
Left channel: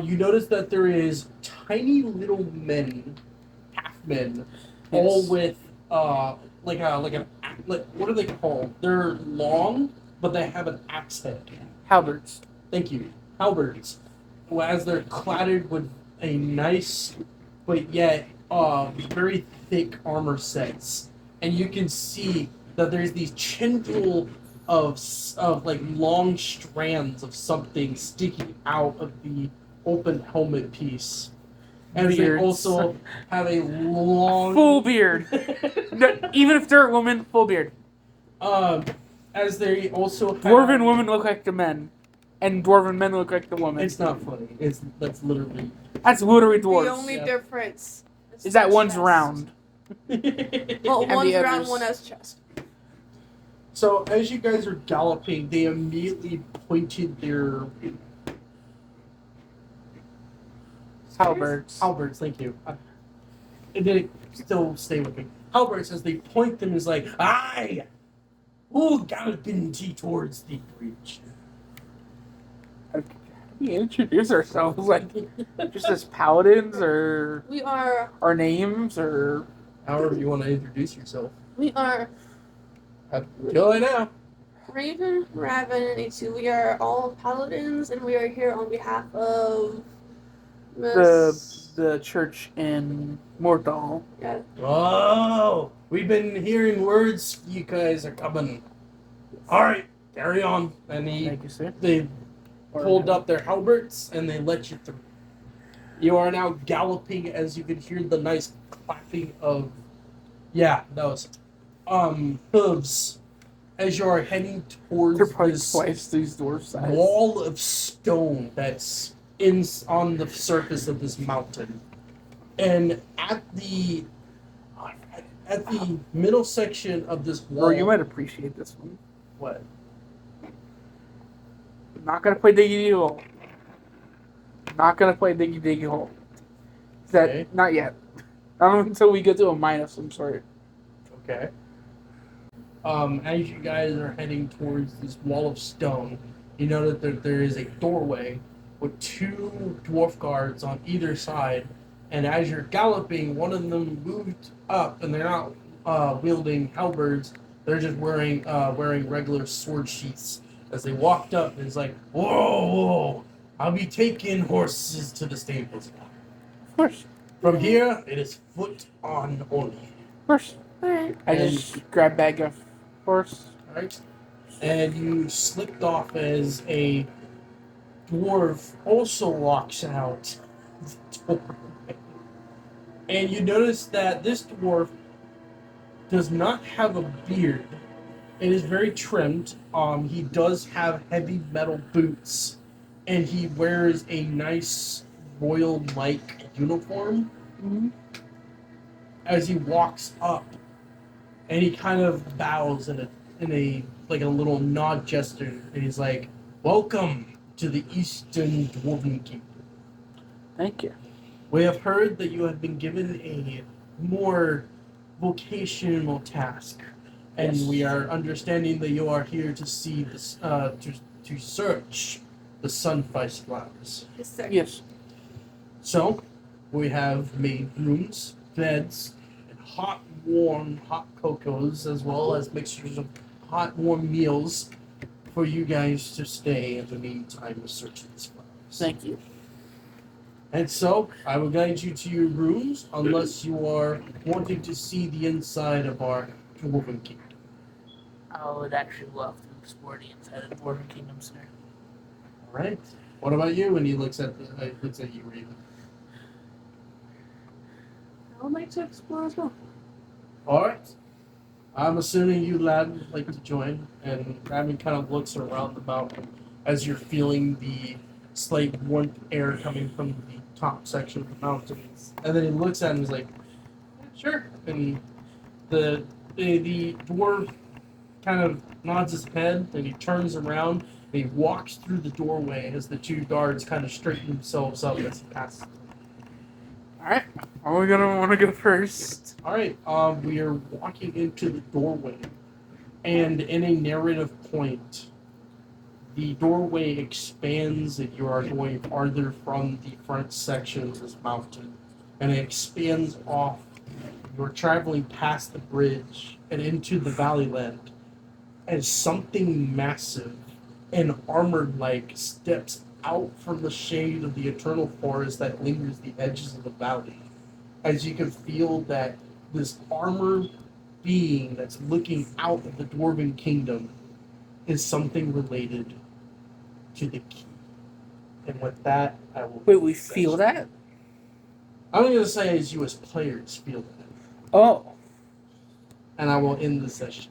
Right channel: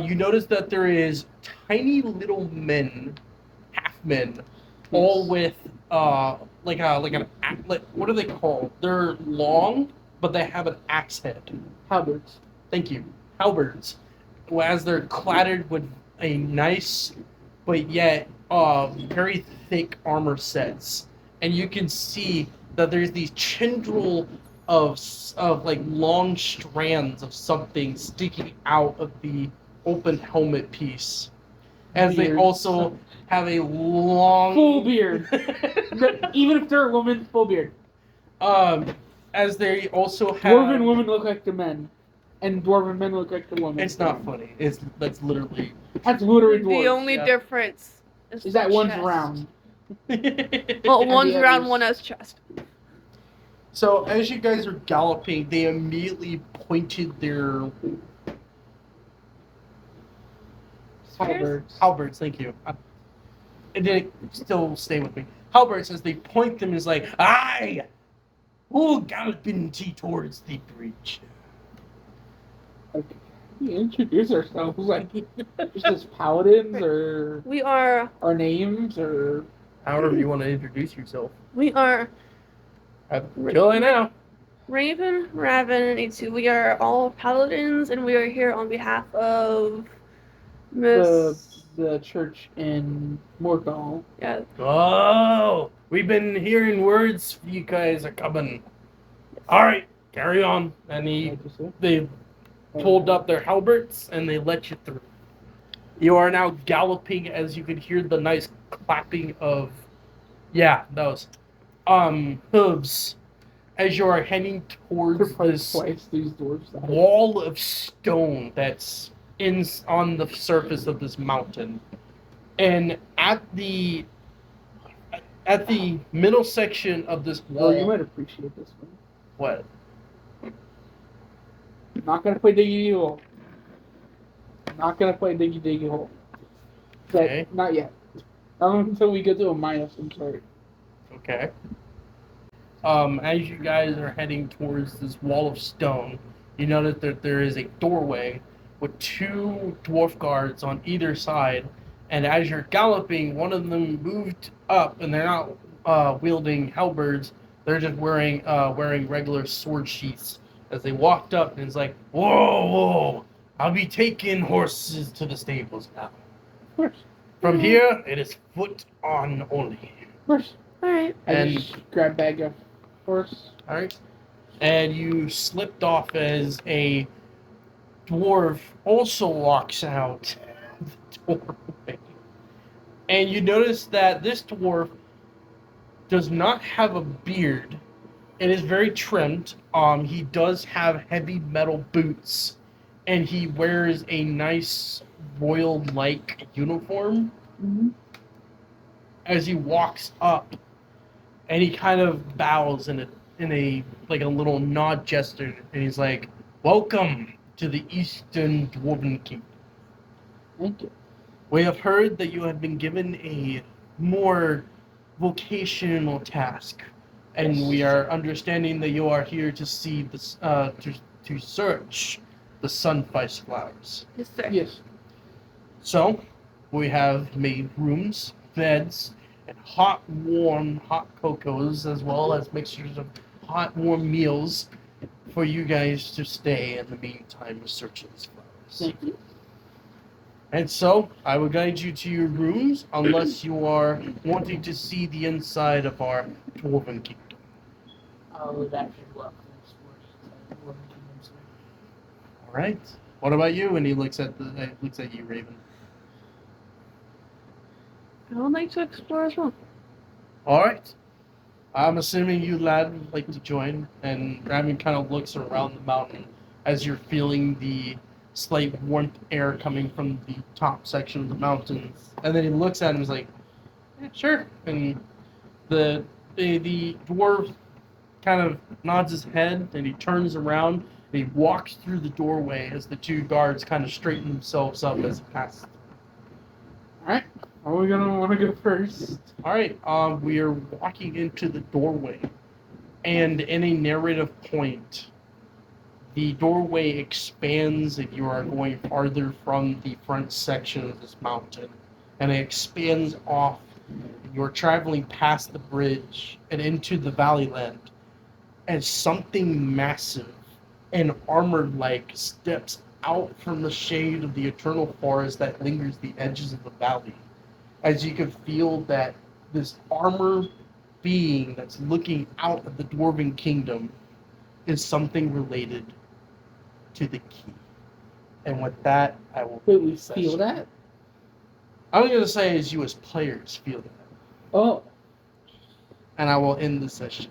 you notice that there is tiny little men, half-men, all with what are they called? They're long, but they have an axe head. Halberds. Thank you, halberds. As they're cladded with a nice, but yet very thick armor sets, and you can see that there's these tendril of like long strands of something sticking out of the open helmet piece. As they Beards. also have a long Full beard. No, even if they're a woman, full beard. As they also have Dwarven women look like the men, and dwarven men look like the women. It's not funny. That's literally That's literally dwarves. The only yeah. difference is the that one's chest. round. Well, And one's the round, others- one has chest. So as you guys are galloping, they immediately pointed their Halberds. halberds. Thank you. It didn't still stay with me. Halberds, as they point them, is like, "Aye, who galloping towards the bridge?" We introduce ourselves like just as paladins or We are our names or However you want to introduce yourself. Raven, now. Raven, and A2. We are all paladins, and we are here on behalf of Miss. the church in Mordal. Yeah. Oh, we've been hearing words. You guys are coming. All right, carry on. And Thank you, sir. they pulled up their halberds and they let you through. You are now galloping as you could hear the nice clapping of, those hooves as you are heading They're towards probably this twice these dwarf size. wall of stone that's on the surface of this mountain. And at the middle section of this wall, Or you might appreciate this one. what? I'm not gonna play Diggy Diggy Hole. Not gonna play Diggy Diggy Hole. That Okay. not yet. Until we get to a minus some sort. Okay. As you guys are heading towards this wall of stone, you notice that there is a doorway with two dwarf guards on either side. And as you're galloping, one of them moved up, and they're not wielding halberds. They're just wearing regular sword sheaths. As they walked up, and it's like, whoa! I'll be taking horses to the stables now. Of course. From here, it is foot on only. Of course. Alright. I And- just grab bag of horse. All right, and you slipped off as a dwarf also walks out the doorway, and you notice that this dwarf does not have a beard. It is very trimmed. He does have heavy metal boots, and he wears a nice royal-like uniform. Mm-hmm. As he walks up, and he kind of bows in a like a little nod gesture, and he's like, "Welcome to the Eastern Dwarven Kingdom. Thank you. We have heard that you have been given a more vocational task, and we are understanding that you are here to see this to search the sunfice flowers. Yes, sir. Yes. So, we have made rooms, beds, and hot cocos, as well as mixtures of hot, warm meals for you guys to stay in the meantime of searching these flowers. Thank you. And so, I will guide you to your rooms, unless you are wanting to see the inside of our Dwarven Kingdom. I would actually love to explore the inside of the Dwarven Kingdom, sir. All right. What about you? And he looks at you, Raven. I would like to explore as well. All right. I'm assuming you lad would like to join, and Raven kind of looks around the mountain as you're feeling the slight warmth air coming from the top section of the mountains, and then he looks at him and is like, "Yeah, sure." And the dwarf kind of nods his head, and he turns around and he walks through the doorway as the two guards kind of straighten themselves up as he passes. Alright. Are we gonna wanna go first? All right, we are walking into the doorway, and in a narrative point, the doorway expands and you are going farther from the front section of this mountain, and it expands off You're traveling past the bridge and into the valley land, and something massive and armored like steps out from the shade of the eternal forest that lingers the edges of the valley. As you can feel that this armor being that's looking out of the dwarven kingdom is something related to the key. And with that, I will. Wait, we feel that? I'm going to say as you as players feel that. Oh. And I will end the session.